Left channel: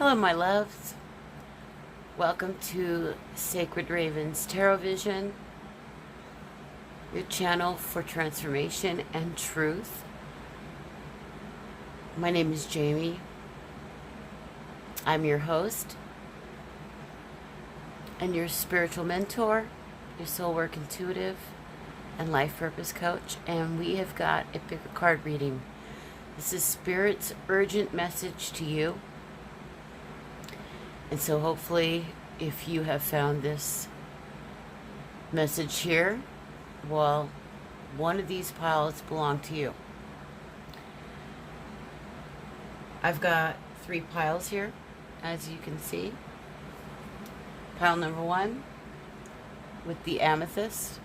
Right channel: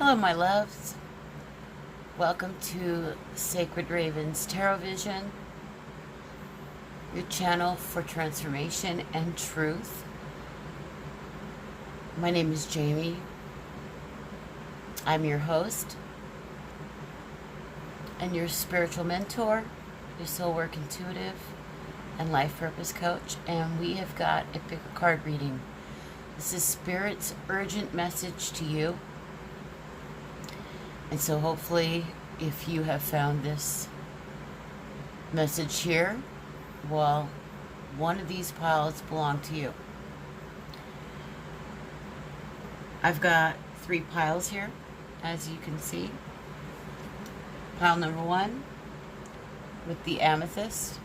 Hello, my loves. Welcome to Sacred Ravens Tarot Vision, your channel for transformation and truth. My name is Jamie. I'm your host and your spiritual mentor, your soul work intuitive, and life purpose coach. And we have got a big card reading. This is Spirit's urgent message to you. And so hopefully, if you have found this message here, well, one of these piles belong to you. I've got 3 piles here, as you can see. Pile number 1 with the amethyst.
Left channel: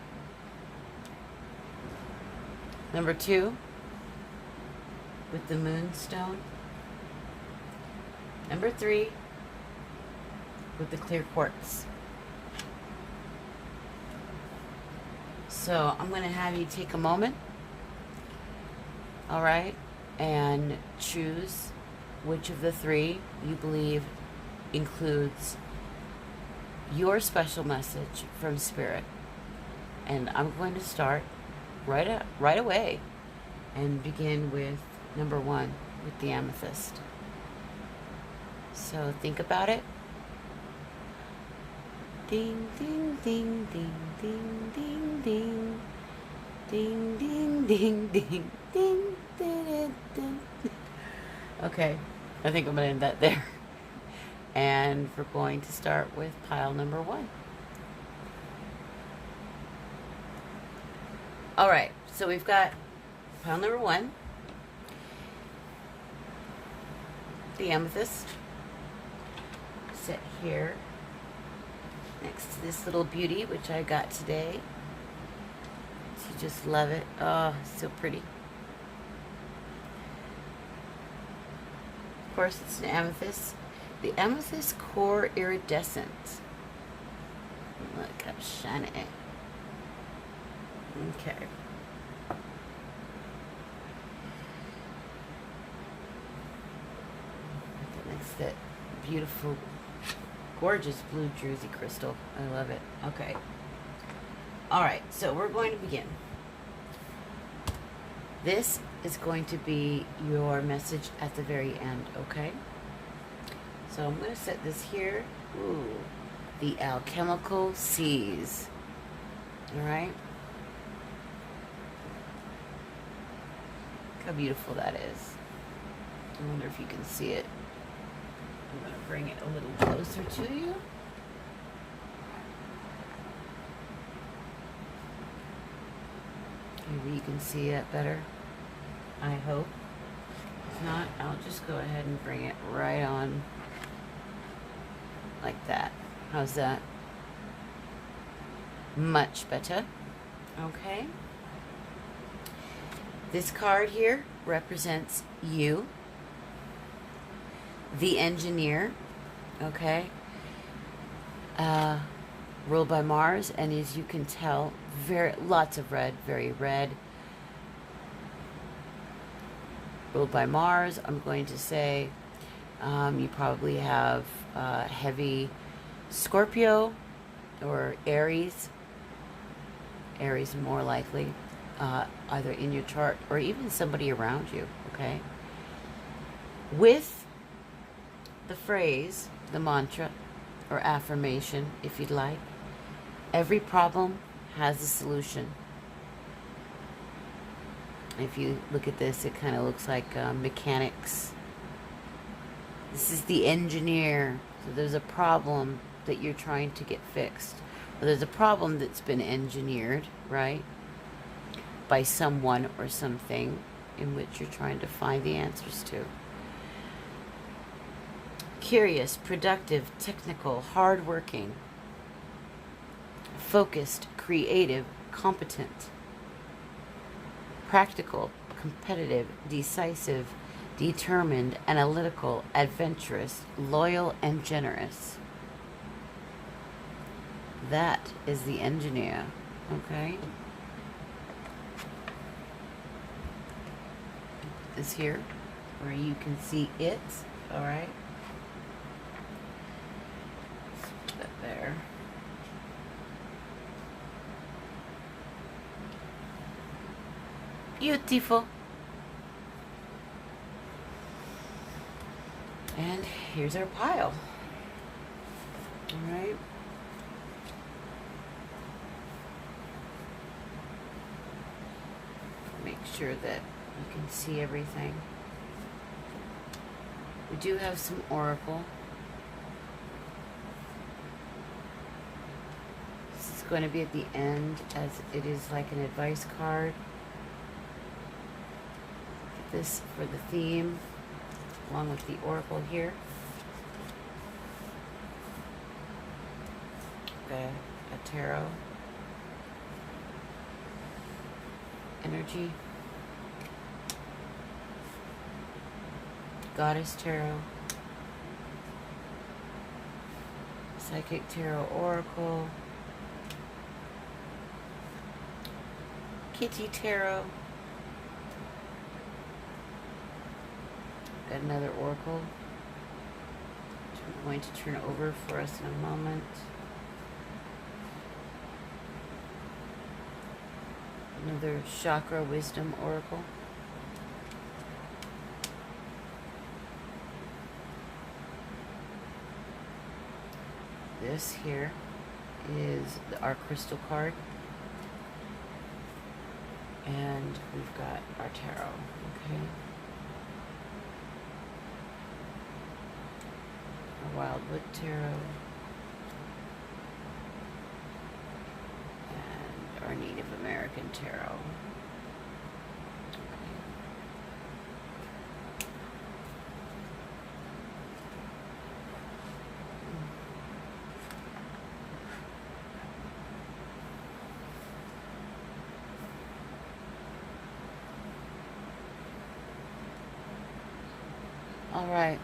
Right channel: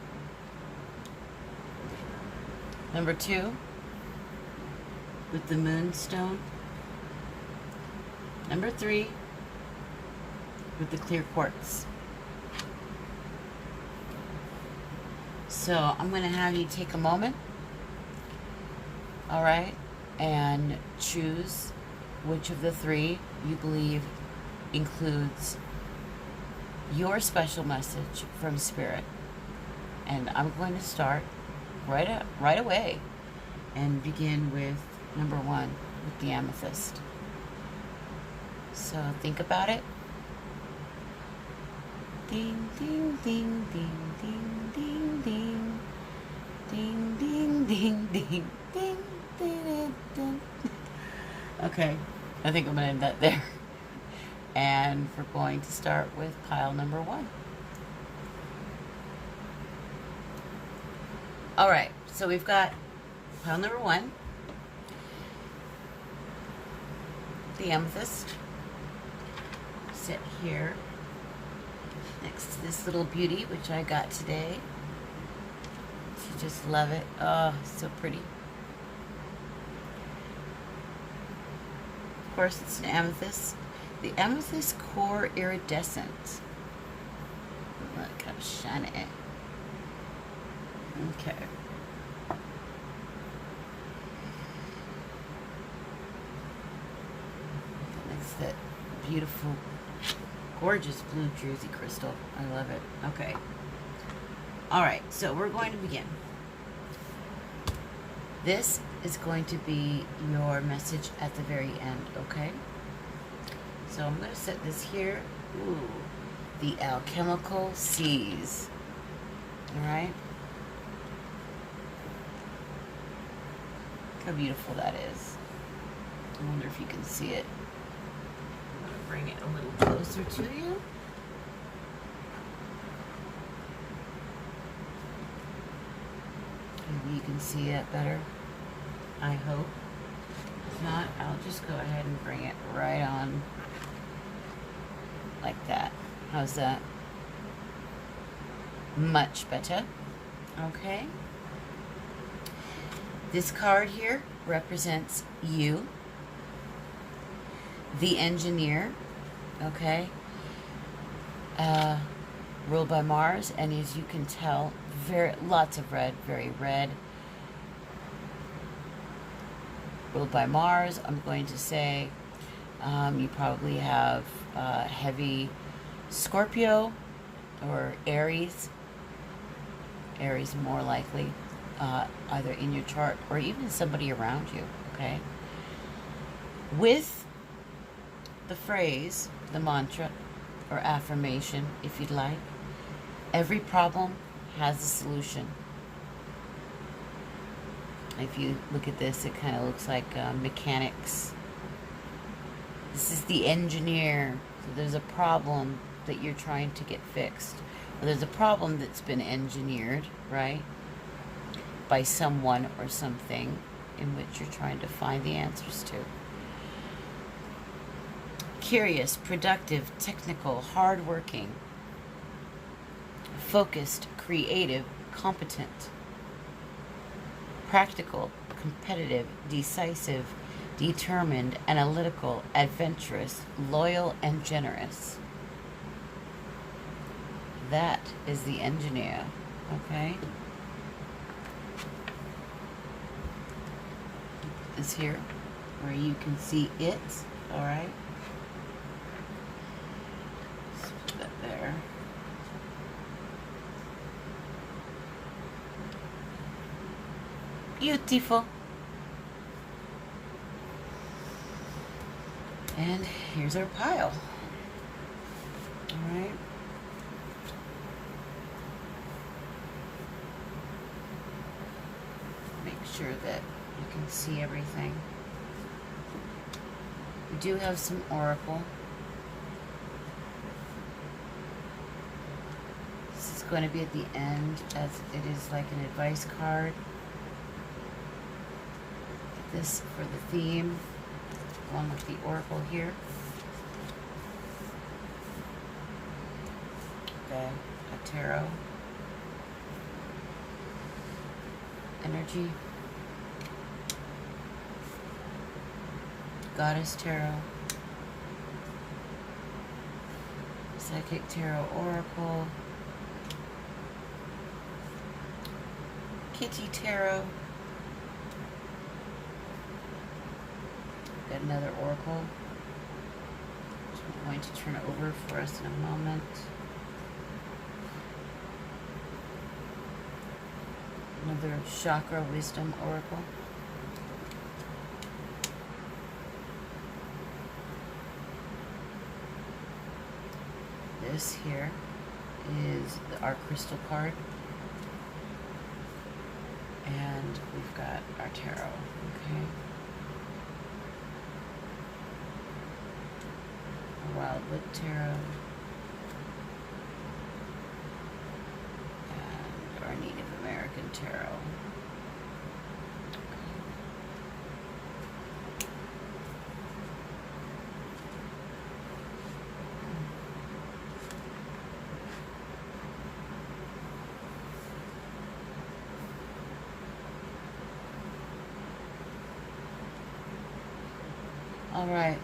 Number 2 with the moonstone. Number 3 with the clear quartz. So I'm going to have you take a moment, all right, and choose which of the 3 you believe includes your special message from Spirit. And I'm going to start right away and begin with number 1 with the amethyst. So think about it. Ding, ding, ding, ding, ding, ding, ding. Ding, ding, ding, ding, ding, ding, ding. Okay, I think I'm going to end that there. And we're going to start with pile number 1. All right, so we've got pile number 1, the amethyst, set here next to this little beauty, which I got today. So just love it. Oh, so pretty. Of course, it's an amethyst. The amethyst core iridescent. Look how shiny. Okay. That's that beautiful, gorgeous blue druzy crystal. I love it. Okay. All right, so we're going to begin. This is going to be your message at the very end, okay? So I'm going to set this here. Ooh, the alchemical seas. All right? Look how beautiful that is. I wonder if you can see it. I'm going to bring it a little closer to you. Maybe you can see it better. I hope. If not, I'll just go ahead and bring it right on like that. How's that? Much better. Okay. This card here represents you, the engineer, okay, ruled by Mars, and as you can tell, lots of red, very red. Ruled by Mars, I'm going to say you probably have heavy Scorpio or Aries. Aries more likely, either in your chart or even somebody around you, okay? With the phrase, the mantra, or affirmation, if you'd like, every problem has a solution. If you look at this, it kind of looks like mechanics. This is the engineer. So there's a problem that you're trying to get fixed. Or there's a problem that's been engineered, right, by someone or something in which you're trying to find the answers to. Curious, productive, technical, hardworking, focused, creative, competent, practical, competitive, decisive, determined, analytical, adventurous, loyal, and generous. That is the engineer, okay? Is here where you can see it, all right? Beautiful. And here's our pile. All right. Make sure that you can see everything. We do have some oracle. This is going to be at the end, as it is like an advice card. This for the theme, along with the oracle here. A tarot energy, goddess tarot, psychic tarot oracle, kitty tarot. Got another oracle, which I'm going to turn over for us in a moment. Another chakra wisdom oracle. This here is our crystal card. And we've got our tarot, okay? Wildwood tarot. And our Native American tarot. All right,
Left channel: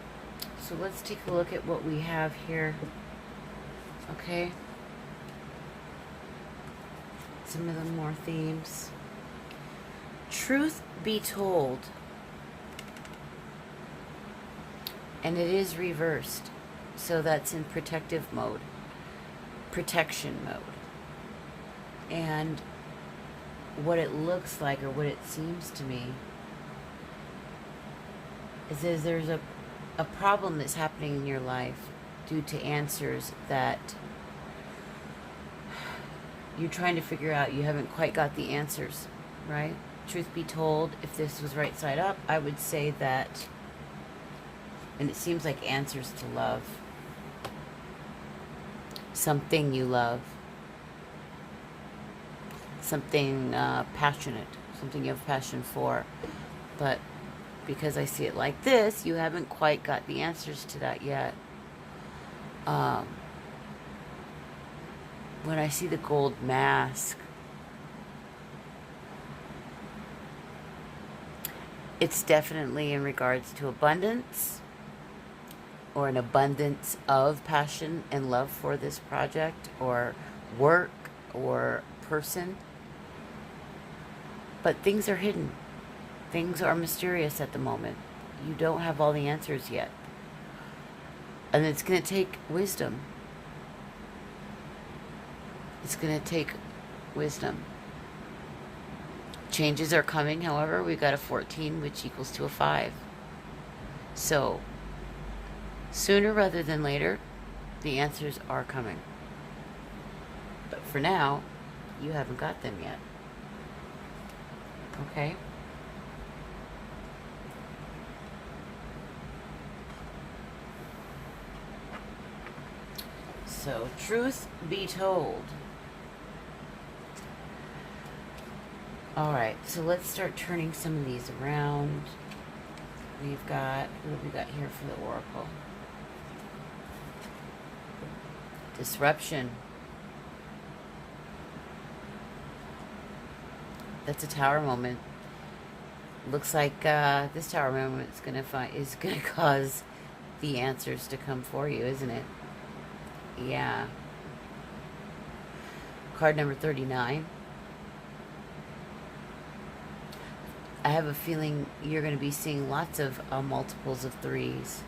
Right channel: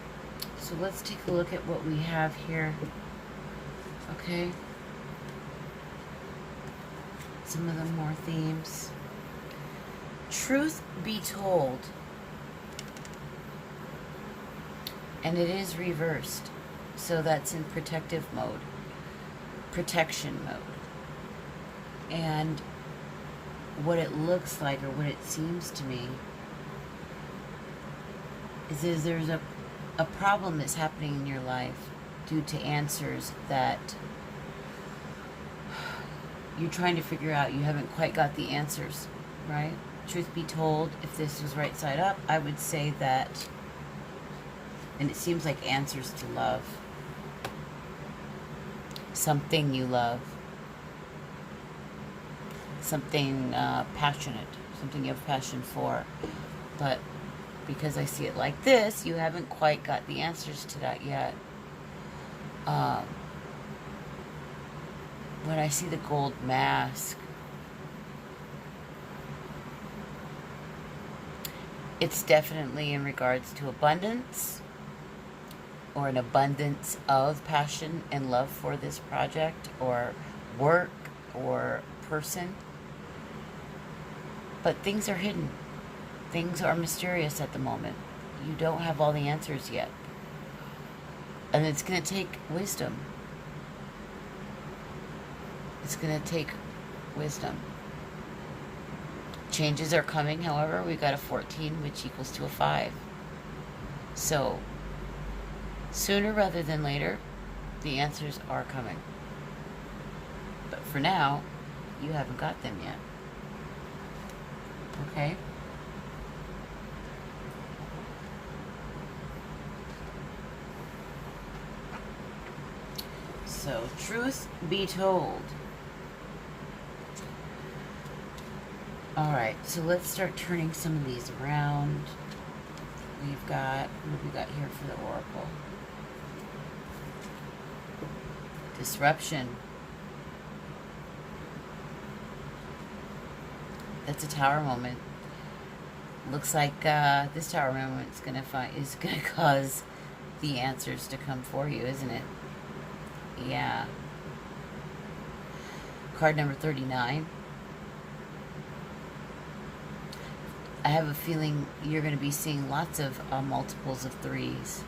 so let's take a look at what we have here. Okay. Some of the more themes. Truth be told, and it is reversed, so that's in protective mode, protection mode. And what it looks like, or what it seems to me, is there's a problem that's happening in your life due to answers that you're trying to figure out. You haven't quite got the answers, right? Truth be told, if this was right side up, I would say that, and it seems like answers to love. Something you love. Something passionate. Something you have passion for. But because I see it like this, you haven't quite got the answers to that yet. When I see the gold mask, it's definitely in regards to abundance, or an abundance of passion and love for this project, or work, or person. But things are hidden. Things are mysterious at the moment. You don't have all the answers yet. And it's going to take wisdom. It's going to take wisdom. Changes are coming, however. We got a 14, which equals to a 5. So, sooner rather than later, the answers are coming. But for now, you haven't got them yet. Okay? So, truth be told. Alright, so let's start turning some of these around. We've got, what have we got here for the oracle? Disruption. That's a tower moment. Looks like this tower moment is gonna cause the answers to come for you, isn't it? Yeah. Card number 39. I have a feeling you're going to be seeing lots of multiples of 3s.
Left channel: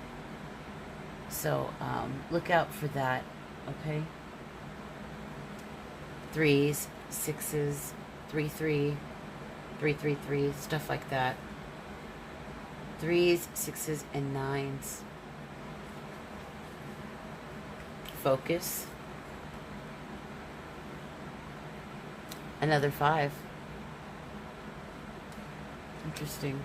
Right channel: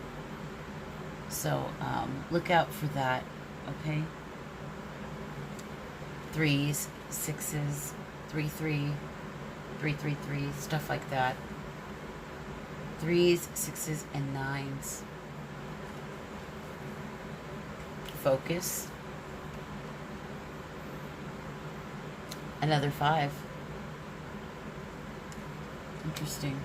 So, look out for that, okay? 3s, 6s, 3, 3. 333, stuff like that. 3s, 6s, and 9s. Focus. Another 5. Interesting.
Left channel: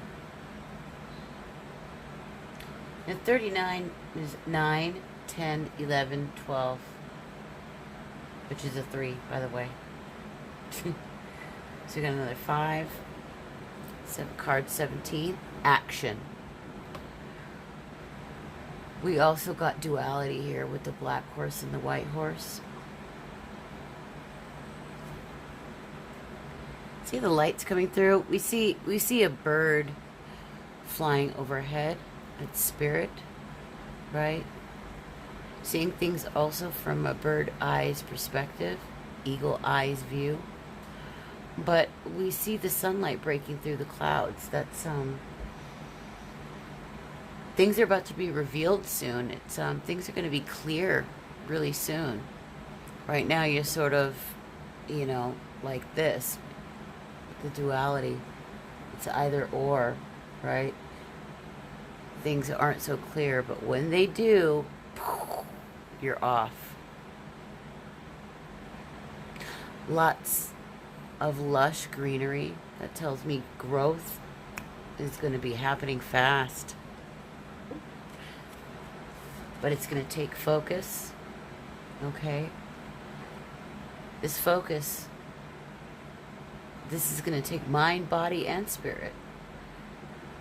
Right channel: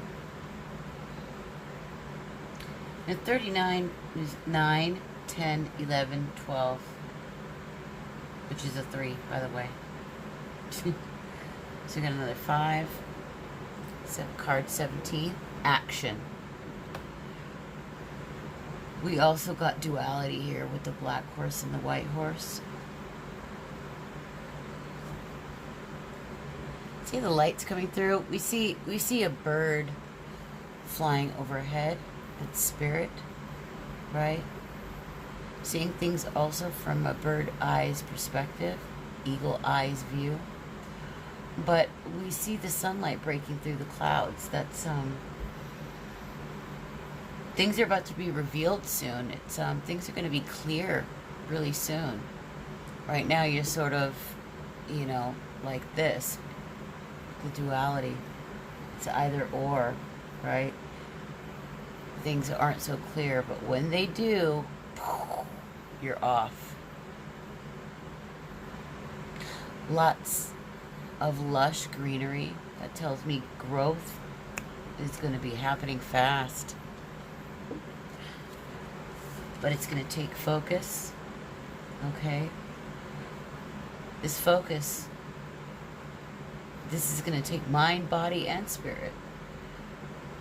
And 39 is 9, 10, 11, 12. Which is a 3, by the way. So you got another 5. Card 17. Action. We also got duality here with the black horse and the white horse. See the lights coming through? We see a bird flying overhead. It's spirit, right? Seeing things also from a bird eye's perspective, eagle eye's view. But we see the sunlight breaking through the clouds. That's things are about to be revealed soon. It's things are going to be clear really soon. Right now you're sort of, you know, like this. The duality. It's either or, right? Things aren't so clear, but when they do, you're off. Lots of lush greenery. That tells me growth is going to be happening fast. But it's going to take focus. Okay? This focus, this is going to take mind, body, and spirit.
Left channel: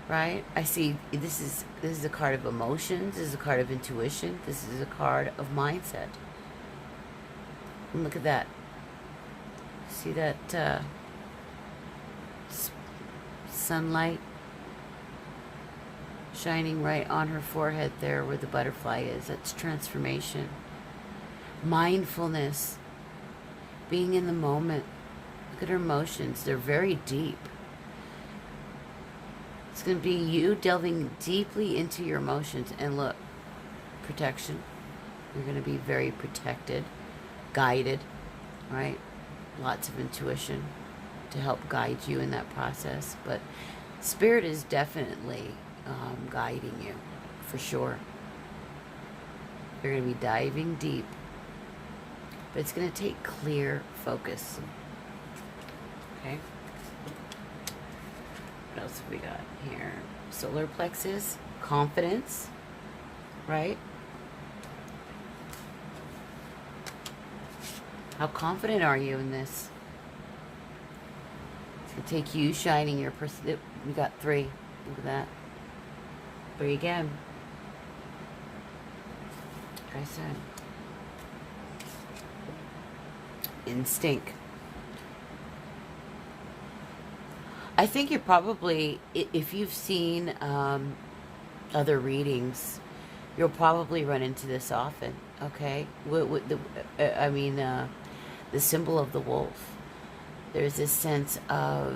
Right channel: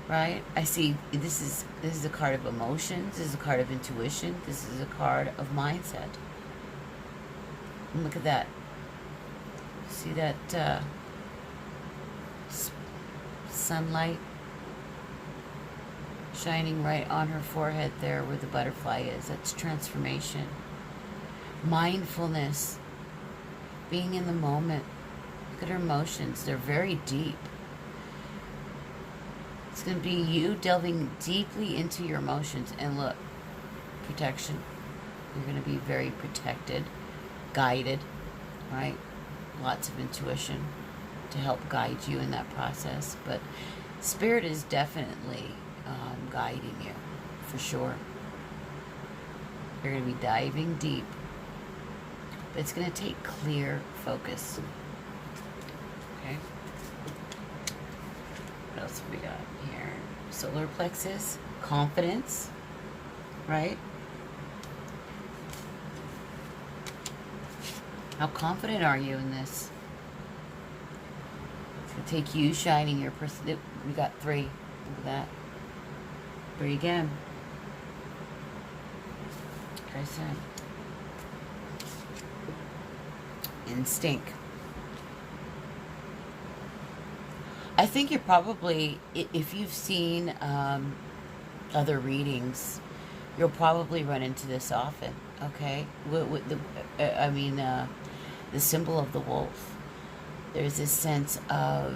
Right? I see this is a card of emotions, this is a card of intuition, this is a card of mindset. And look at that. See that sunlight shining right on her forehead there where the butterfly is? That's transformation. Mindfulness. Being in the moment. Look at her emotions. They're very deep. It's going to be you delving deeply into your emotions. And look, protection. You're going to be very protected, guided, right? Lots of intuition to help guide you in that process. But spirit is definitely guiding you, for sure. You're going to be diving deep. But it's going to take clear focus. Okay? What else have we got here? Solar plexus, confidence, right? How confident are you in this? It's going to take you shining your person. We got 3. Look at that. 3 again. Like I said. Instinct. I think you're probably, if you've seen other readings, you'll probably run into this often. Okay, the symbol of the wolf. There's this sense of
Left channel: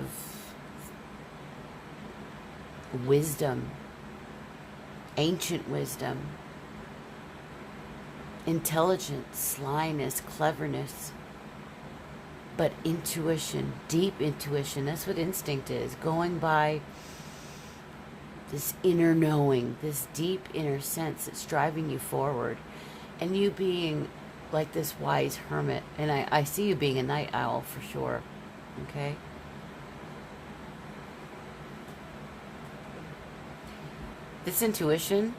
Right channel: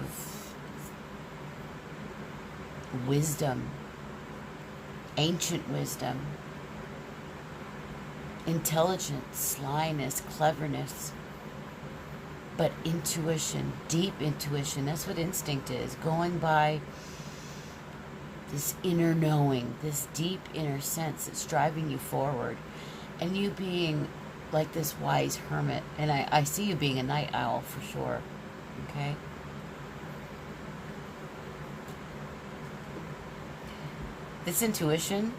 wisdom, ancient wisdom, intelligence, slyness, cleverness. But intuition, deep intuition, that's what instinct is. Going by this inner knowing, this deep inner sense that's driving you forward. And you being like this wise hermit. And I see you being a night owl for sure. Okay? This intuition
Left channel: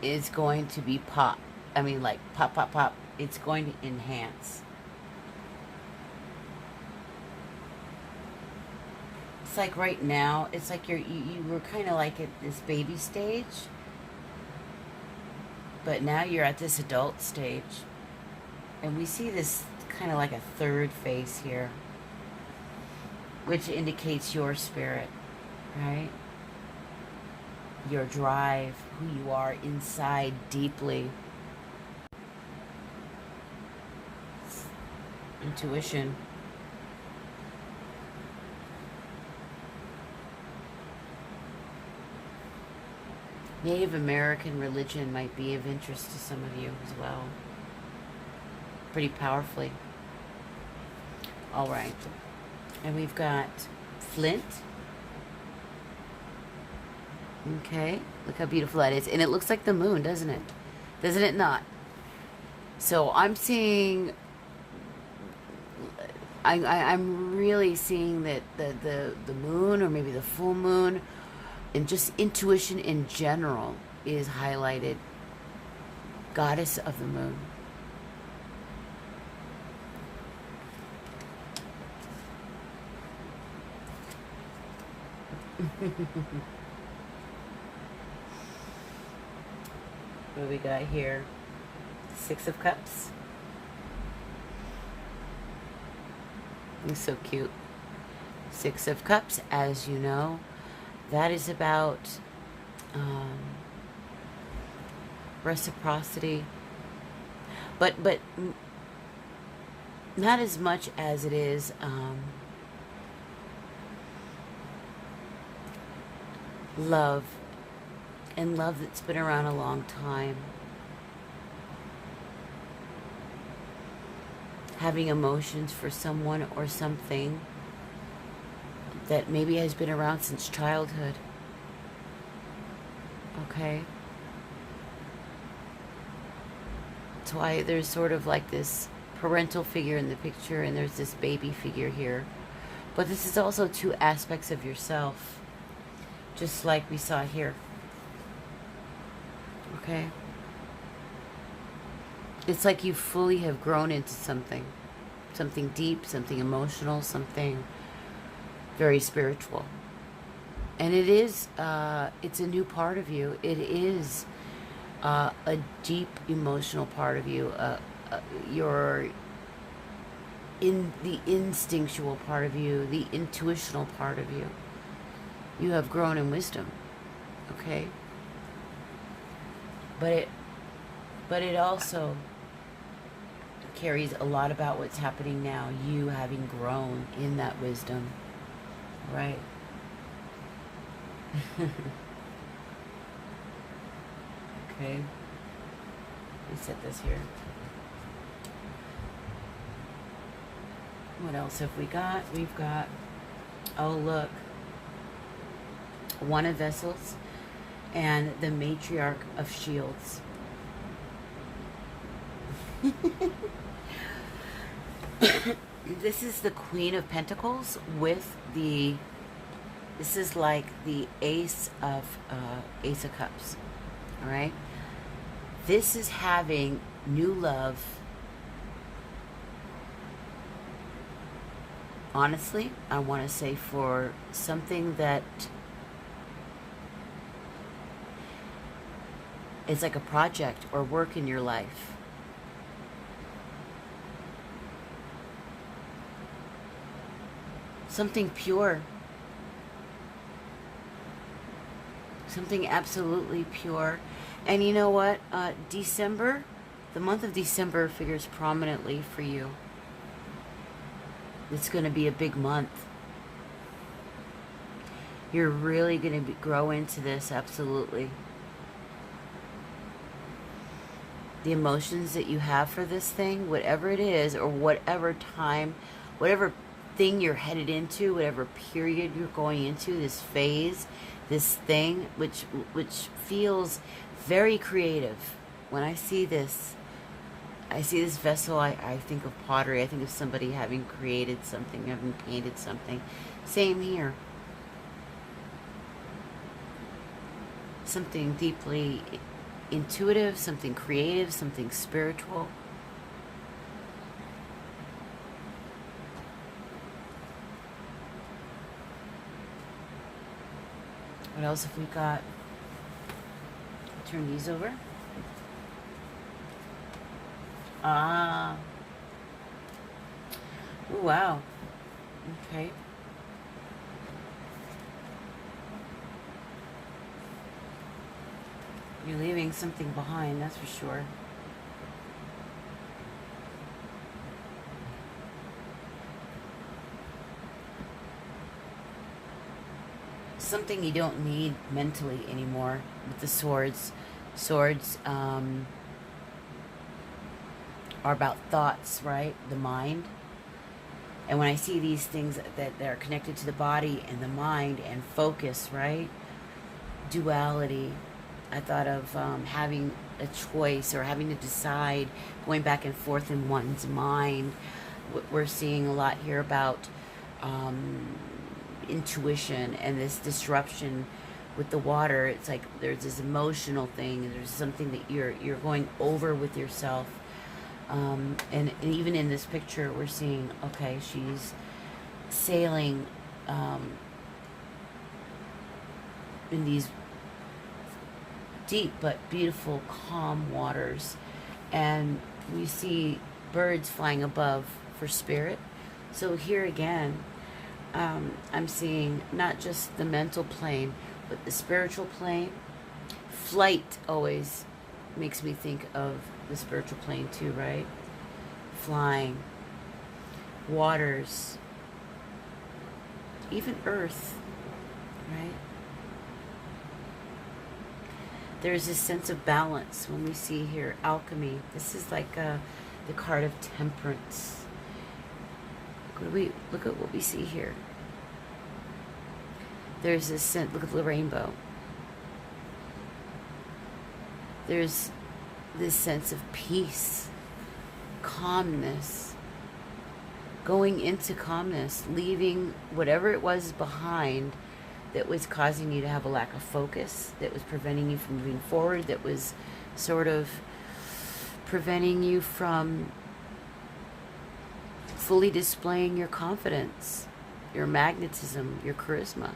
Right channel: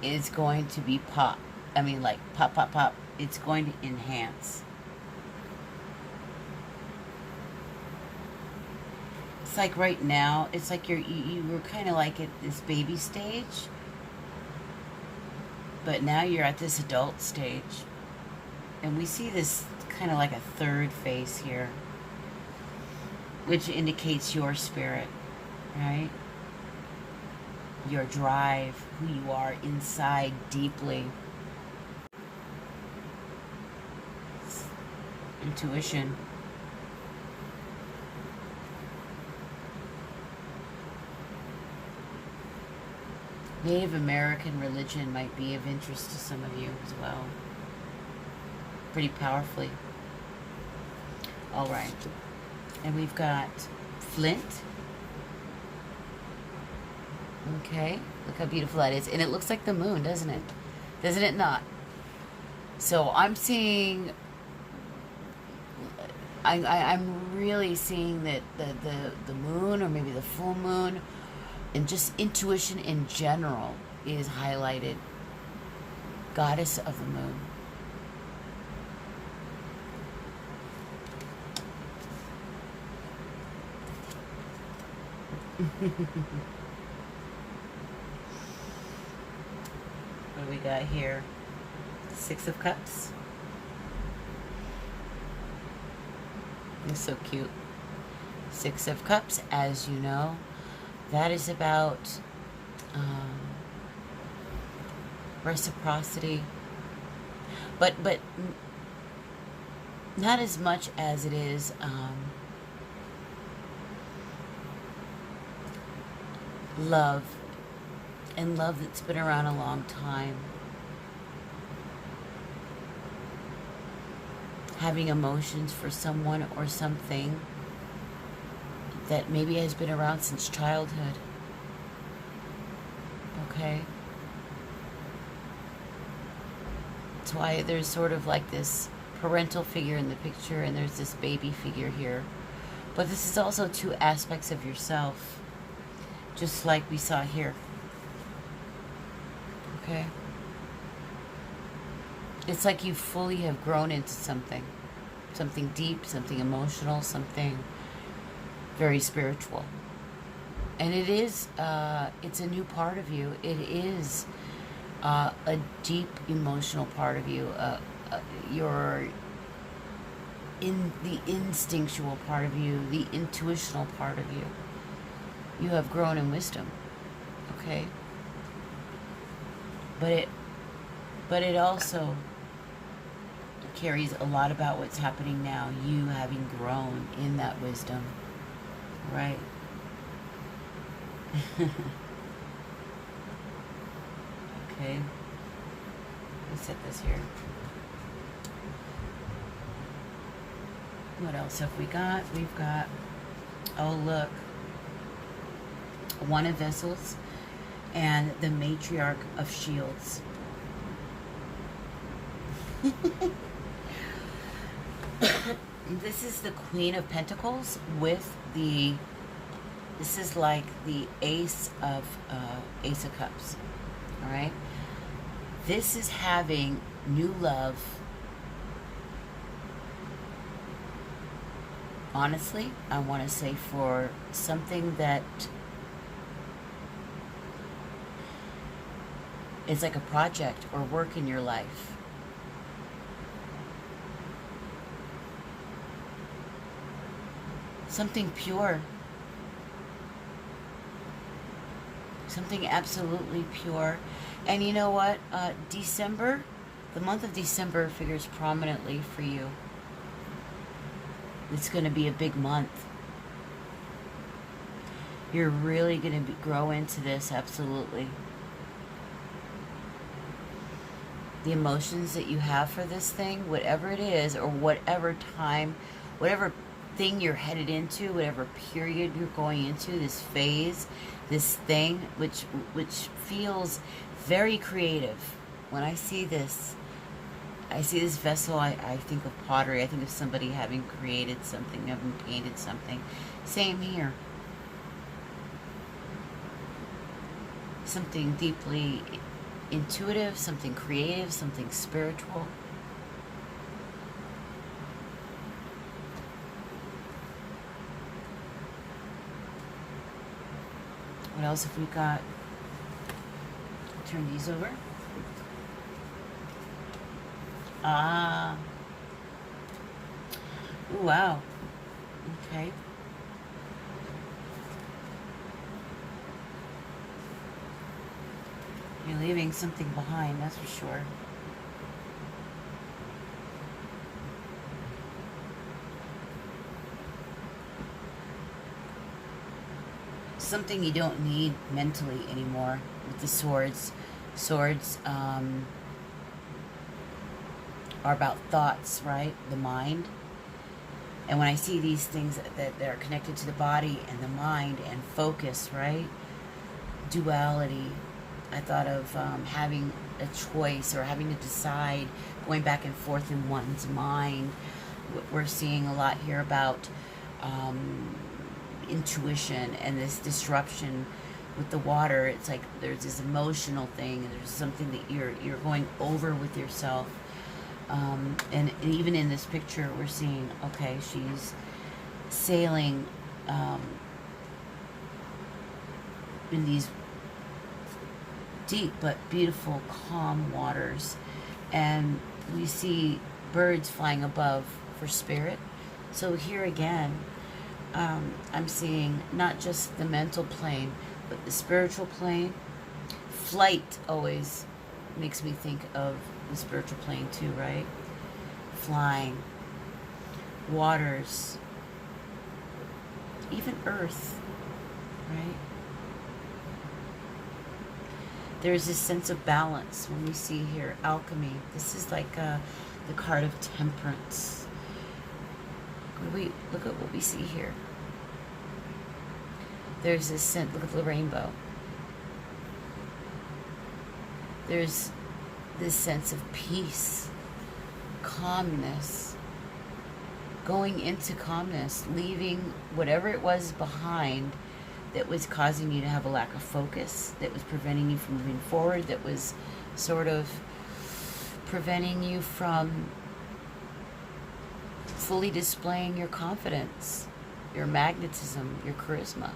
is going to be pop. I mean, like pop, pop, pop. It's going to enhance. It's like right now, it's like you were kind of like at this baby stage, but now you're at this adult stage, and we see this kind of like a third face here, which indicates your spirit, right? Your drive, who you are inside deeply. Intuition. Native American religion might be of interest to some of you as well. Pretty powerfully. All right. And we've got flint. Okay, look how beautiful that is. And it looks like the moon, doesn't it? Doesn't it not? So I'm seeing, I'm really seeing that the moon, or maybe the full moon, and just intuition in general is highlighted. Goddess of the moon. What do we got here? Six of Cups. It's so cute. Six of Cups, as you know, that is about reciprocity, but not as much as it is love, and love that's been around a long time. Having emotions for someone or something that maybe has been around since childhood. Okay? That's why there's sort of like this parental figure in the picture, and there's this baby figure here. But this is also two aspects of yourself, just like we saw here. Okay? It's like you fully have grown into something. Something deep, something emotional, something very spiritual. And it is, it's a new part of you. It is a deep emotional part of you. Your the instinctual part of you, the intuitional part of you. You have grown in wisdom. Okay? But it also carries a lot about what's happening now, you having grown in that wisdom, right? Okay, let me set this here. What else have we got? We've got, oh look, One of Vessels and the Matriarch of Shields. This is the Queen of Pentacles with the, this is like the Ace of Cups. All right. This is having new love. Honestly, I want to say for something that is like a project or work in your life. Something pure. Something absolutely pure. And you know what? December, the month of December figures prominently for you. It's going to be a big month. You're really going to grow into this, absolutely. The emotions that you have for this thing, whatever it is, or whatever time, whatever thing you're headed into, whatever period you're going into, this phase, this thing, which feels very creative. When I see this vessel, I think of pottery. I think of somebody having created something, having painted something. Same here. Something deeply intuitive, something creative, something spiritual. What else have we got? Turn these over. Ah. Ooh, wow. Okay. You're leaving something behind, that's for sure. Something you don't need mentally anymore with the swords. Swords are about thoughts, right? The mind. And when I see these things that are connected to the body and the mind and focus, right? Duality. I thought of having a choice or having to decide, going back and forth in one's mind. We're seeing a lot here about intuition and this disruption with the water. It's like there's this emotional thing, and there's something that you're going over with yourself. And even in this picture, we're seeing, okay, she's sailing in these deep but beautiful, calm waters, and we see birds flying above for spirit. So here again, I'm seeing not just the mental plane, but the spiritual plane. Flight always makes me think of the spiritual plane too, right? Flying, waters, even earth, right? There's this sense of balance when we see here alchemy. This is like the card of temperance. Look at what we see here. There's this sense, look at the rainbow. There's this sense of peace, calmness, going into calmness, leaving whatever it was behind that was causing you to have a lack of focus, that was preventing you from moving forward, that was sort of preventing you from fully displaying your confidence, your magnetism, your charisma,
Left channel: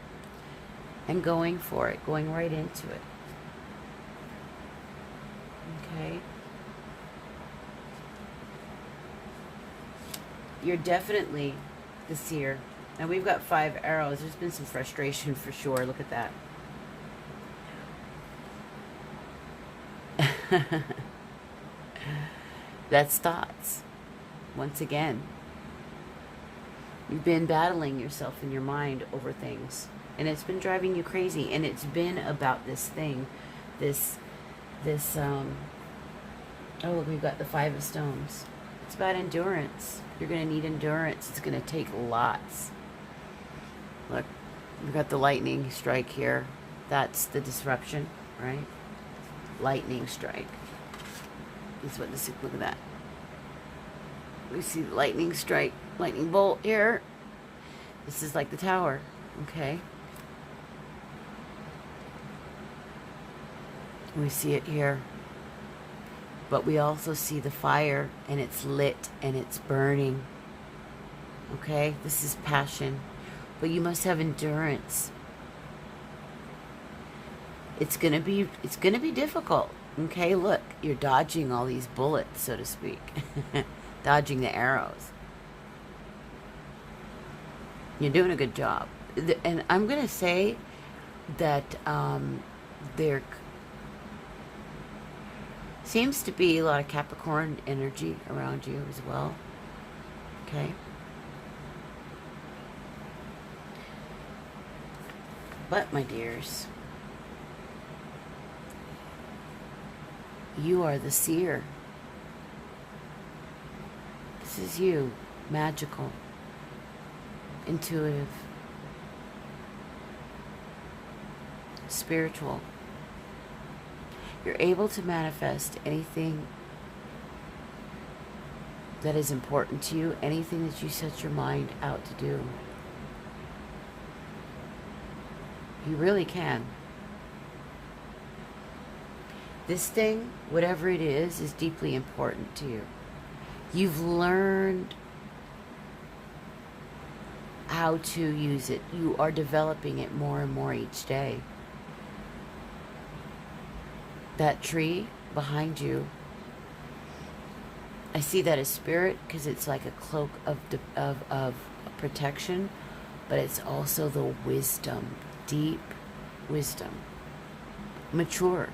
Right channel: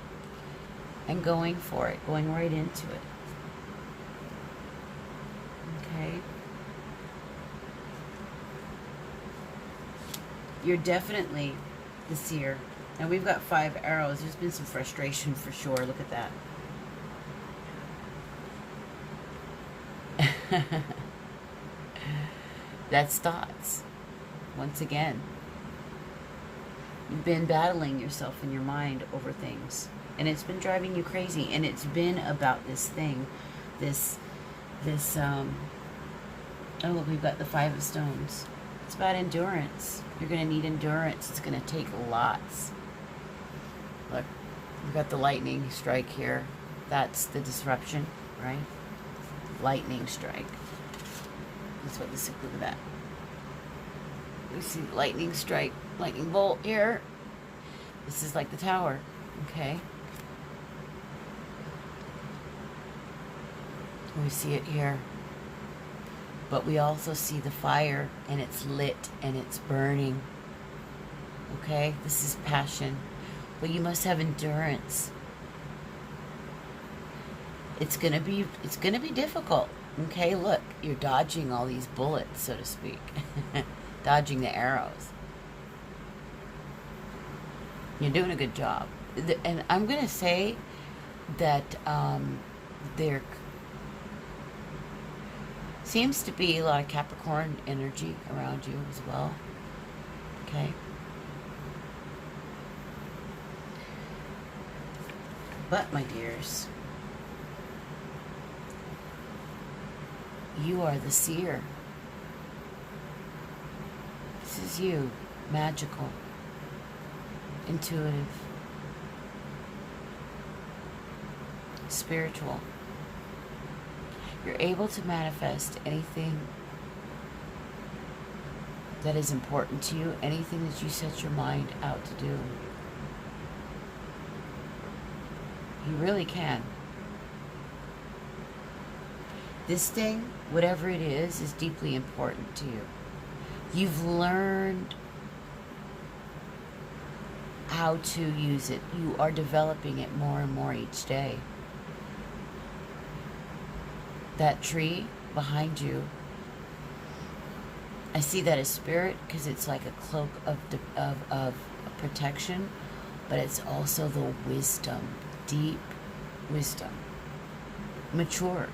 and going for it, going right into it. Okay? You're definitely the seer. And we've got 5 arrows. There's been some frustration for sure. Look at that. That's thoughts. Once again, you've been battling yourself in your mind over things, and it's been driving you crazy. And it's been about this thing, oh, we've got the 5 of stones. It's about endurance. You're going to need endurance. It's going to take lots. Look, we've got the lightning strike here. That's the disruption, right? Lightning strike. That's what this is. Look at that. We see the lightning strike, lightning bolt here. This is like the tower, okay? We see it here. But we also see the fire, and it's lit, and it's burning. Okay? This is passion. But you must have endurance. It's gonna be difficult. Okay, look, you're dodging all these bullets, so to speak. Dodging the arrows. You're doing a good job. And I'm gonna say that there seems to be a lot of Capricorn energy around you as well. Okay? But, my dears, you are the seer. This is you. Magical. Intuitive. Spiritual. You're able to manifest anything that is important to you, anything that you set your mind out to do. You really can. This thing, whatever it is deeply important to you. You've learned how to use it. You are developing it more and more each day. That tree behind you, I see that as spirit because it's like a cloak of protection, but it's also the wisdom, deep wisdom. Mature,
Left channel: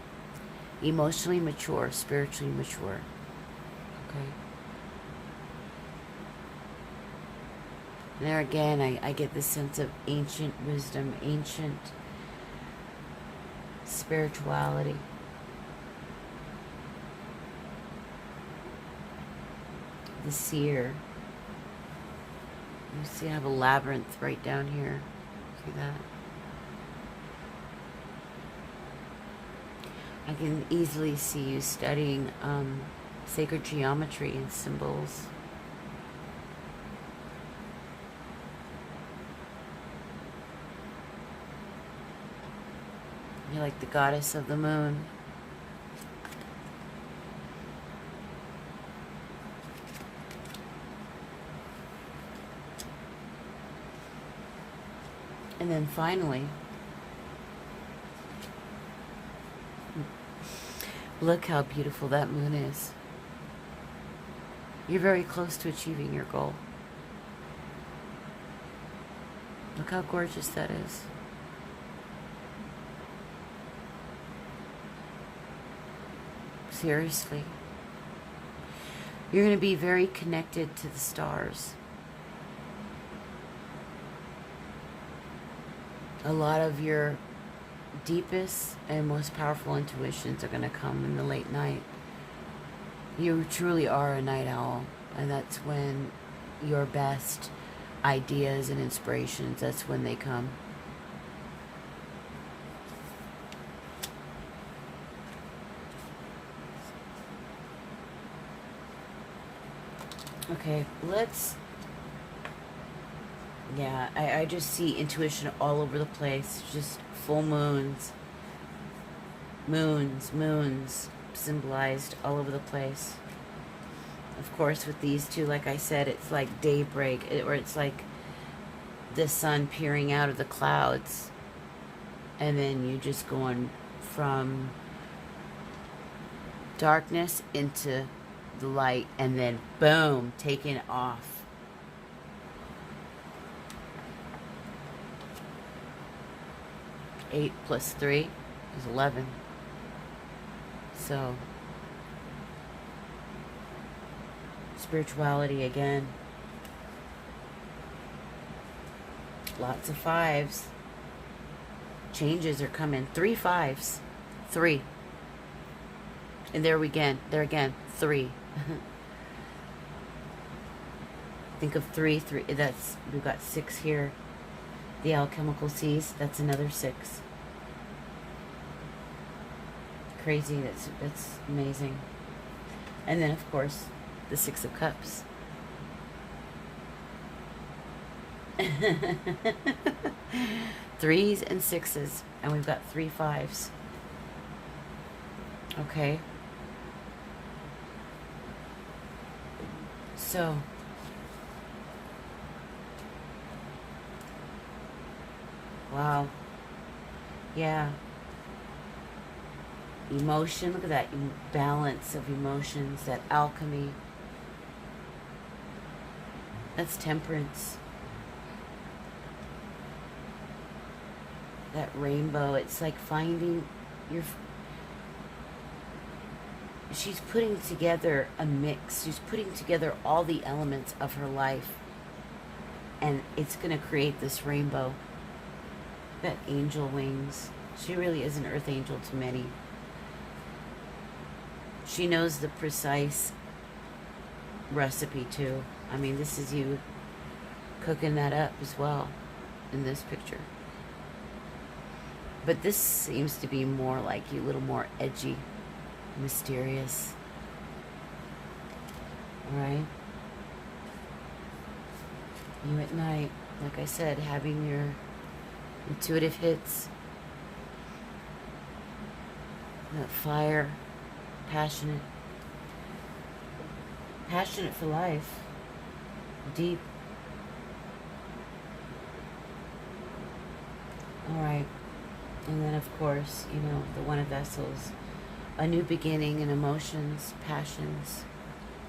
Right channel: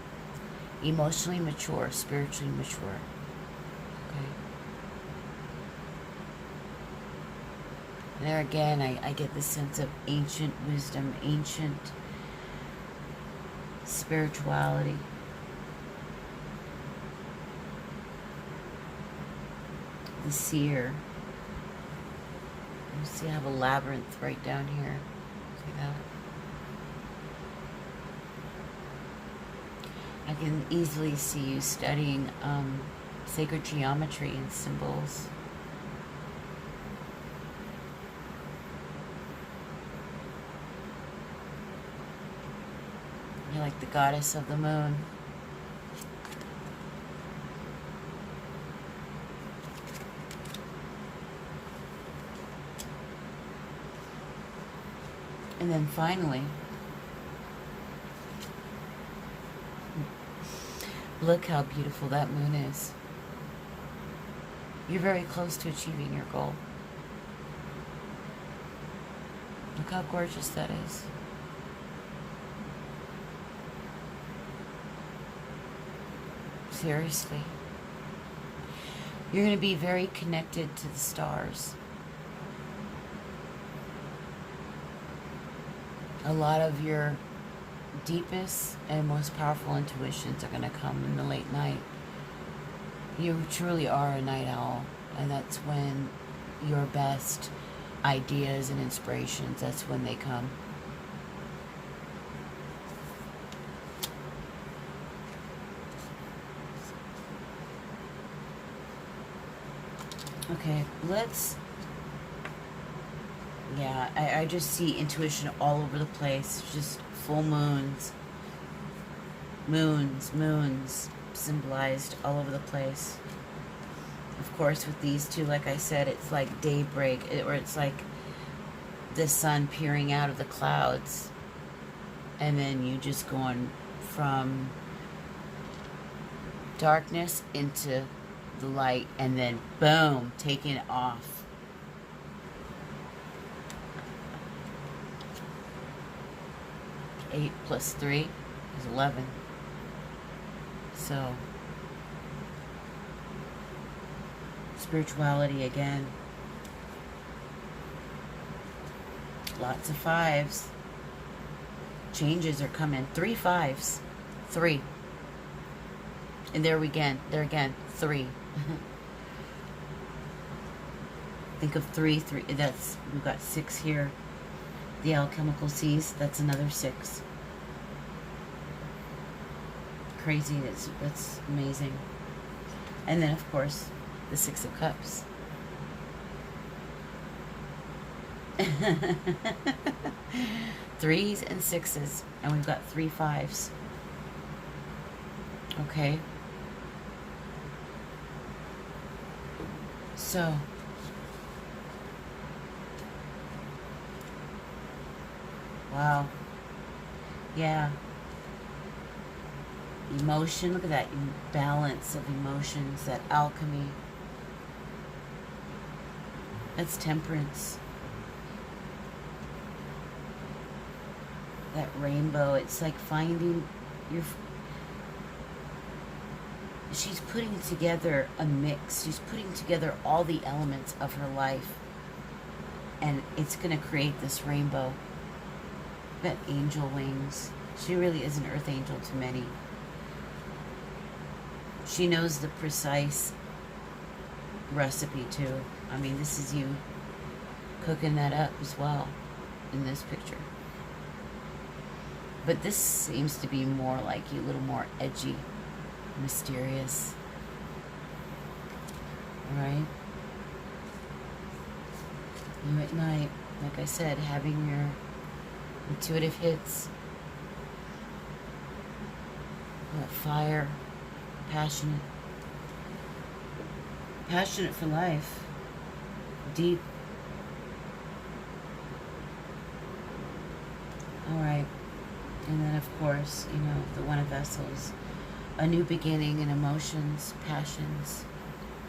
emotionally mature, spiritually mature. Okay. And there again, I get this sense of ancient wisdom, ancient spirituality. The seer. see, I have a labyrinth right down here. See that? I can easily see you studying sacred geometry and symbols. You're like the goddess of the moon. And then finally, look how beautiful that moon is. You're very close to achieving your goal. Look how gorgeous that is. Seriously. You're going to be very connected to the stars. A lot of your deepest and most powerful intuitions are going to come in the late night. You truly are a night owl, and that's when your best ideas and inspirations, that's when they come. Okay, let's... Yeah, I just see intuition all over the place. Just full moons. Moons symbolized all over the place. Of course, with these two, like I said, it's like daybreak, or it's like the sun peering out of the clouds. And then you just going from darkness into the light, and then boom, taking off. Eight plus 3 is 11. So, spirituality again. Lots of 5s. Changes are coming. 3 5s. 3. And there again, 3. Think of 3. That's, we've got 6 here. The alchemical seas, that's another 6. Crazy, that's amazing. And then, of course, the 6 of Cups. Threes and 6s, and we've got 3 5s. Okay. So, wow. Yeah. Emotion, look at that balance of emotions, that alchemy. That's Temperance. That rainbow, it's like finding your... She's putting together a mix. She's putting together all the elements of her life. And it's going to create this rainbow. That angel wings. She really is an earth angel to many. She knows the precise recipe too. I mean, this is you cooking that up as well in this picture. But this seems to be more like you, a little more edgy, mysterious. Alright? You at night, like I said, having your intuitive hits. That fire. Passionate. Passionate for life. Deep. Alright. And then, of course, you know, the One of Vessels. A new beginning in emotions, passions,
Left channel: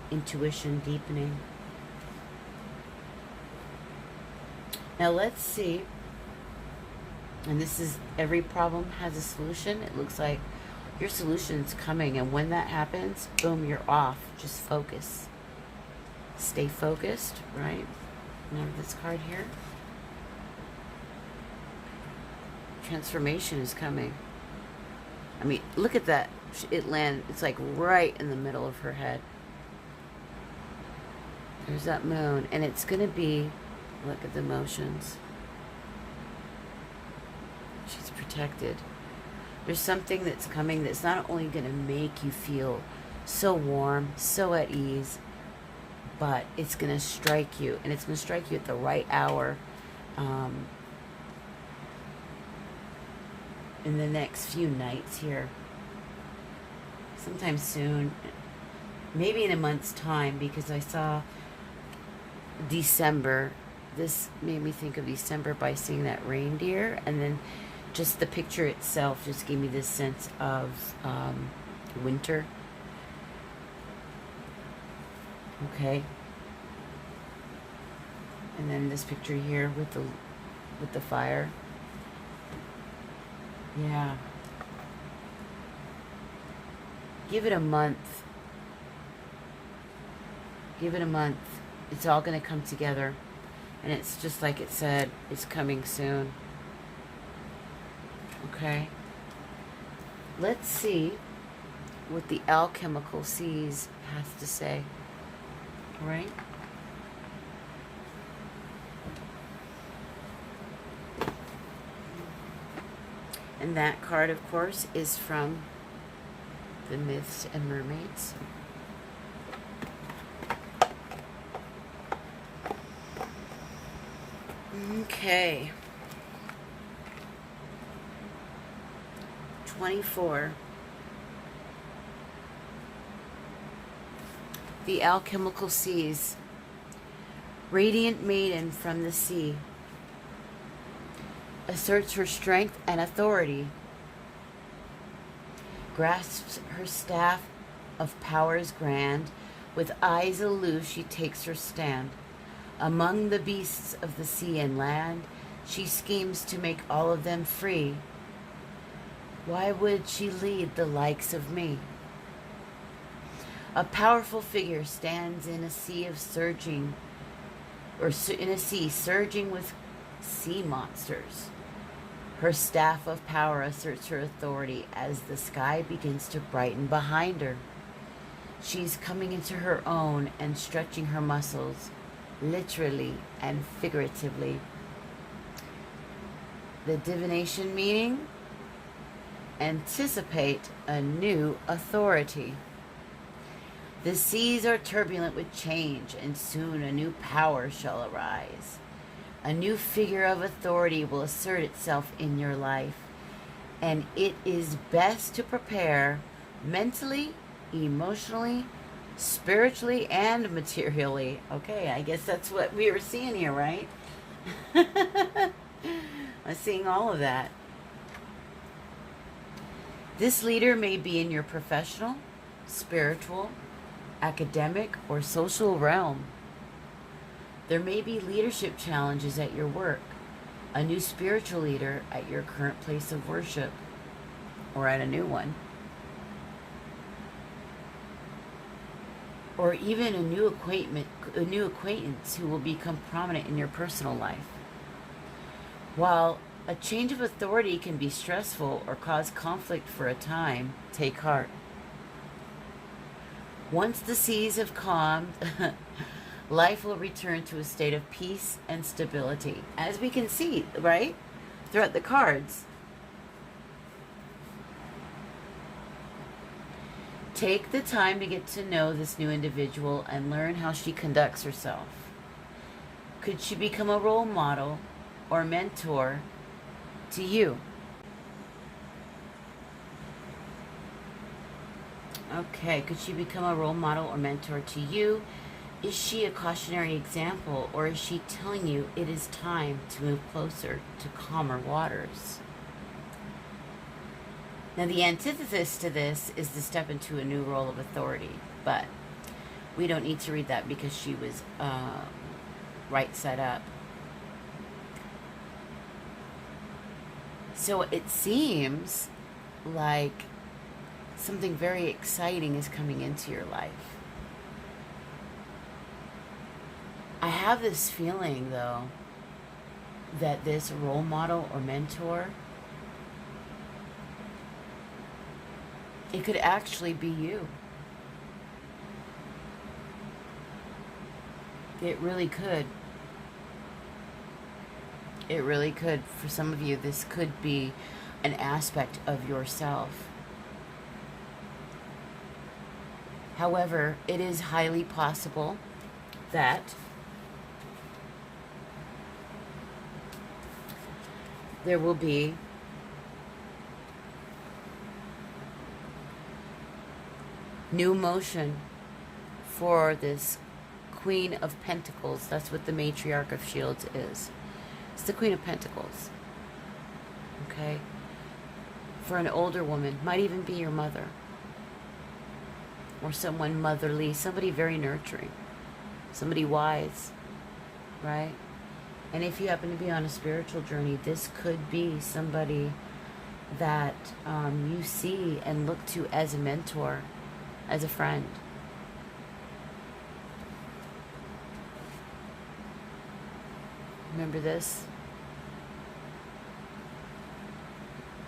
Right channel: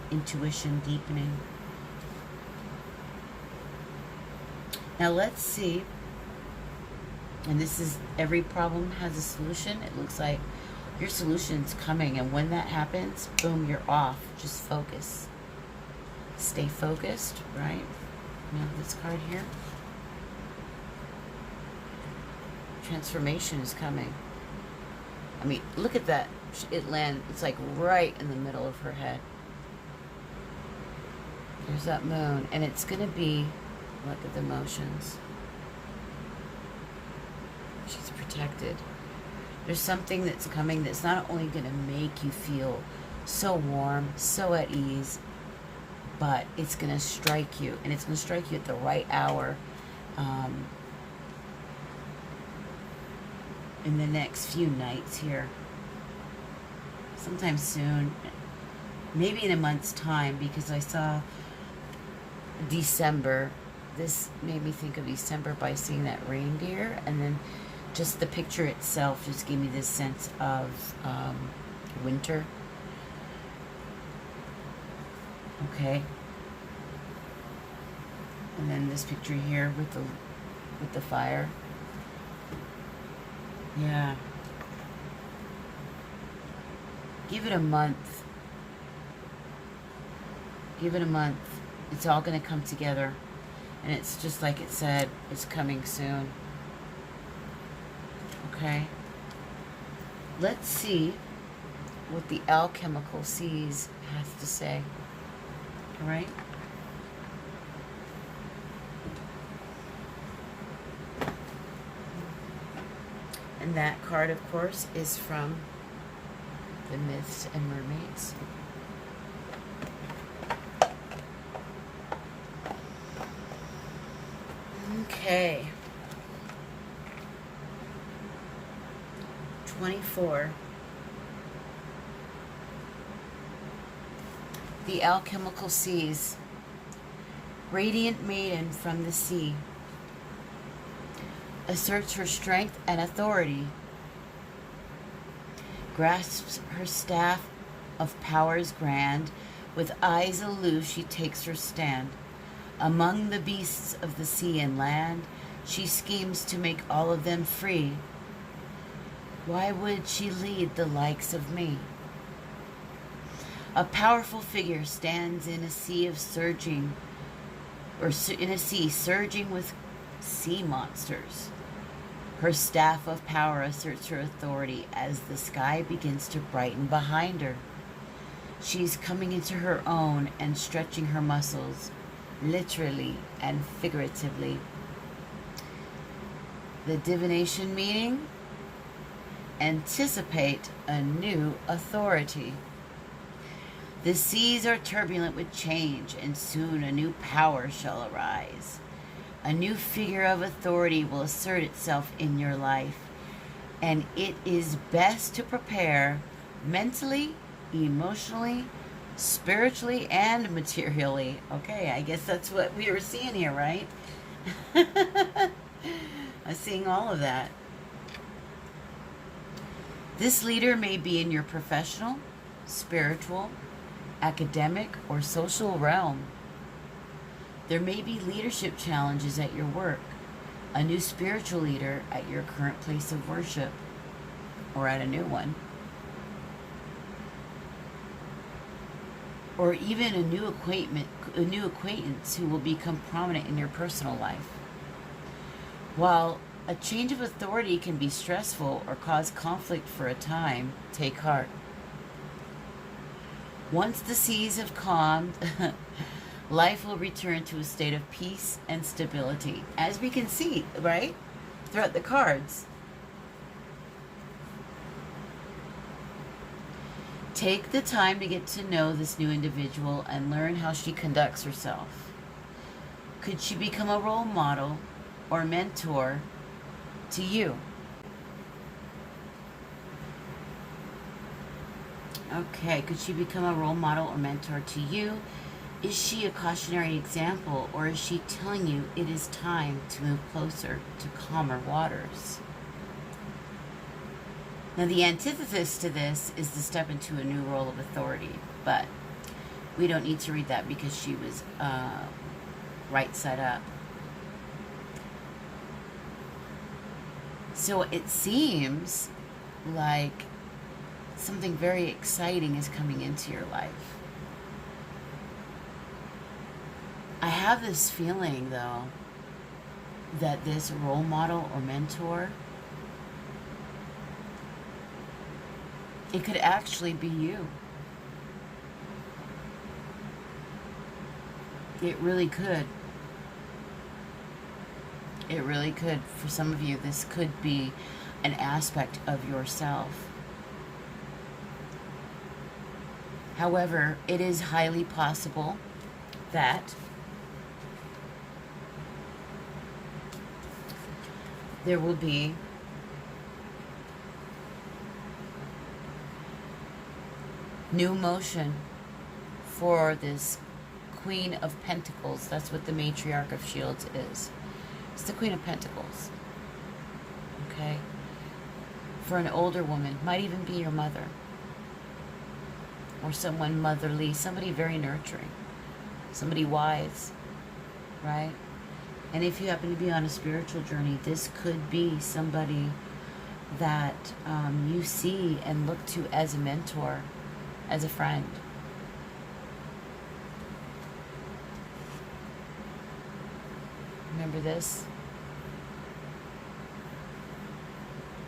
intuition, deepening. Now let's see. And this is, every problem has a solution. It looks like your solution's coming, and when that happens, boom, you're off. Just focus. Stay focused, right? I have this card here. Transformation is coming. I mean, look at that. It's like right in the middle of her head. There's that moon, and it's going to be Look at the emotions. She's protected. There's something that's coming that's not only going to make you feel so warm, so at ease, but it's going to strike you. And it's going to strike you at the right hour. In the next few nights here. Sometime soon. Maybe in a month's time, because I saw December. This made me think of December by seeing that reindeer, and then just the picture itself just gave me this sense of winter. Okay. And then this picture here with the fire. Yeah. Give it a month. Give it a month. It's all going to come together. And it's just like it said, it's coming soon. Okay. Let's see what the alchemical seas has to say. All right. And that card, of course, is from the Myths and Mermaids. Okay. 24. The alchemical seas. Radiant maiden from the sea. Asserts her strength and authority. Grasps her staff of powers grand. With eyes aloof she takes her stand. Among the beasts of the sea and land, she schemes to make all of them free. Why would she lead the likes of me? A powerful figure stands in a sea of surging, or in a sea surging with sea monsters. Her staff of power asserts her authority as the sky begins to brighten behind her. She's coming into her own and stretching her muscles, literally and figuratively. The divination meaning: anticipate a new authority. The seas are turbulent with change, and soon a new power shall arise. A new figure of authority will assert itself in your life, and it is best to prepare mentally, emotionally, spiritually, and materially. Okay, I guess that's what we were seeing here, right? I'm seeing all of that. This leader may be in your professional, spiritual, academic, or social realm. There may be leadership challenges at your work, a new spiritual leader at your current place of worship, or at a new one. Or even a new acquaintance who will become prominent in your personal life. While a change of authority can be stressful or cause conflict for a time, take heart. Once the seas have calmed, life will return to a state of peace and stability. As we can see, right? Throughout the cards. Take the time to get to know this new individual and learn how she conducts herself. Could she become a role model or mentor to you? Okay, could she become a role model or mentor to you? Is she a cautionary example, or is she telling you it is time to move closer to calmer waters? Now, the antithesis to this is to step into a new role of authority, but we don't need to read that because she was right side up. So it seems like something very exciting is coming into your life. I have this feeling, though, that this role model or mentor, it could actually be you. It really could. It really could. For some of you, this could be an aspect of yourself. However, it is highly possible that there will be new motion for this Queen of Pentacles. That's what the Matriarch of Shields is. It's the Queen of Pentacles. Okay? For an older woman, might even be your mother. Or someone motherly, somebody very nurturing. Somebody wise. Right? And if you happen to be on a spiritual journey, this could be somebody that you see and look to as a mentor, as a friend. Remember this?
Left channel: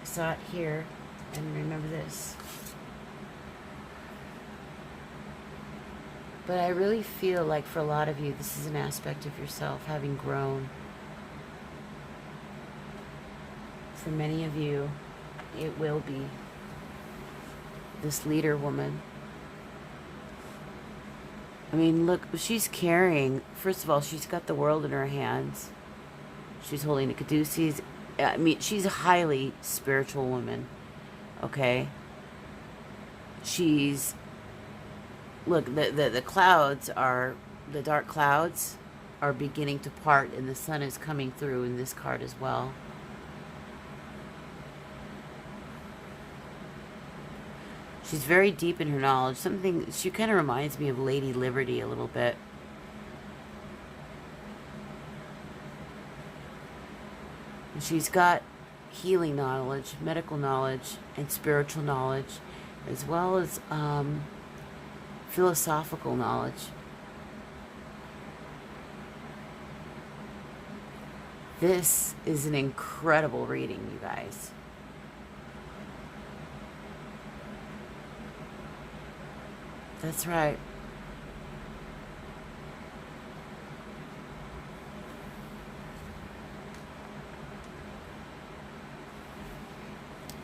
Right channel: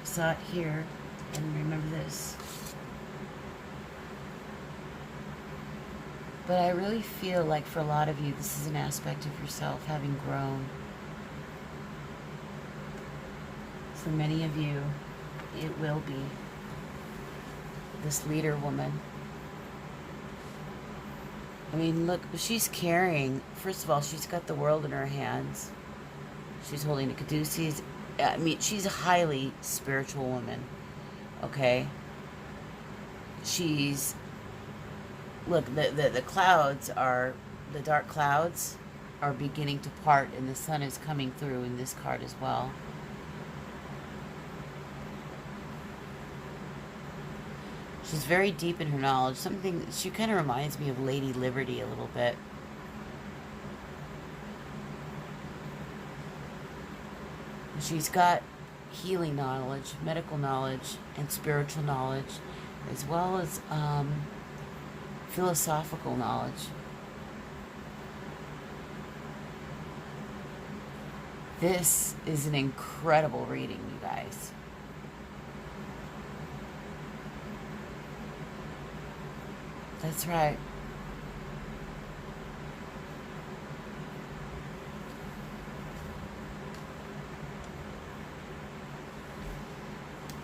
I saw it here, and remember this. But I really feel like for a lot of you, this is an aspect of yourself having grown. For many of you, it will be this leader woman. I mean, look, she's carrying, first of all, she's got the world in her hands. She's holding a caduceus. I mean, she's a highly spiritual woman, okay? She's, look, the clouds are, the dark clouds are beginning to part, and the sun is coming through in this card as well. She's very deep in her knowledge. Something, she kind of reminds me of Lady Liberty a little bit. She's got healing knowledge, medical knowledge, and spiritual knowledge, as well as philosophical knowledge. This is an incredible reading, you guys. That's right.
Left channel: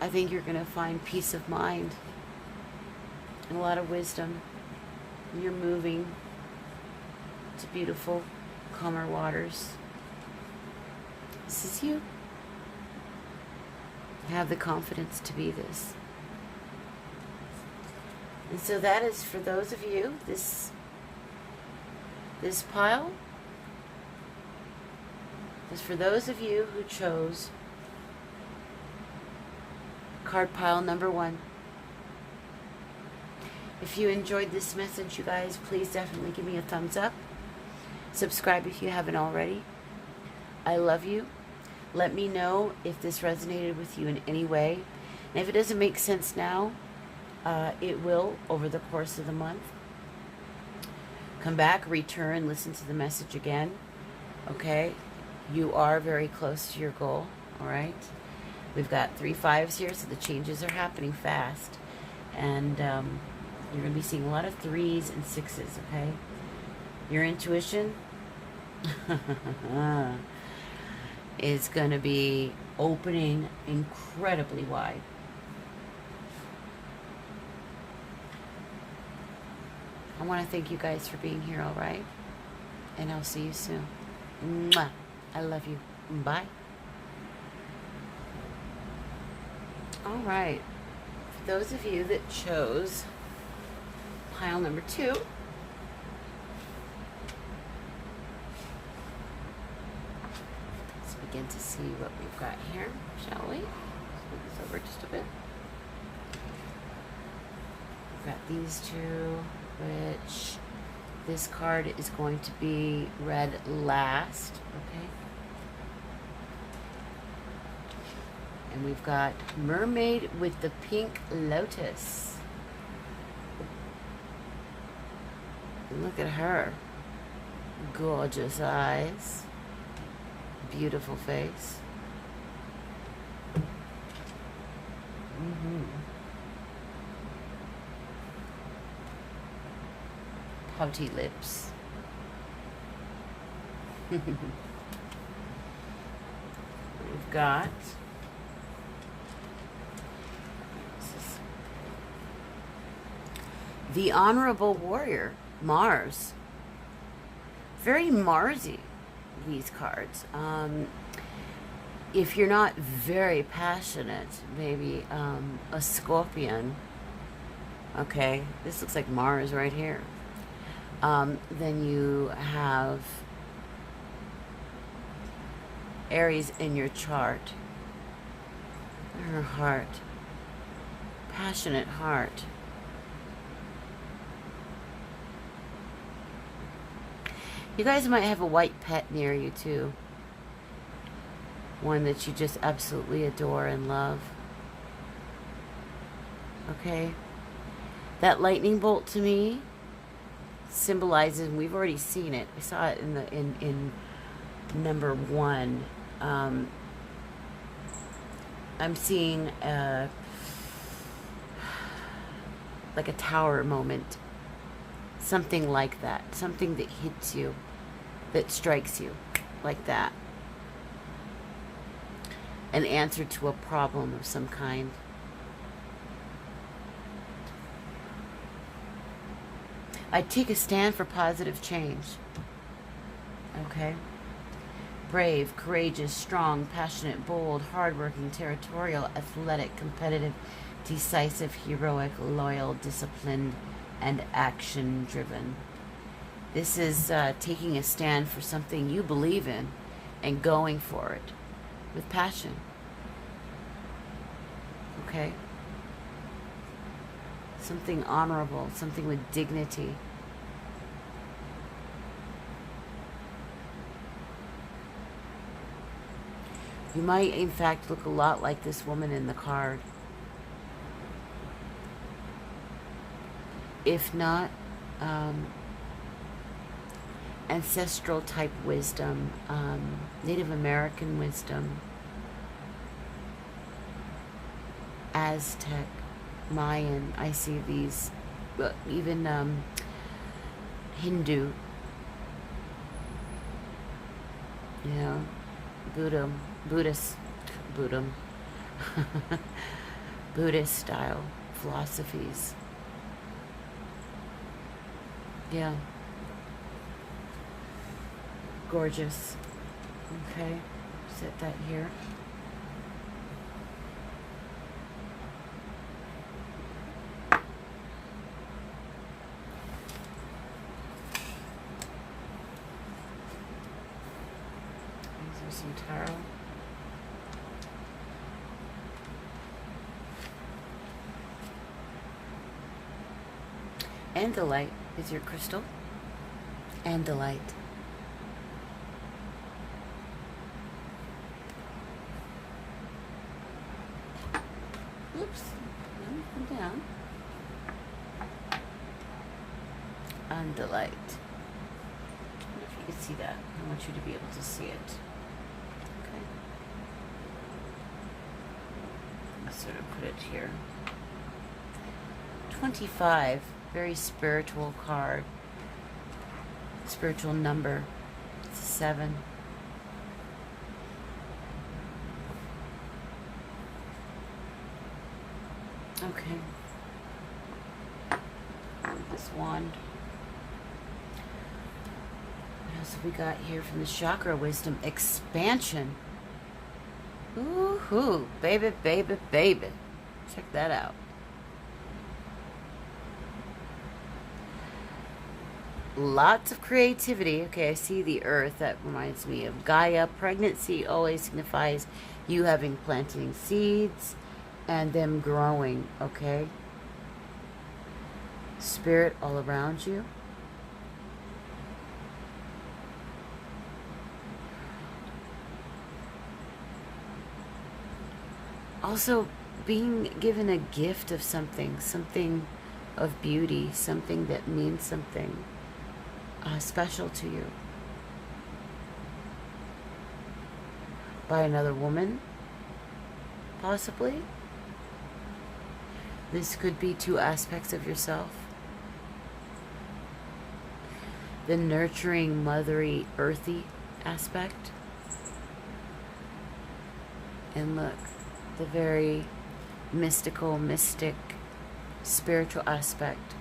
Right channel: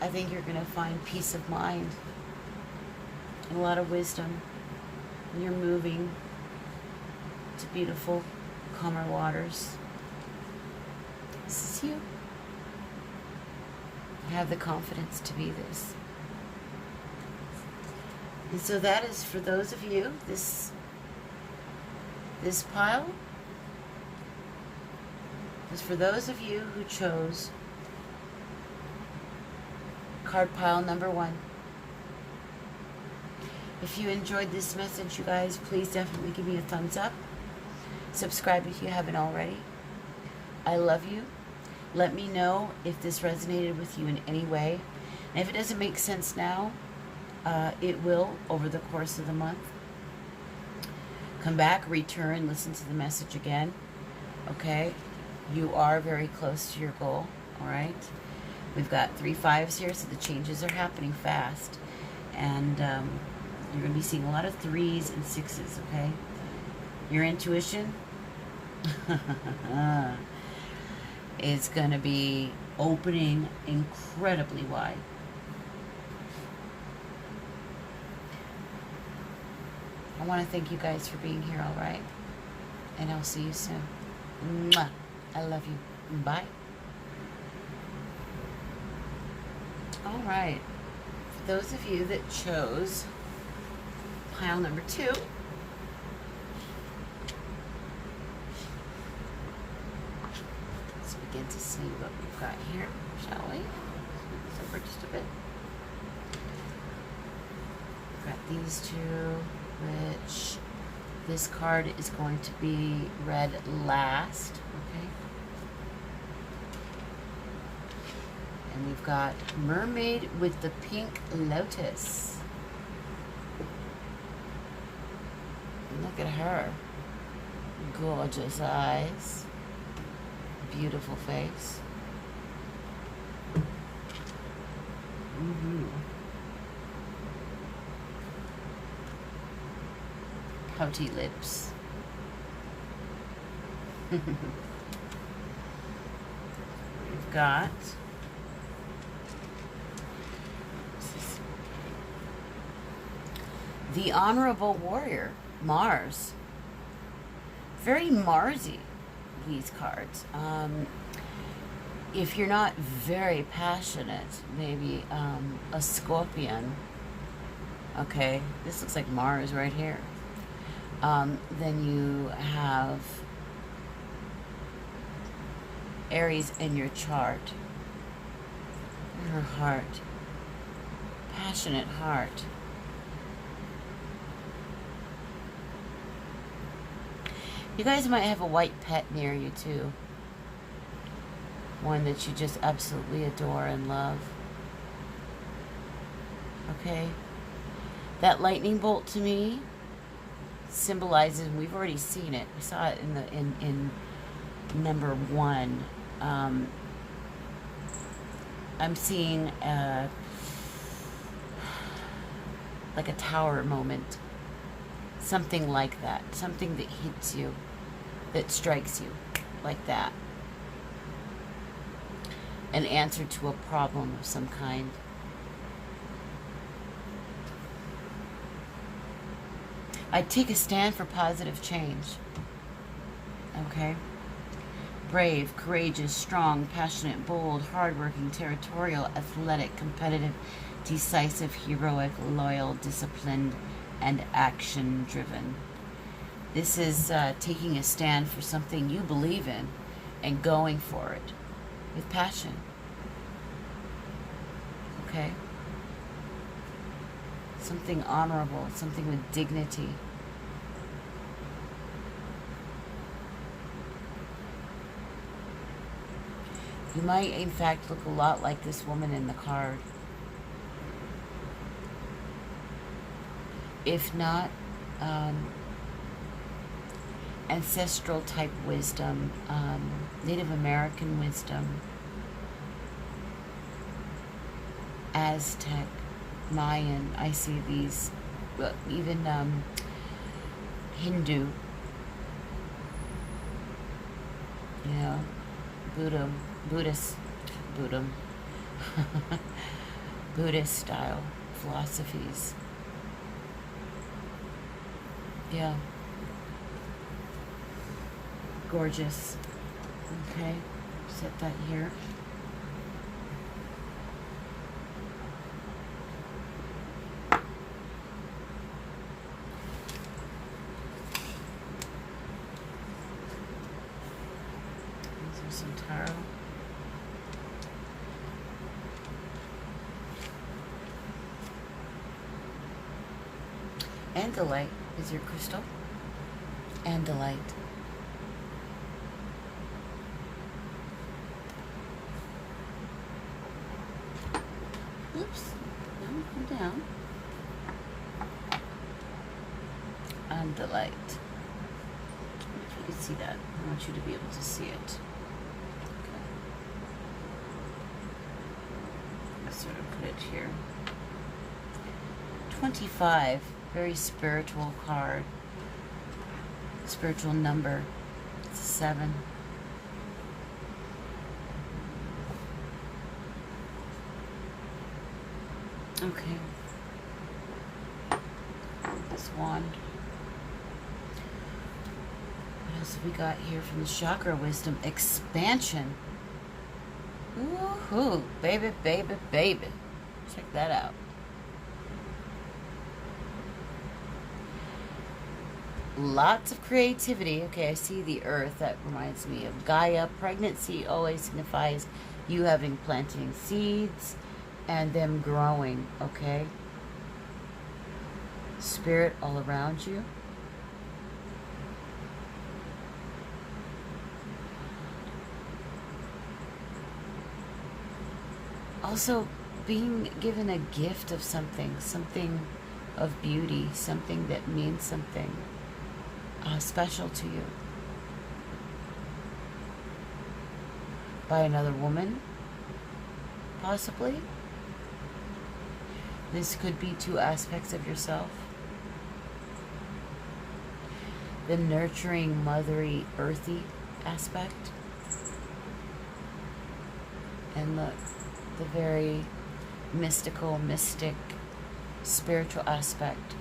I think you're going to find peace of mind and a lot of wisdom. And you're moving to beautiful, calmer waters. This is you. You have the confidence to be this. And so that is for those of you, this pile is for those of you who chose card pile number 1. If you enjoyed this message, you guys, please definitely give me a thumbs up. Subscribe if you haven't already. I love you. Let me know if this resonated with you in any way. And if it doesn't make sense now, it will over the course of the month. Come back, return, listen to the message again. Okay? You are very close to your goal. All right? We've got 3 5s here, so the changes are happening fast. And you're going to be seeing a lot of 3s and 6s, okay? Your intuition is going to be opening incredibly wide. I want to thank you guys for being here, all right? And I'll see you soon. Mwah. I love you. Bye. All right. For those of you that chose pile number 2, let's begin to see what we've got here, shall we? Move this over just a bit. We've got these 2, which this card is going to be read last, okay? And we've got Mermaid with the Pink Lotus. Look at her. Gorgeous eyes. Beautiful face. Pouty lips. we've got the Honorable Warrior, Mars. Very Marsy, these cards. If you're not very passionate, maybe a Scorpion. Okay, this looks like Mars right here. Then you have Aries in your chart. Your heart. Passionate heart. You guys might have a white pet near you too. One that you just absolutely adore and love. Okay? That lightning bolt to me symbolizes, and we've already seen it. We saw it in number 1. I'm seeing like a tower moment. Something like that. Something that hits you, that strikes you, like that. An answer to a problem of some kind. I'd take a stand for positive change. Okay? Brave, courageous, strong, passionate, bold, hardworking, territorial, athletic, competitive, decisive, heroic, loyal, disciplined, and action-driven. This is taking a stand for something you believe in and going for it with passion. Okay? Something honorable, something with dignity. You might, in fact, look a lot like this woman in the card. If not, ancestral type wisdom, Native American wisdom, Aztec, Mayan. I see these, even Hindu, you know, Buddhist style philosophies. Yeah. Gorgeous. Okay. Set that here. These are some tarot. Andalite is your crystal. Andalite. Oops. Come down. Andalite. If you can see that, I want you to be able to see it. Let's sort of put it here. 25. Very spiritual card. Spiritual number. It's 7. Okay. This wand. What else have we got here from the chakra wisdom? Expansion. Woohoo! Baby, baby, baby. Check that out. Lots of creativity. Okay, I see the earth. That reminds me of Gaia. Pregnancy always signifies you having planting seeds and them growing, okay? Spirit all around you. Also, being given a gift of something, something of beauty, something that means something special to you. By another woman, possibly. This could be 2 aspects of yourself. The nurturing, mothery, earthy aspect. And look, the very mystical, mystic, spiritual aspect.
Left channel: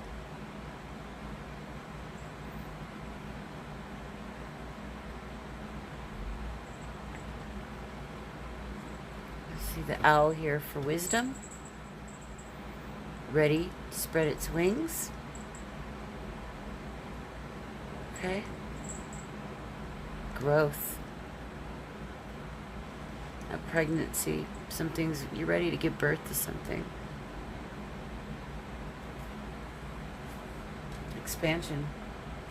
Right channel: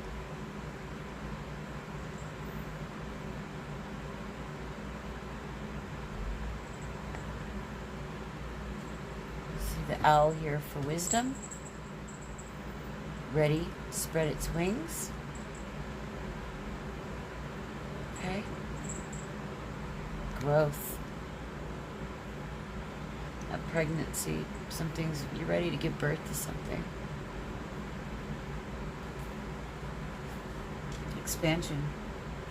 See the owl here for wisdom, ready to spread its wings. Okay. Growth. A pregnancy. Something's, you're ready to give birth to something. Expansion.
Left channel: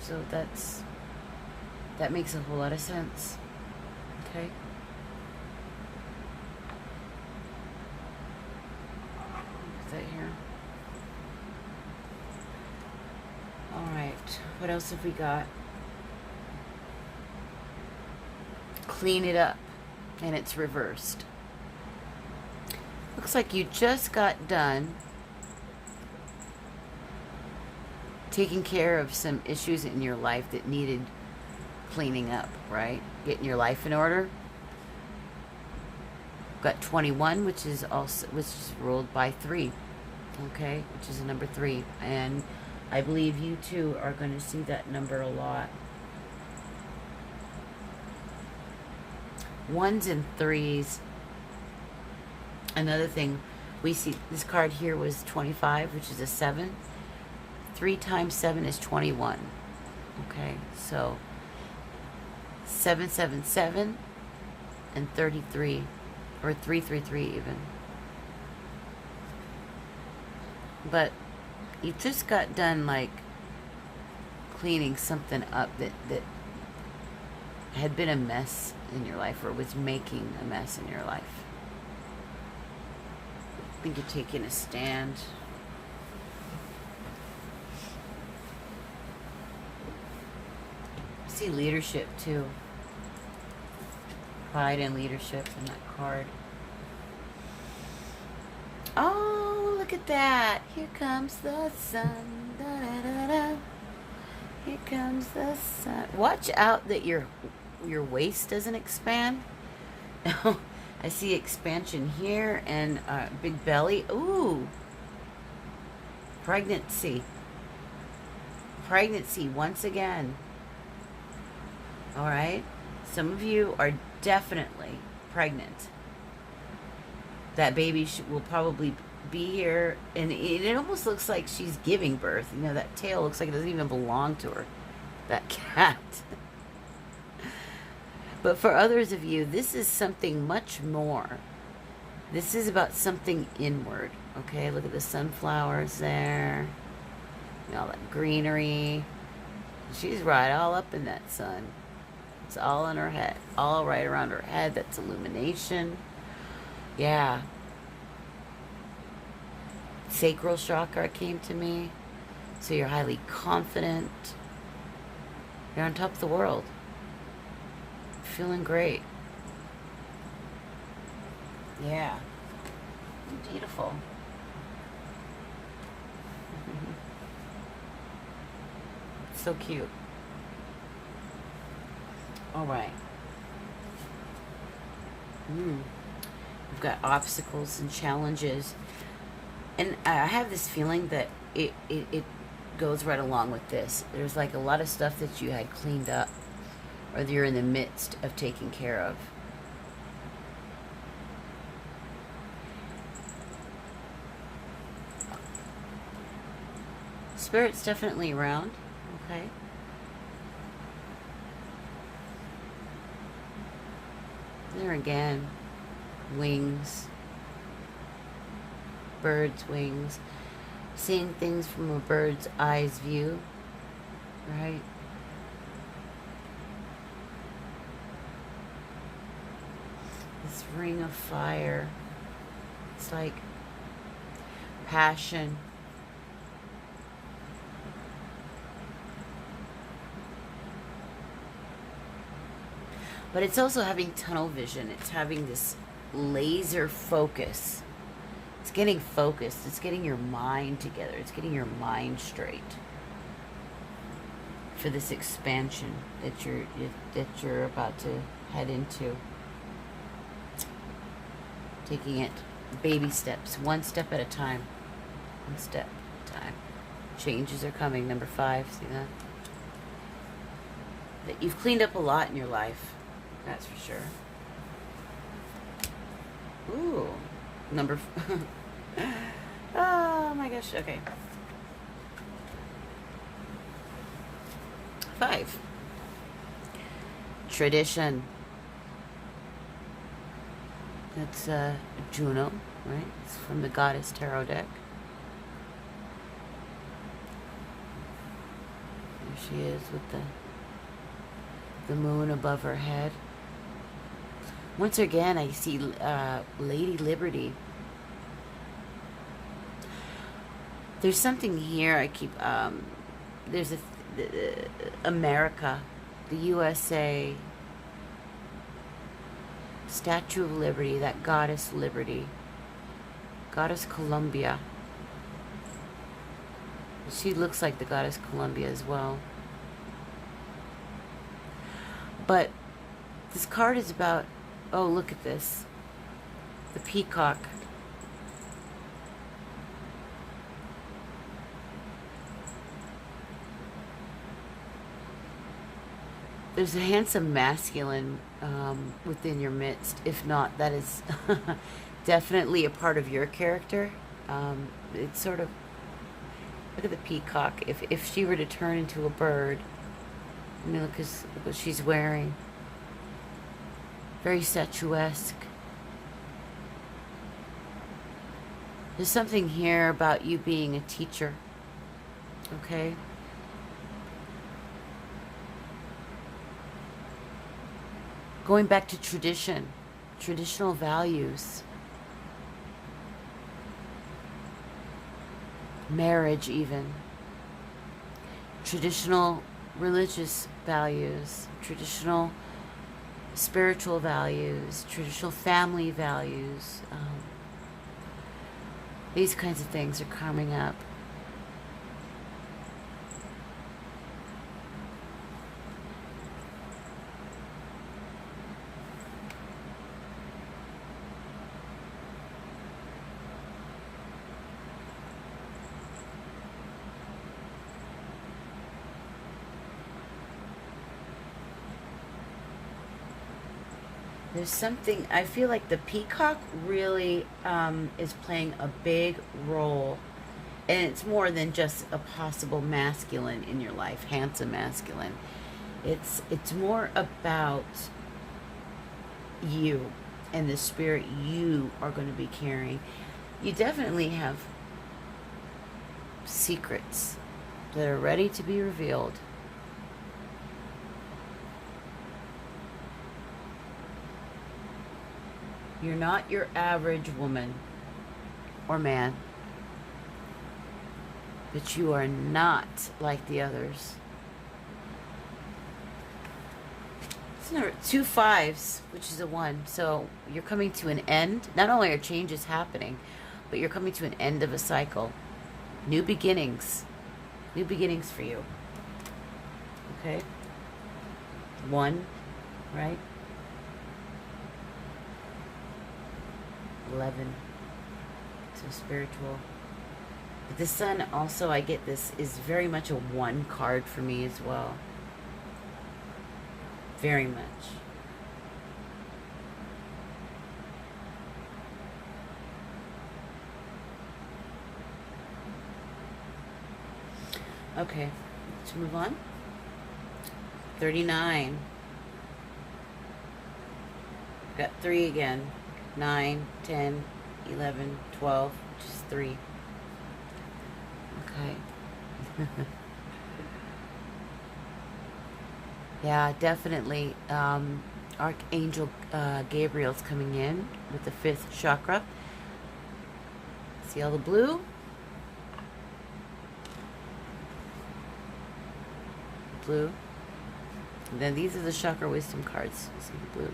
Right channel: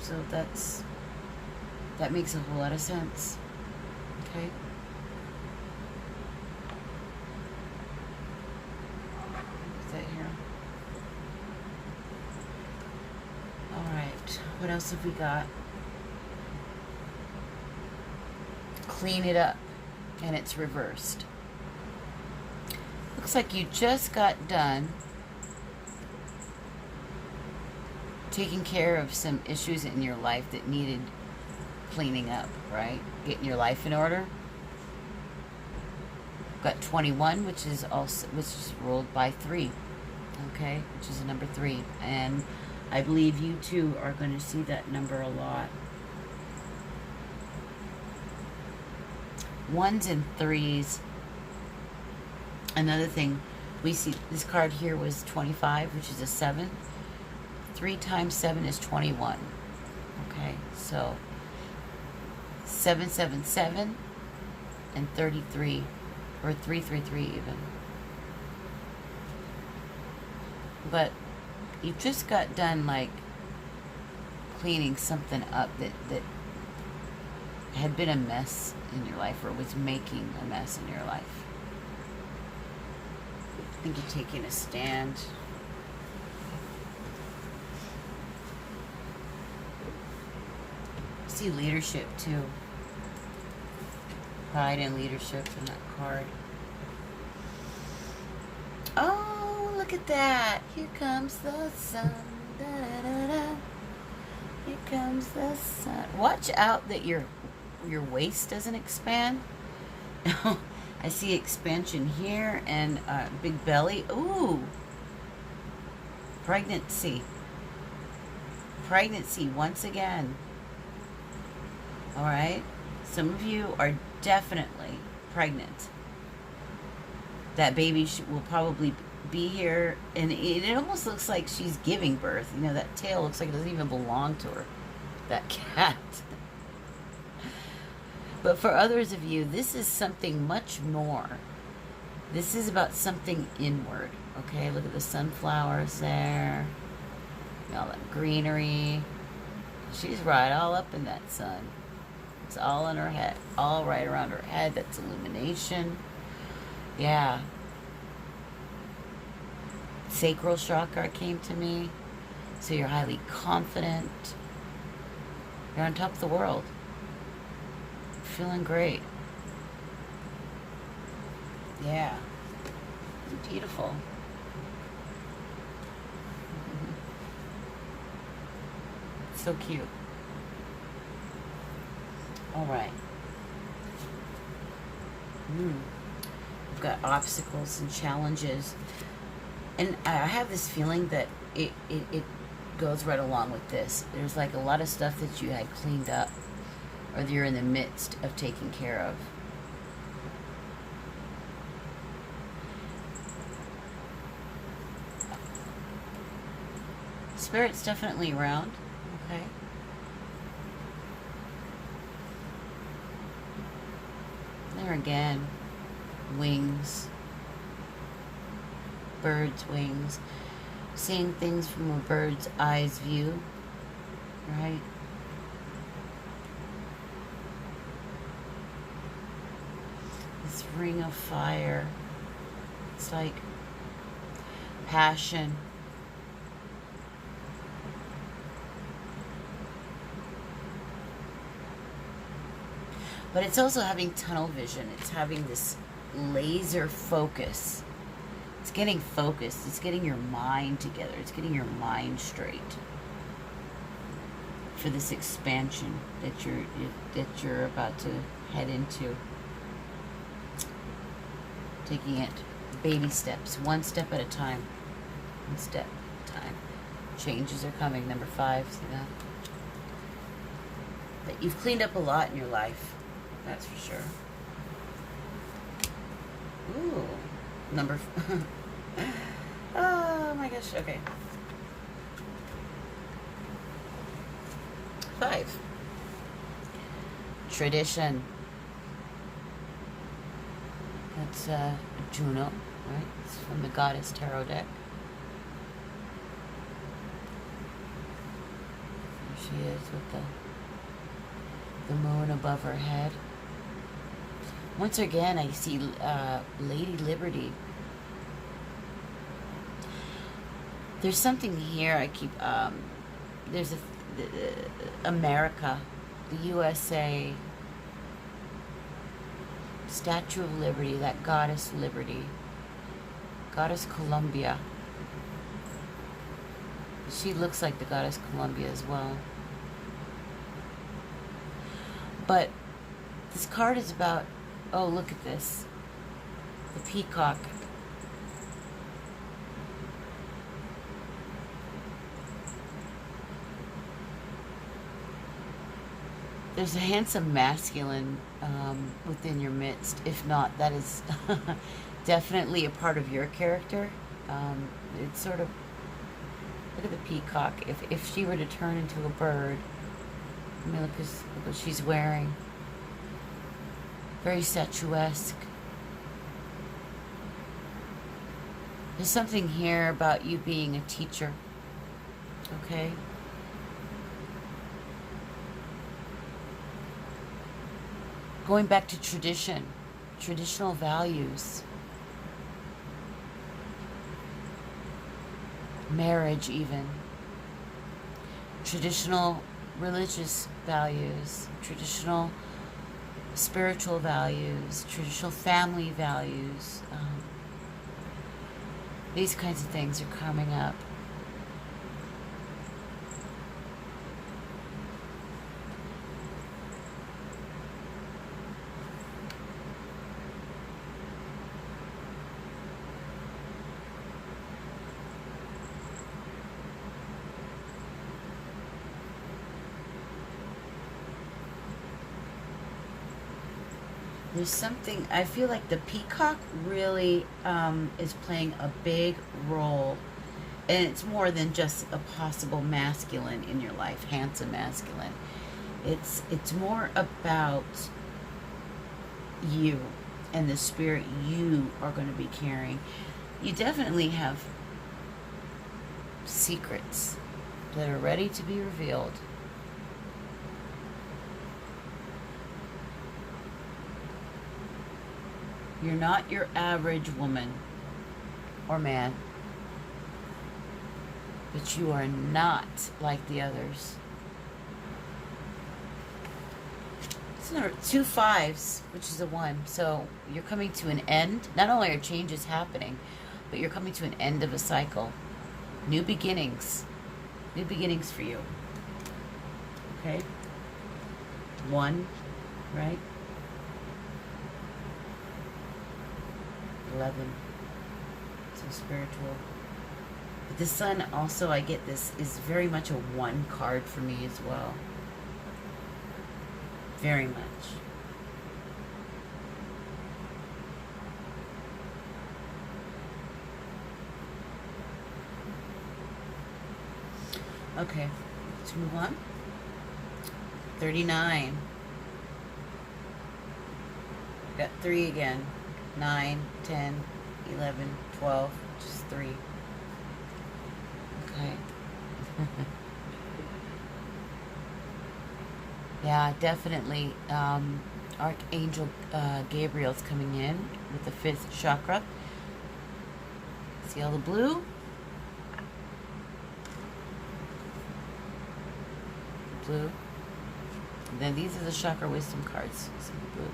So that makes a whole lot of sense. Okay. What's that here? Alright. What else have we got? Clean it up. And it's reversed. Looks like you just got done taking care of some issues in your life that needed cleaning up, right? Getting your life in order. Got 21, which is ruled by 3. Okay, which is a number 3. And I believe you too are going to see that number a lot. 1s and 3s. Another thing, we see this card here was 25, which is a 7. 3 times 7 is 21. Okay, so 777 and 33, or 333 even. But you just got done like cleaning something up that had been a mess in your life, or was making a mess in your life. I think you're taking a stand. I see leadership too. Pride and leadership in that card. Oh, look at that. Here comes the sun. Da, da, da, da. Here comes the sun. Watch out that your waist doesn't expand. I see expansion here and big belly. Ooh. Pregnancy. Pregnancy once again. All right. Some of you are definitely pregnant. That baby will probably be here, and it almost looks like she's giving birth. You know, that tail looks like it doesn't even belong to her. That cat. But for others of you, this is something much more. This is about something inward. Okay, look at the sunflowers there. All that greenery. She's right all up in that sun. It's all in her head. All right around her head. That's illumination. Yeah. Sacral chakra came to me. So you're highly confident. You're on top of the world. Feeling great. Yeah. Beautiful. So cute. All right. We've got obstacles and challenges. And I have this feeling that it goes right along with this. There's like a lot of stuff that you had cleaned up, or that you're in the midst of taking care of. Spirit's definitely around. Okay. There again. Wings. Bird's wings. Seeing things from a bird's eyes view. Right? This ring of fire. It's like passion. But it's also having tunnel vision. It's having this laser focus. It's getting focused. It's getting your mind together. It's getting your mind straight for this expansion that you're about to head into. Taking it baby steps, one step at a time. One step at a time. Changes are coming. Number 5, see that? You've cleaned up a lot in your life. That's for sure. Ooh. Number... oh my gosh. Okay. 5. Tradition. That's Juno, right? It's from the Goddess Tarot deck. There she is with the moon above her head. Once again, I see Lady Liberty. There's something here I keep... there's America, the USA... Statue of Liberty, that Goddess Liberty. Goddess Columbia. She looks like the Goddess Columbia as well. But this card is about... Oh, look at this. The peacock. There's a handsome masculine within your midst. If not, that is definitely a part of your character. It's sort of... Look at the peacock. If she were to turn into a bird, I mean, look what she's wearing. Very statuesque. There's something here about you being a teacher. Okay? Going back to tradition, traditional values, marriage even, traditional religious values, traditional spiritual values, traditional family values. These kinds of things are coming up. There's something, I feel like the peacock really is playing a big role. And it's more than just a possible masculine in your life, handsome masculine. It's more about you and the spirit you are going to be carrying. You definitely have secrets that are ready to be revealed. You're not your average woman or man, but you are not like the others. It's number 2 5s, which is a 1. So you're coming to an end. Not only are changes happening, but you're coming to an end of a cycle. New beginnings. New beginnings for you. Okay? 1, right? 11. So spiritual. But the sun also, I get this, is very much a 1 card for me as well. Very much. Okay, let's move on. 39. Got 3 again. 9, 10, 11, 12, just 3. Okay. Yeah, definitely. Archangel Gabriel's coming in with the 5th chakra. See all the blue? Blue. And then these are the chakra wisdom cards. See the blue.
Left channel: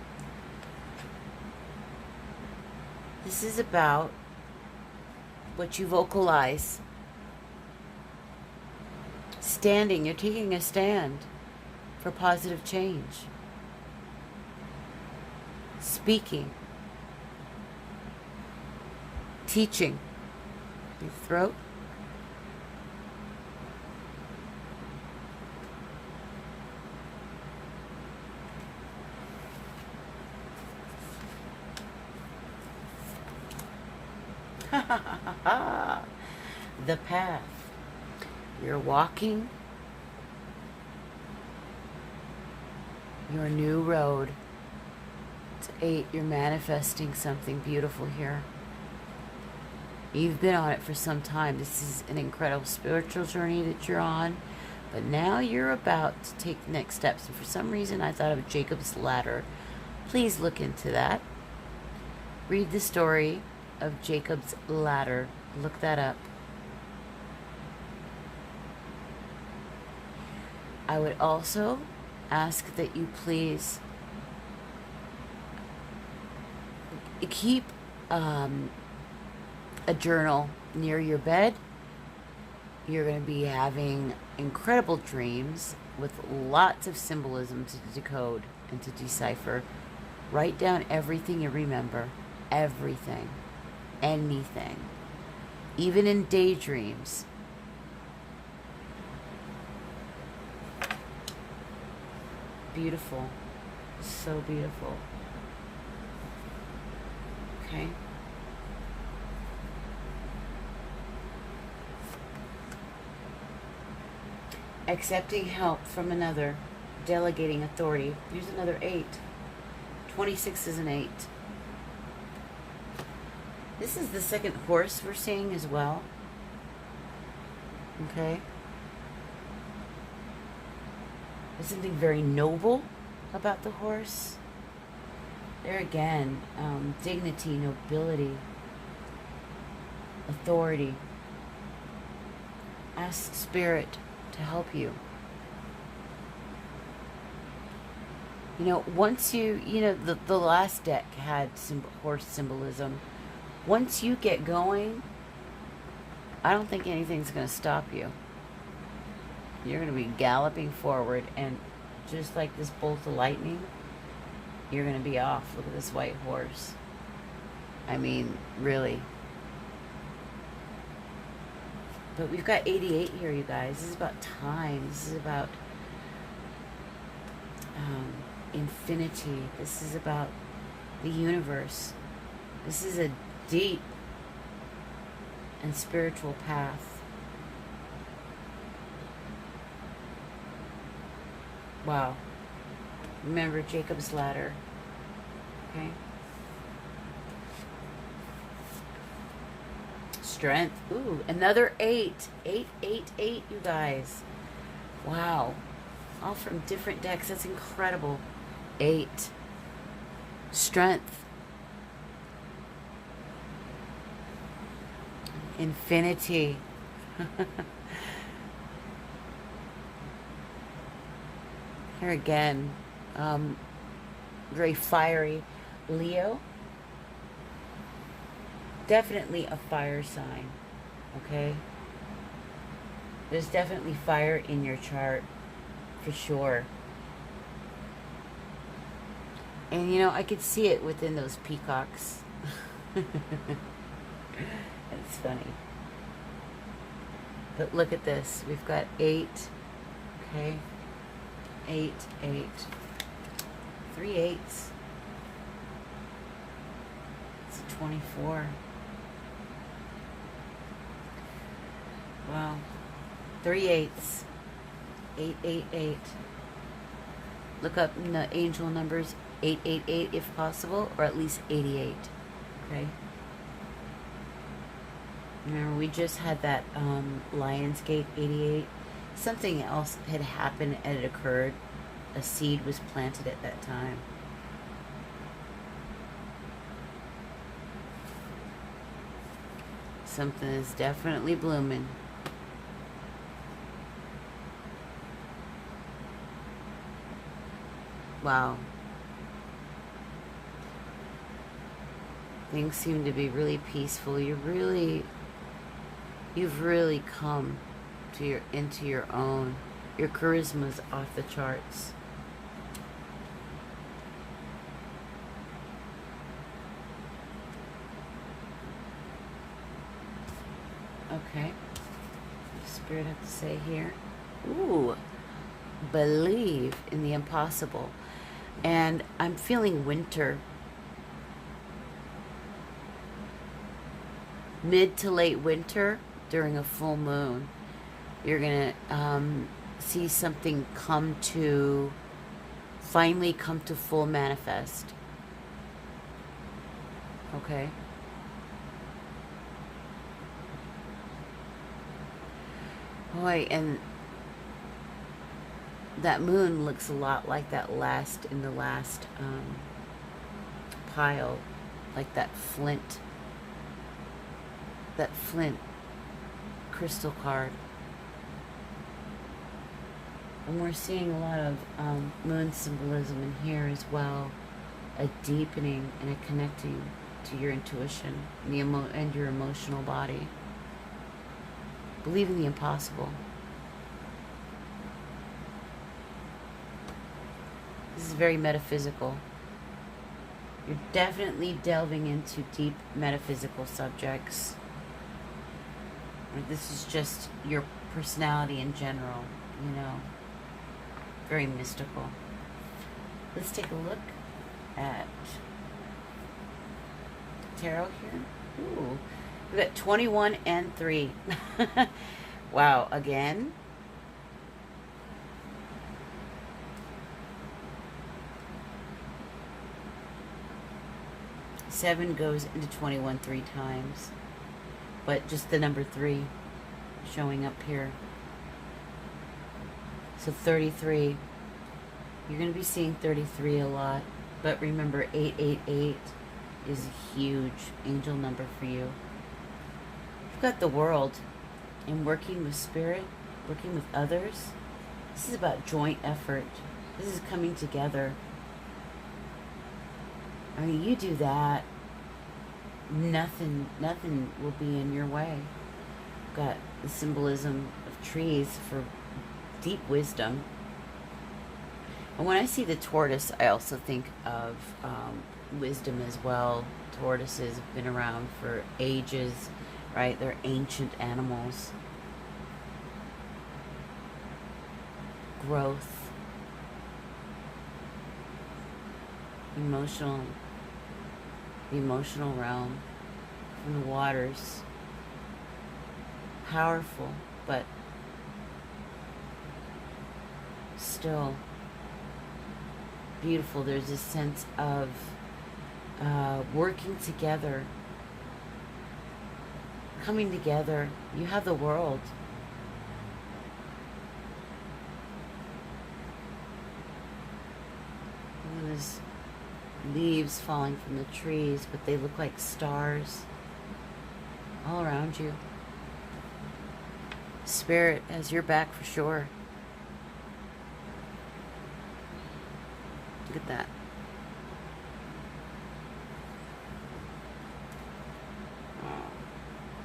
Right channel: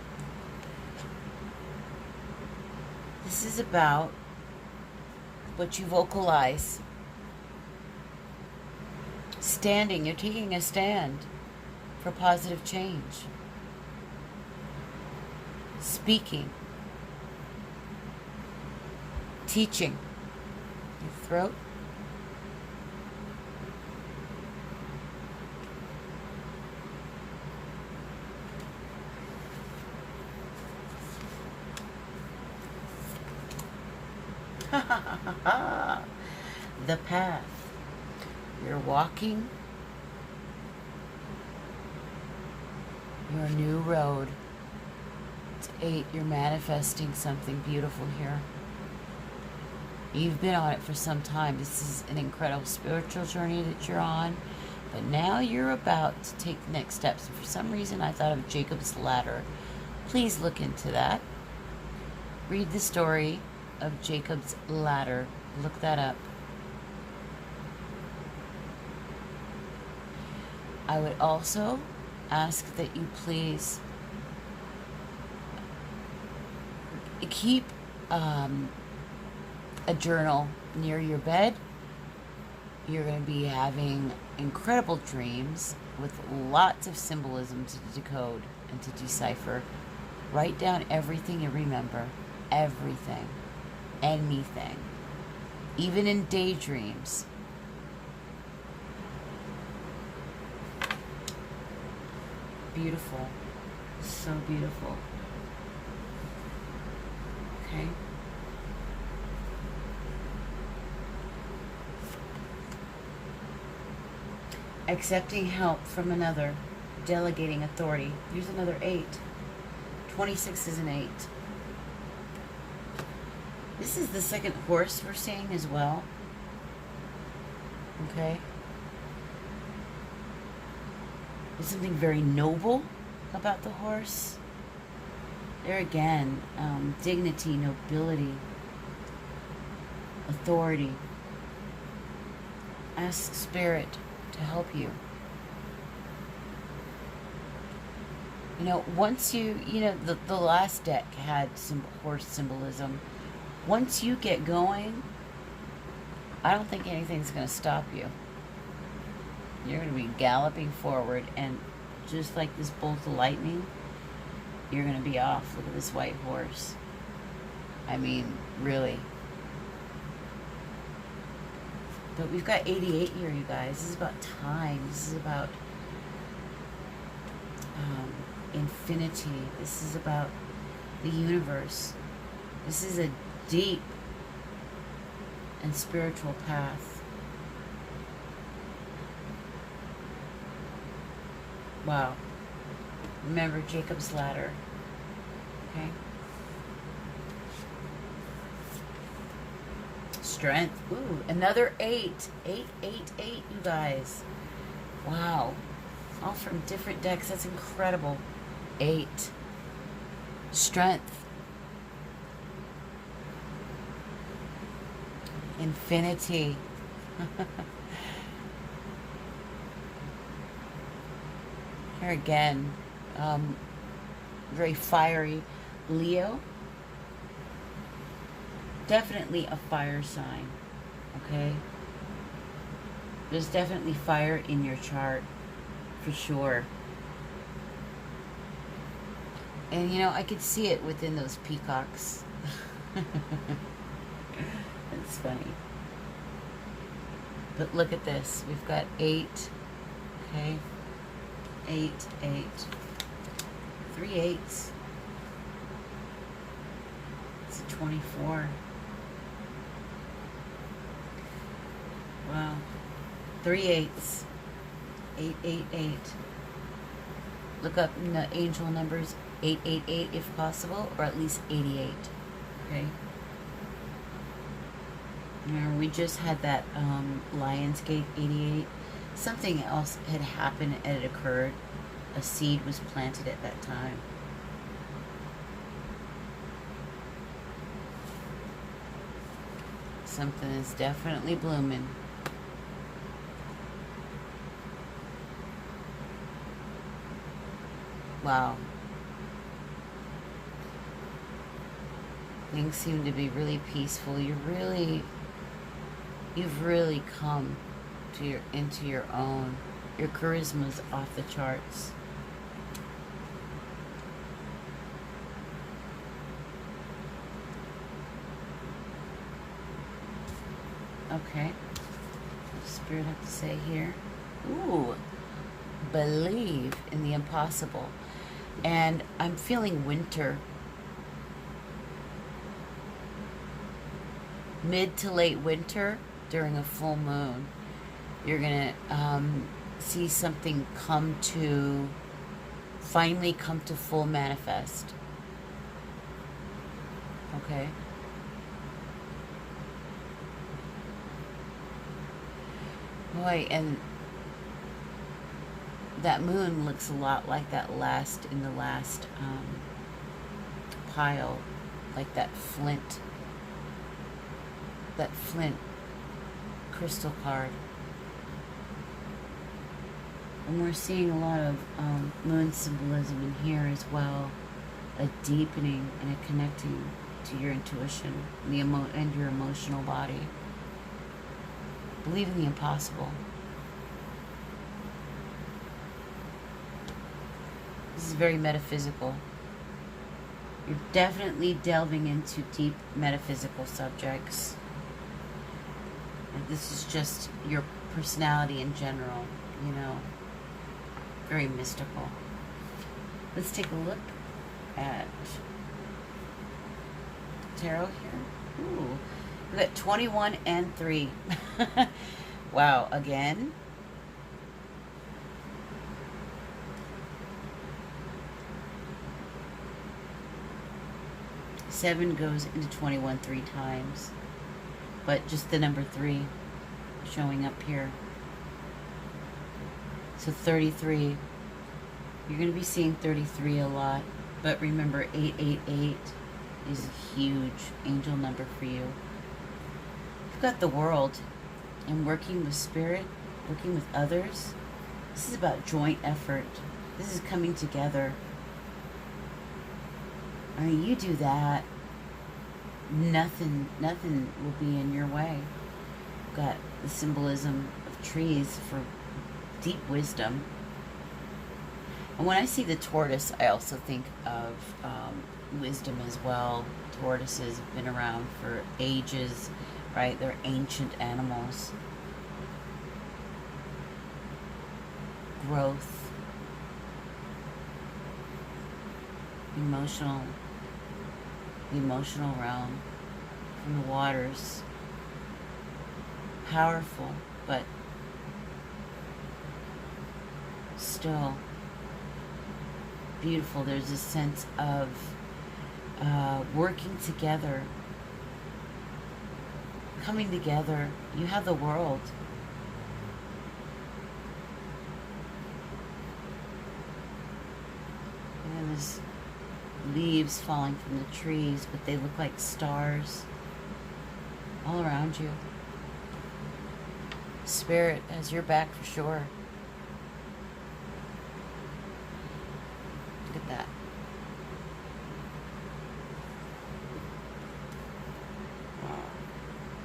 This is about what you vocalize. Standing. You're taking a stand for positive change. Speaking. teaching. Your throat. The path. You're walking your new road. It's 8. You're manifesting something beautiful here. You've been on it for some time. This is an incredible spiritual journey that you're on. But now you're about to take the next steps. And for some reason, I thought of Jacob's ladder. Please look into that. Read the story of Jacob's ladder. Look that up. I would also ask that you please keep a journal near your bed. You're going to be having incredible dreams with lots of symbolism to decode and to decipher. Write down everything you remember. Everything. Anything. Even in daydreams. Beautiful. So beautiful. Okay. Accepting help from another. Delegating authority. Here's another 8. 26 is an 8. This is the second horse we're seeing as well. Okay. There's something very noble about the horse. There again, dignity, nobility, authority. Ask Spirit to help you. You know, once the last deck had some horse symbolism. Once you get going, I don't think anything's going to stop you. You're going to be galloping forward, and just like this bolt of lightning, you're going to be off. Look at this white horse. I mean, really. But we've got 88 here, you guys. This is about time. This is about infinity. This is about the universe. This is a deep and spiritual path. Wow. Remember Jacob's ladder. Okay. Strength. Ooh, another 8. 8, 8, 8, you guys. Wow. All from different decks. That's incredible. 8. Strength. Infinity. Here again, very fiery. Leo. Definitely a fire sign. Okay? There's definitely fire in your chart. For sure. And you know, I could see it within those peacocks. It's funny. But look at this. We've got 8. Okay? 8, 8. 3 8s. It's a 24. Wow. 3 8s. 8, 8, 8. Look up in the angel numbers 888 if possible, or at least 88. Okay? Now, we just had that Lionsgate 88. Something else had happened and it occurred. A seed was planted at that time. Something is definitely blooming. Wow. Things seem to be really peaceful. You've really come to into your own. Your charisma's off the charts. Okay. Spirit have to say here? Ooh, believe in the impossible. And I'm feeling winter. Mid to late winter during a full moon. You're going to see something finally come to full manifest. Okay? Boy, and that moon looks a lot like the last pile, like that flint crystal card. And we're seeing a lot of moon symbolism in here as well, a deepening and a connecting to your intuition and your emotional body. Believe in the impossible. This is very metaphysical. You're definitely delving into deep metaphysical subjects. Like, this is just your personality in general, you know. Very mystical. Let's take a look at tarot here. Ooh. We got 21 and 3. Wow, again. Seven goes into 21 3 times. But just the number 3 showing up here. So 33. You're going to be seeing 33 a lot. But remember, 888 is a huge angel number for you. You've got the world, and working with spirit, working with others. This is about joint effort. This is coming together. I mean, you do that, nothing will be in your way. You've got the symbolism of trees for deep wisdom. And when I see the tortoise, I also think of wisdom as well. Tortoises have been around for ages, right? They're ancient animals. Growth. The emotional realm from the waters. Powerful, but still beautiful. There's a sense of working together, coming together. You have the world. And there's leaves falling from the trees, but they look like stars all around you. Spirit has your back for sure. Look at that.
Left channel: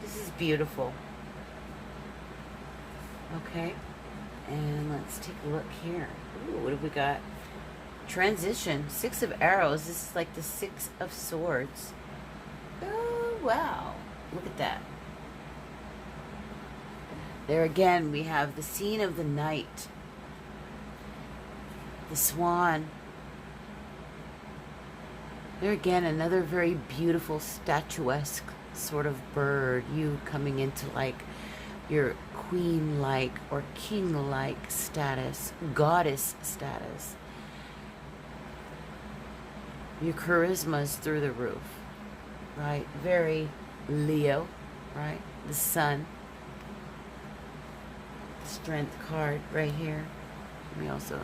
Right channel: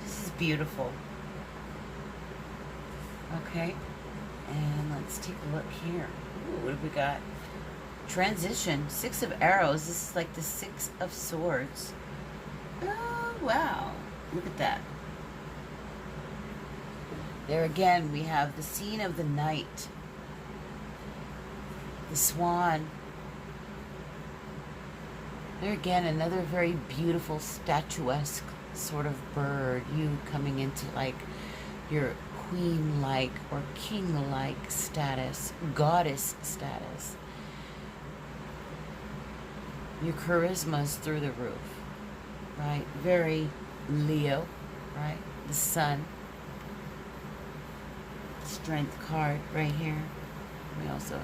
This is beautiful. Okay. And let's take a look here. Ooh, what have we got? Transition. 6 of arrows. This is like the 6 of swords. Oh, wow. Look at that. There again, we have the scene of the night. The swan. There again, another very beautiful, statuesque sort of bird. You coming into like your queen-like or king-like status, goddess status. Your charisma is through the roof, right? Very Leo, right? The sun. The strength card right here. We also,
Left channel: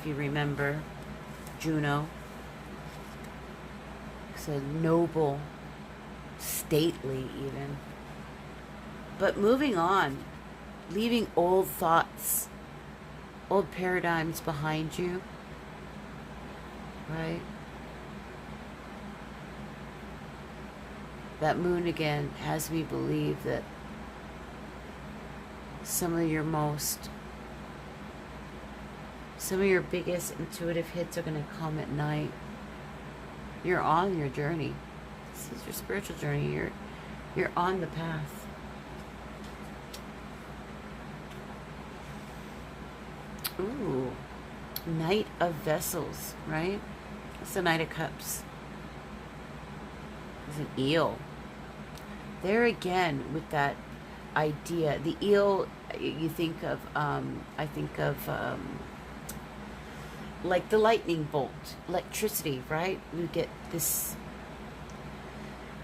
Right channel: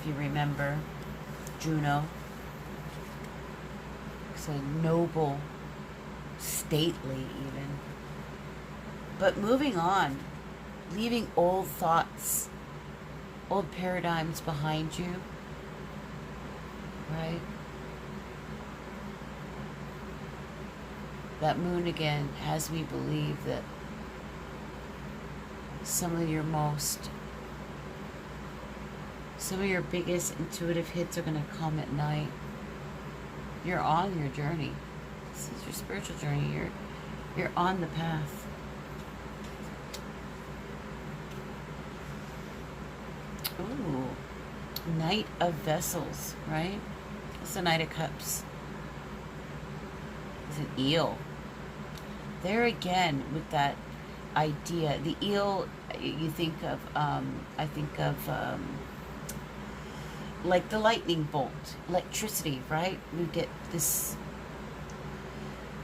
if you remember, Juno. So noble, stately even. But moving on, leaving old thoughts, old paradigms behind you, right? That moon again has me believe that some of your biggest intuitive hits are going to come at night. You're on your journey. This is your spiritual journey. You're on the path. Ooh, Knight of Vessels, right? It's the Knight of Cups. It's an eel. There again with that idea. The eel, you think of, I think of like the lightning bolt, electricity, right? We get this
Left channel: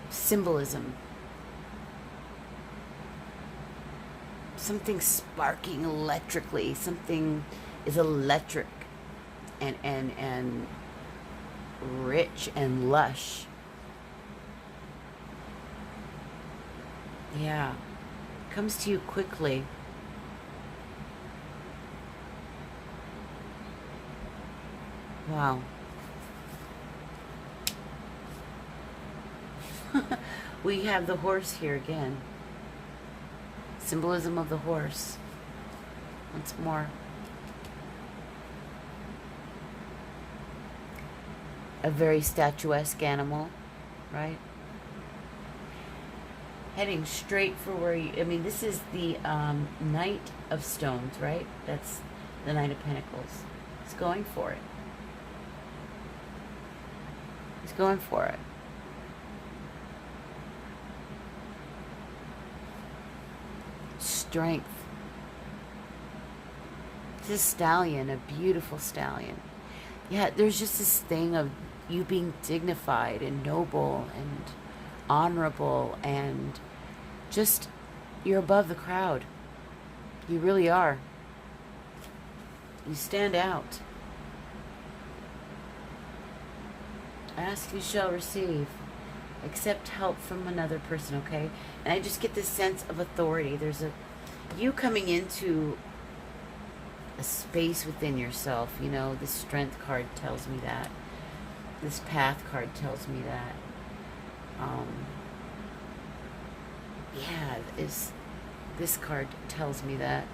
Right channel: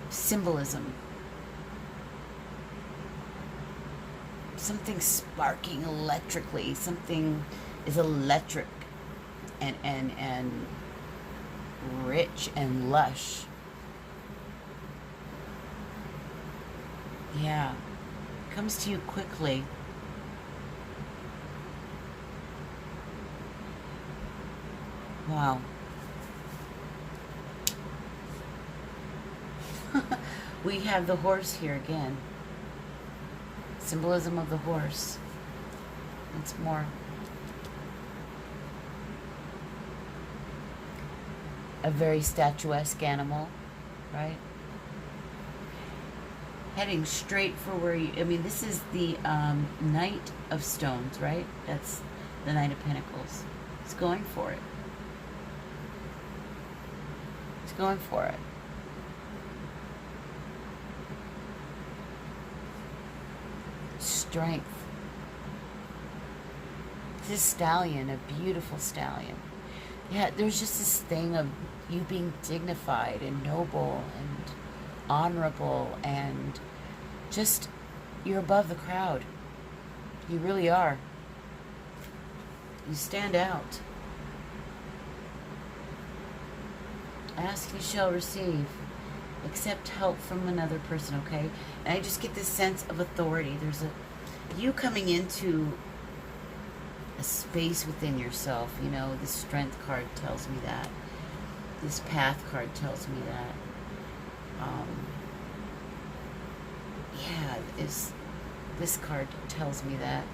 symbolism. Something sparking electrically. Something is electric and rich and lush. Yeah. Comes to you quickly. Wow. We have the horse here again. Symbolism of the horse. Once more. A very statuesque animal, right? Heading straight for where you... I mean, this is the Knight of Stones, right? That's the Knight of Pentacles. It's going for it. It's going for it. Strength. This stallion, a beautiful stallion. Yeah, there's just this thing of you being dignified and noble and honorable and just, you're above the crowd. You really are. You stand out. Ask, you shall receive. Accept help from another person, okay? And I just get this sense of authority. There's you coming into a space within yourself. You know, the Strength card tells me that. This Path card tells me that. Yeah, this card tells me that.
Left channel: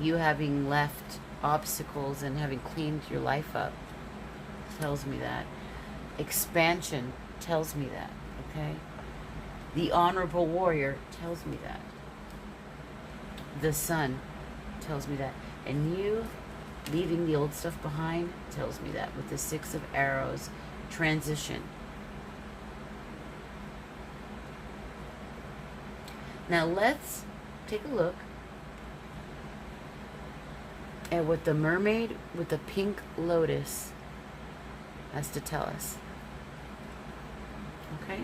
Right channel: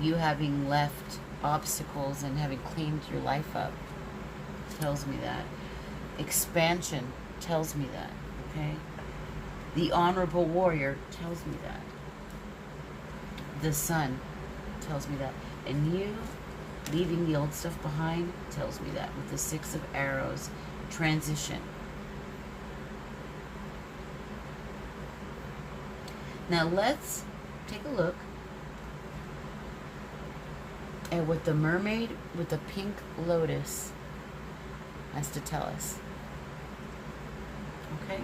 You having left obstacles and having cleaned your life up tells me that. Expansion tells me that, okay? The honorable warrior tells me that. The sun tells me that. And you leaving the old stuff behind tells me that with the Six of Arrows. Transition. Now let's take a look at what the mermaid with the pink lotus has to tell us. Okay?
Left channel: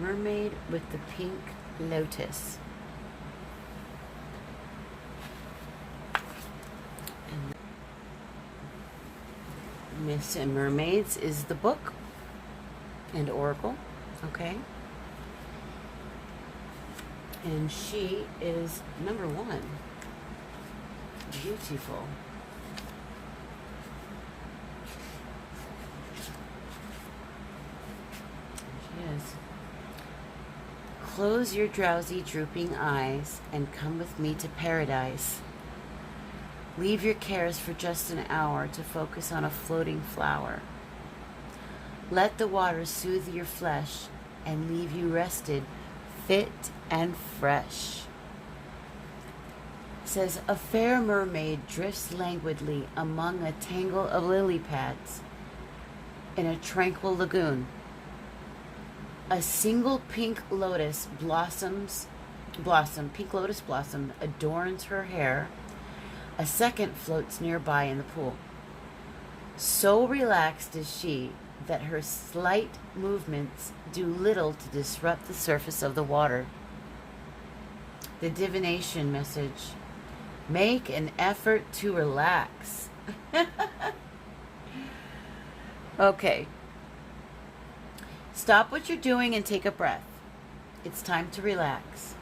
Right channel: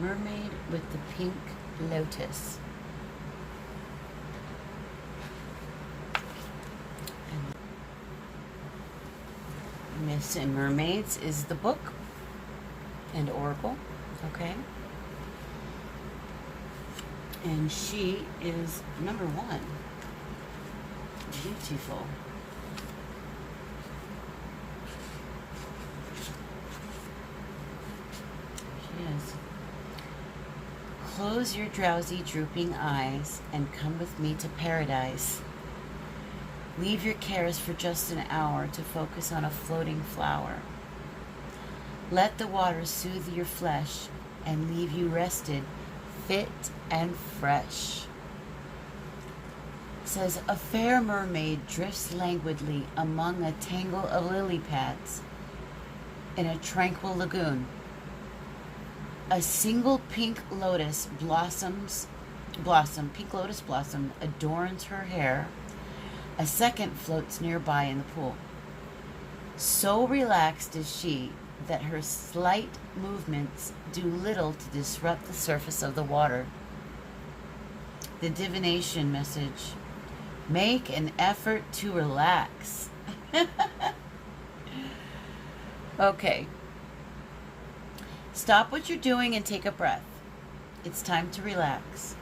Mermaid with the pink lotus. And Myths and Mermaids is the book and oracle. Okay? And she is number 1. Beautiful. She is. Close your drowsy, drooping eyes and come with me to paradise. Leave your cares for just an hour to focus on a floating flower. Let the water soothe your flesh and leave you rested, fit and fresh. It says, a fair mermaid drifts languidly among a tangle of lily pads in a tranquil lagoon. A single pink lotus pink lotus blossom adorns her hair. A second floats nearby in the pool. So relaxed is she that her slight movements do little to disrupt the surface of the water. The divination message: make an effort to relax. Okay. Stop what you're doing and take a breath. It's time to relax.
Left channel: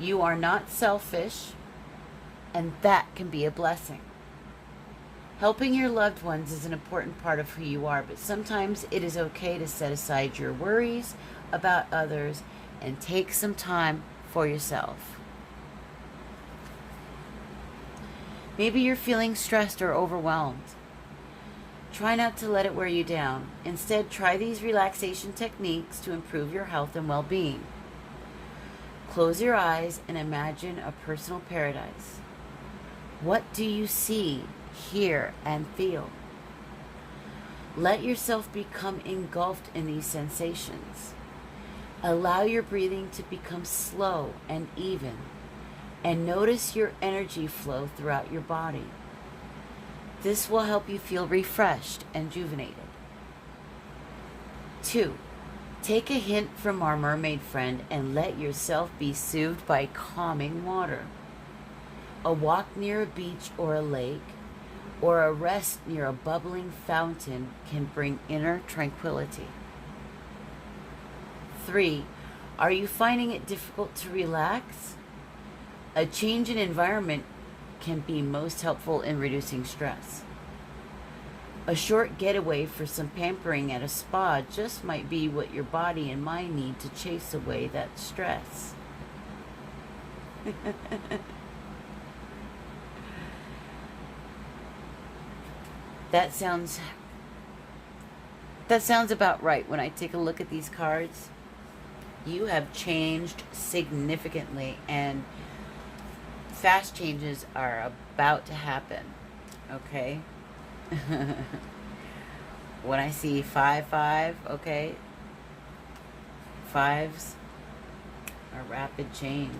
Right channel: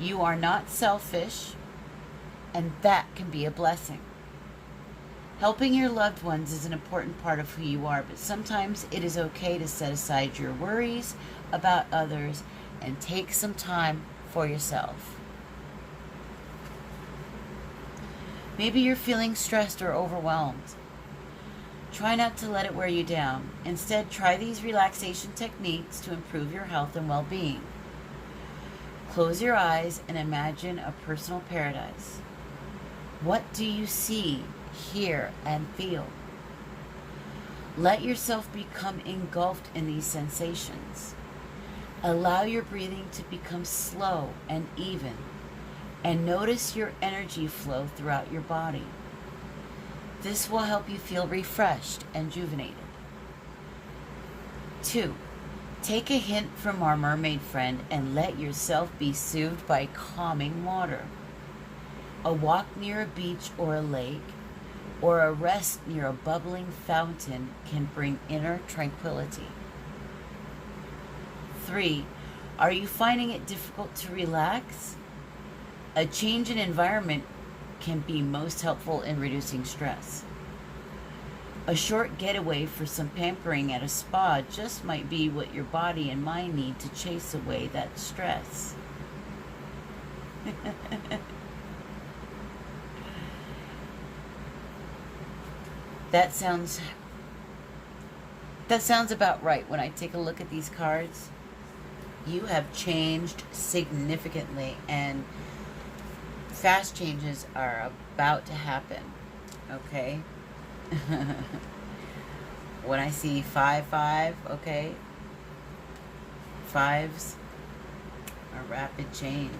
You are not selfish, and that can be a blessing. Helping your loved ones is an important part of who you are, but sometimes it is okay to set aside your worries about others and take some time for yourself. Maybe you're feeling stressed or overwhelmed. Try not to let it wear you down. Instead, try these relaxation techniques to improve your health and well-being. Close your eyes and imagine a personal paradise. What do you see, hear, and feel? Let yourself become engulfed in these sensations. Allow your breathing to become slow and even, and notice your energy flow throughout your body. This will help you feel refreshed and rejuvenated. 2. Take a hint from our mermaid friend and let yourself be soothed by calming water. A walk near a beach or a lake, or a rest near a bubbling fountain can bring inner tranquility. 3. Are you finding it difficult to relax? A change in environment can be most helpful in reducing stress. A short getaway for some pampering at a spa just might be what your body and mind need to chase away that stress. That sounds about right. When I take a look at these cards, you have changed significantly, and fast changes are about to happen. Okay? When I see 5, okay, 5s are rapid change.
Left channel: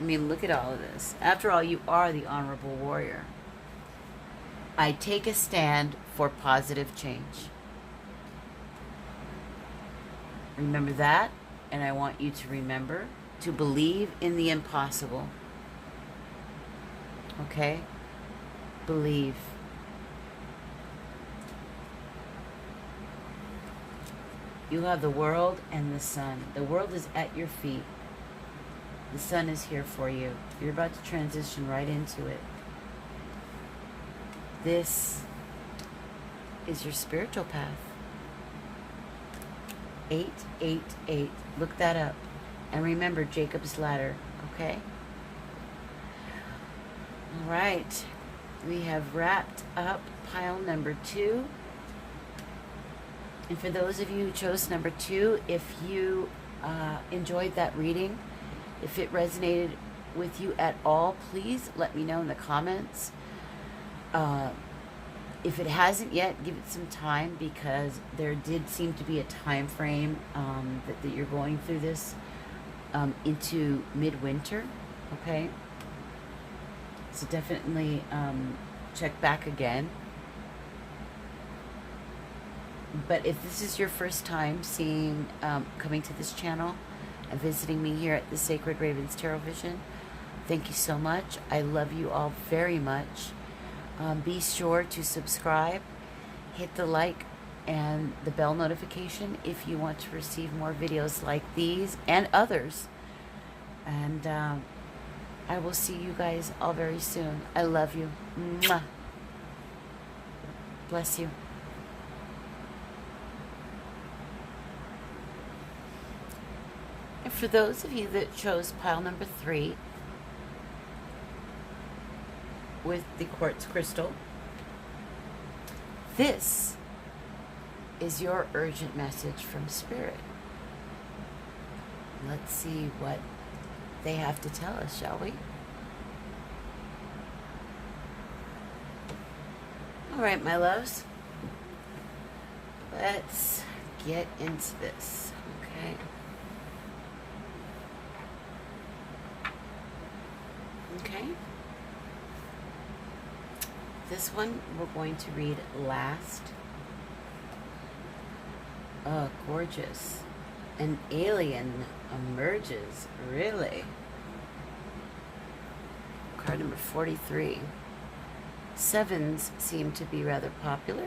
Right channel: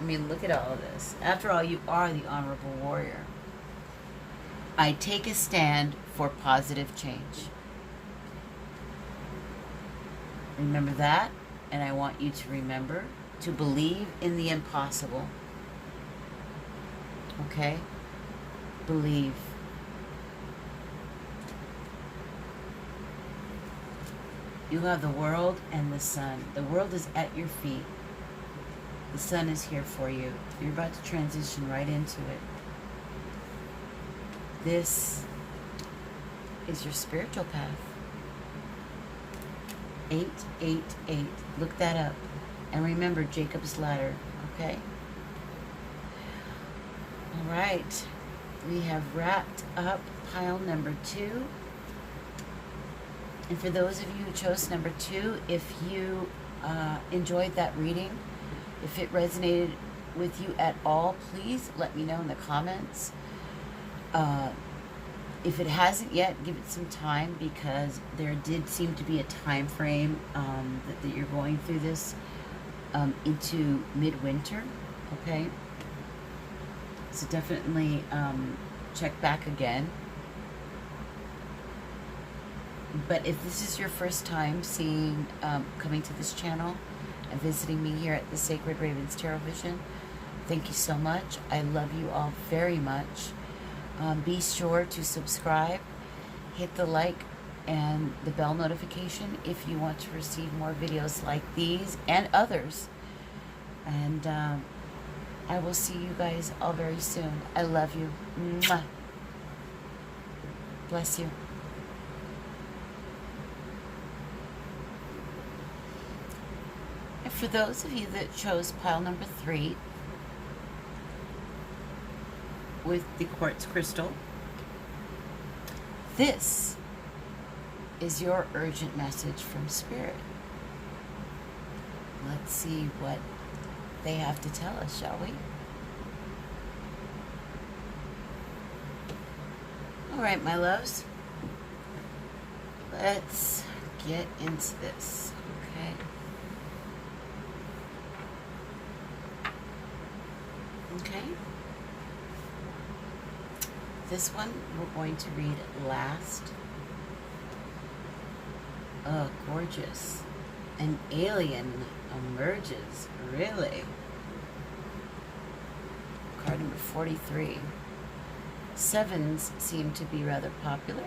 I mean, look at all of this. After all, you are the honorable warrior. I take a stand for positive change. Remember that, and I want you to remember to believe in the impossible. Okay? Believe. You have the world and the sun. The world is at your feet. The sun is here for you. You're about to transition right into it. This is your spiritual path. 888. Look that up. And remember Jacob's ladder, okay? All right. We have wrapped up pile number 2. And for those of you who chose number 2, if you enjoyed that reading, if it resonated with you at all, please let me know in the comments. If it hasn't yet, give it some time, because there did seem to be a time frame that you're going through this into midwinter, okay? So definitely check back again. But if this is your first time coming to this channel and visiting me here at the Sacred Ravens Tarot Vision, thank you so much. I love you all very much. Be sure to subscribe, hit the like and the bell notification if you want to receive more videos like these and others. And I will see you guys all very soon. I love you. Mwah. Bless you. And for those of you that chose pile number 3 with the quartz crystal, this is your urgent message from Spirit. Let's see what they have to tell us, shall we? All right, my loves. Let's get into this, okay? Okay. This one we're going to read last. Oh, gorgeous. An alien emerges. Really? Card number 43. 7s seem to be rather popular.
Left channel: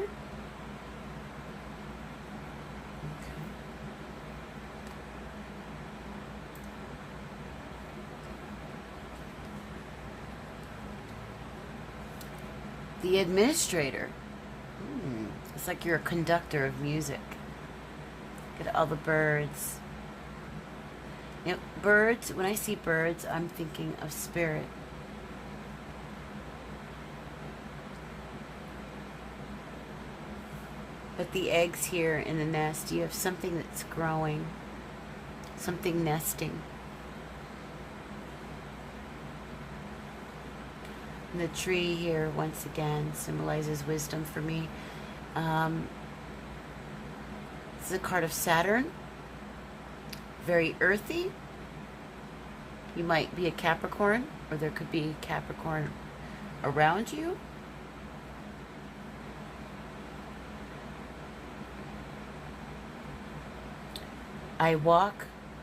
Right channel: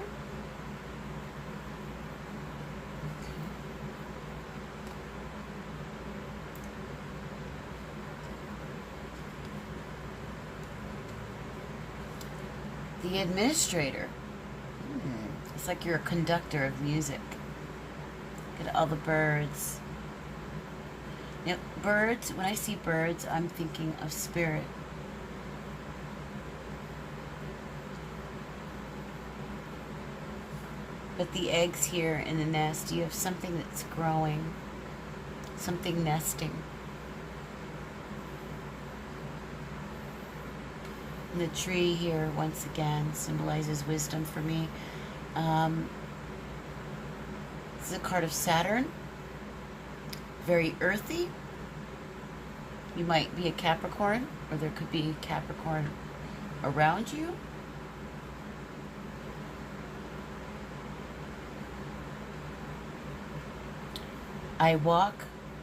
The administrator. It's like you're a conductor of music. Look at all the birds. Now, birds, when I see birds, I'm thinking of spirit. But the eggs here in the nest, you have something that's growing. something nesting. And the tree here, once again, symbolizes wisdom for me. This is a card of Saturn. Very earthy. You might be a Capricorn, or there could be Capricorn around you. I walk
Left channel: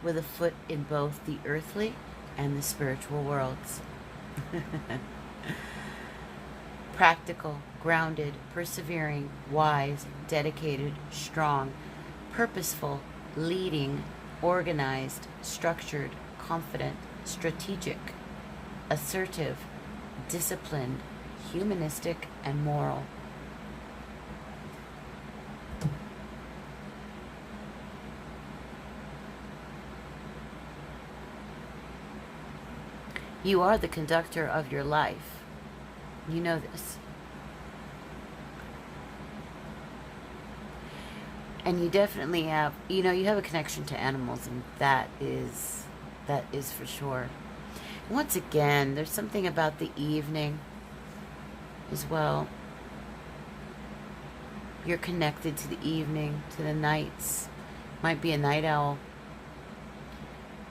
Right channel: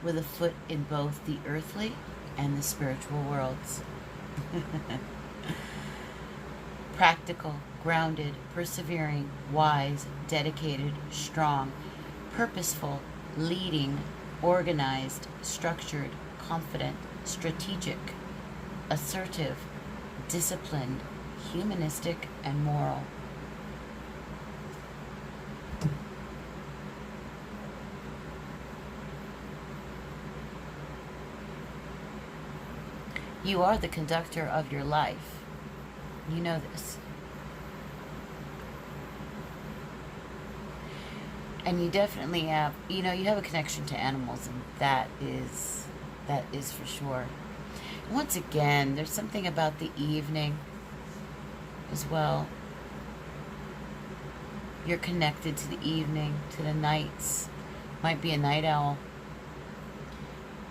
with a foot in both the earthly and the spiritual worlds. Practical, grounded, persevering, wise, dedicated, strong, purposeful, leading, organized, structured, confident, strategic, assertive, disciplined, humanistic, and moral. You are the conductor of your life. You know this. And you definitely have, you know, you have a connection to animals, and that is for sure. Once again, there's something about the evening as well. You're connected to the evening, to the nights. Might be a night owl.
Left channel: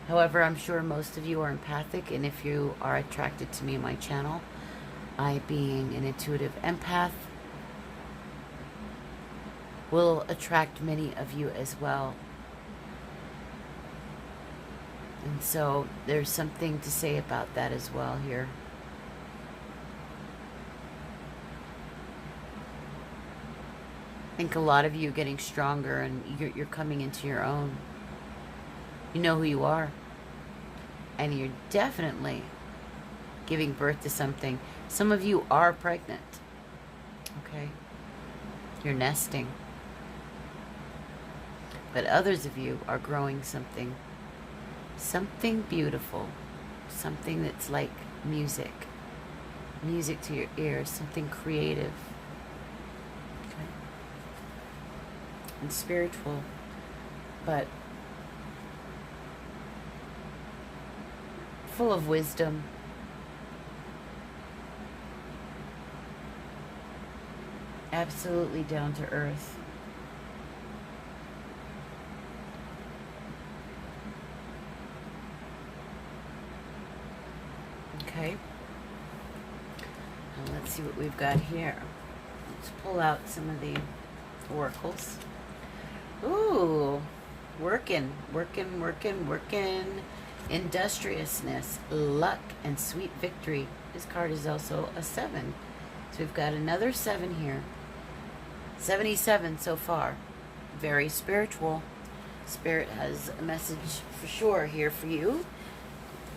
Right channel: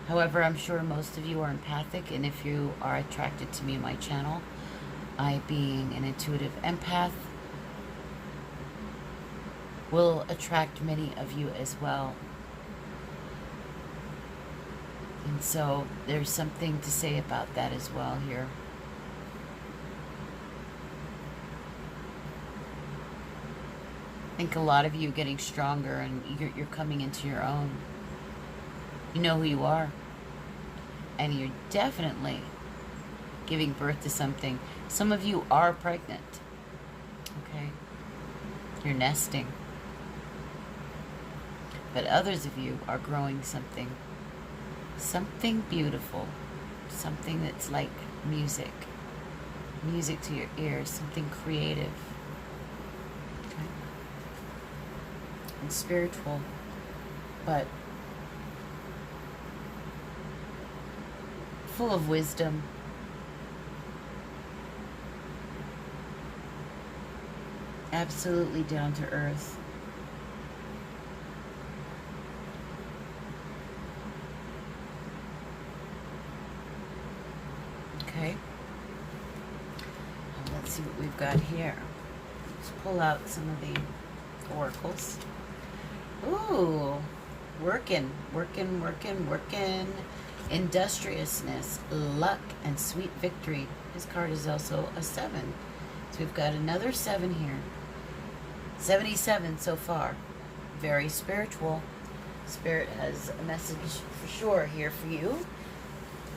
However, I'm sure most of you are empathic, and if you are attracted to me and my channel, I, being an intuitive empath, will attract many of you as well. And so there's something to say about that as well here. I think a lot of you are getting stronger, and you're coming into your own. You know who you are. And you're definitely giving birth to something. Some of you are pregnant. Okay? You're nesting. But others of you are growing something. Something beautiful. Something that's like music. Music to your ears. Something creative. Okay? And spiritual. But full of wisdom. Absolutely down to earth. Okay. And let's see what we've got here. Let's pull out some of the oracles. Ooh, working. Industriousness, luck, and sweet victory. This card is also a 7. So we've got another 7 here. 77 so far. Very spiritual. Spirit has a message for sure here for you.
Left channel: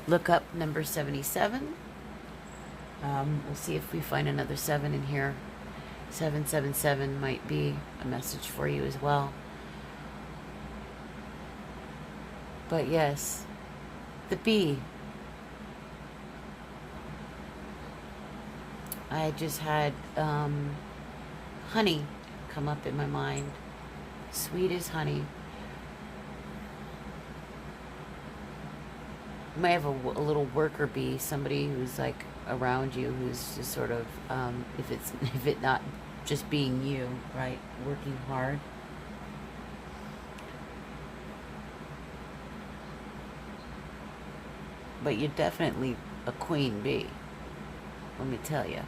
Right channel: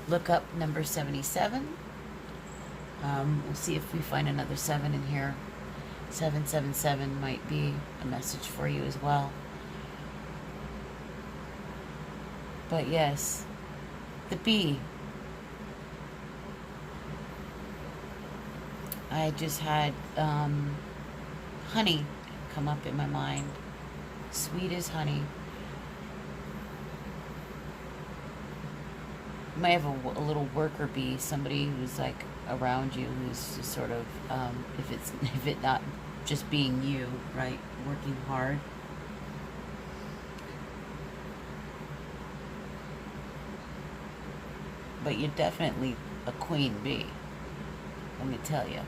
Look up number 77. We'll see if we find another 7 in here. 777 might be a message for you as well. But yes, the bee. I just had honey come up in my mind. Sweet as honey. You might have a little worker bee, somebody who's like around you, who's just sort of, if it not just being you, right, working hard. But you're definitely a queen bee, let me tell you.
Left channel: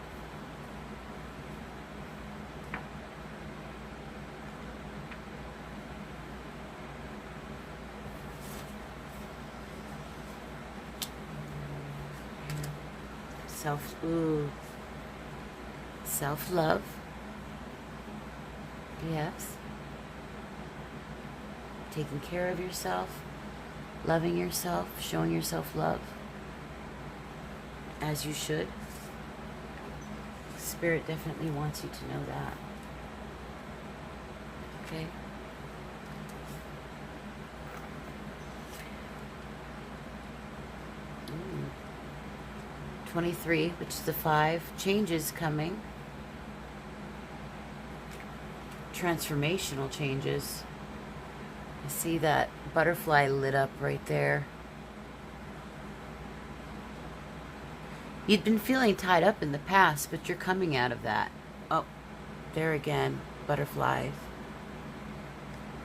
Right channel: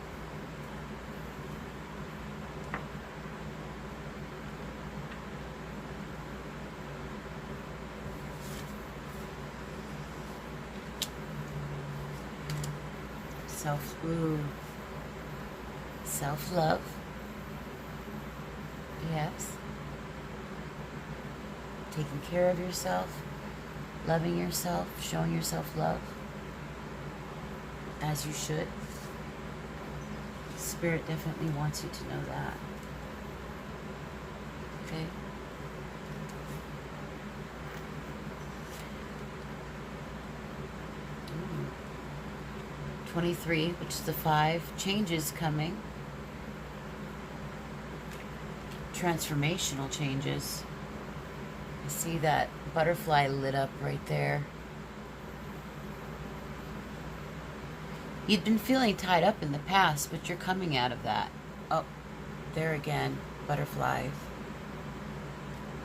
Self-love. Yes. Taking care of yourself, loving yourself, showing yourself love, as you should. Spirit definitely wants you to know that. Okay? 23, which is the 5. Changes coming. Transformational changes. I see that butterfly lit up right there. You'd been feeling tied up in the past, but you're coming out of that. Oh, there again, butterflies.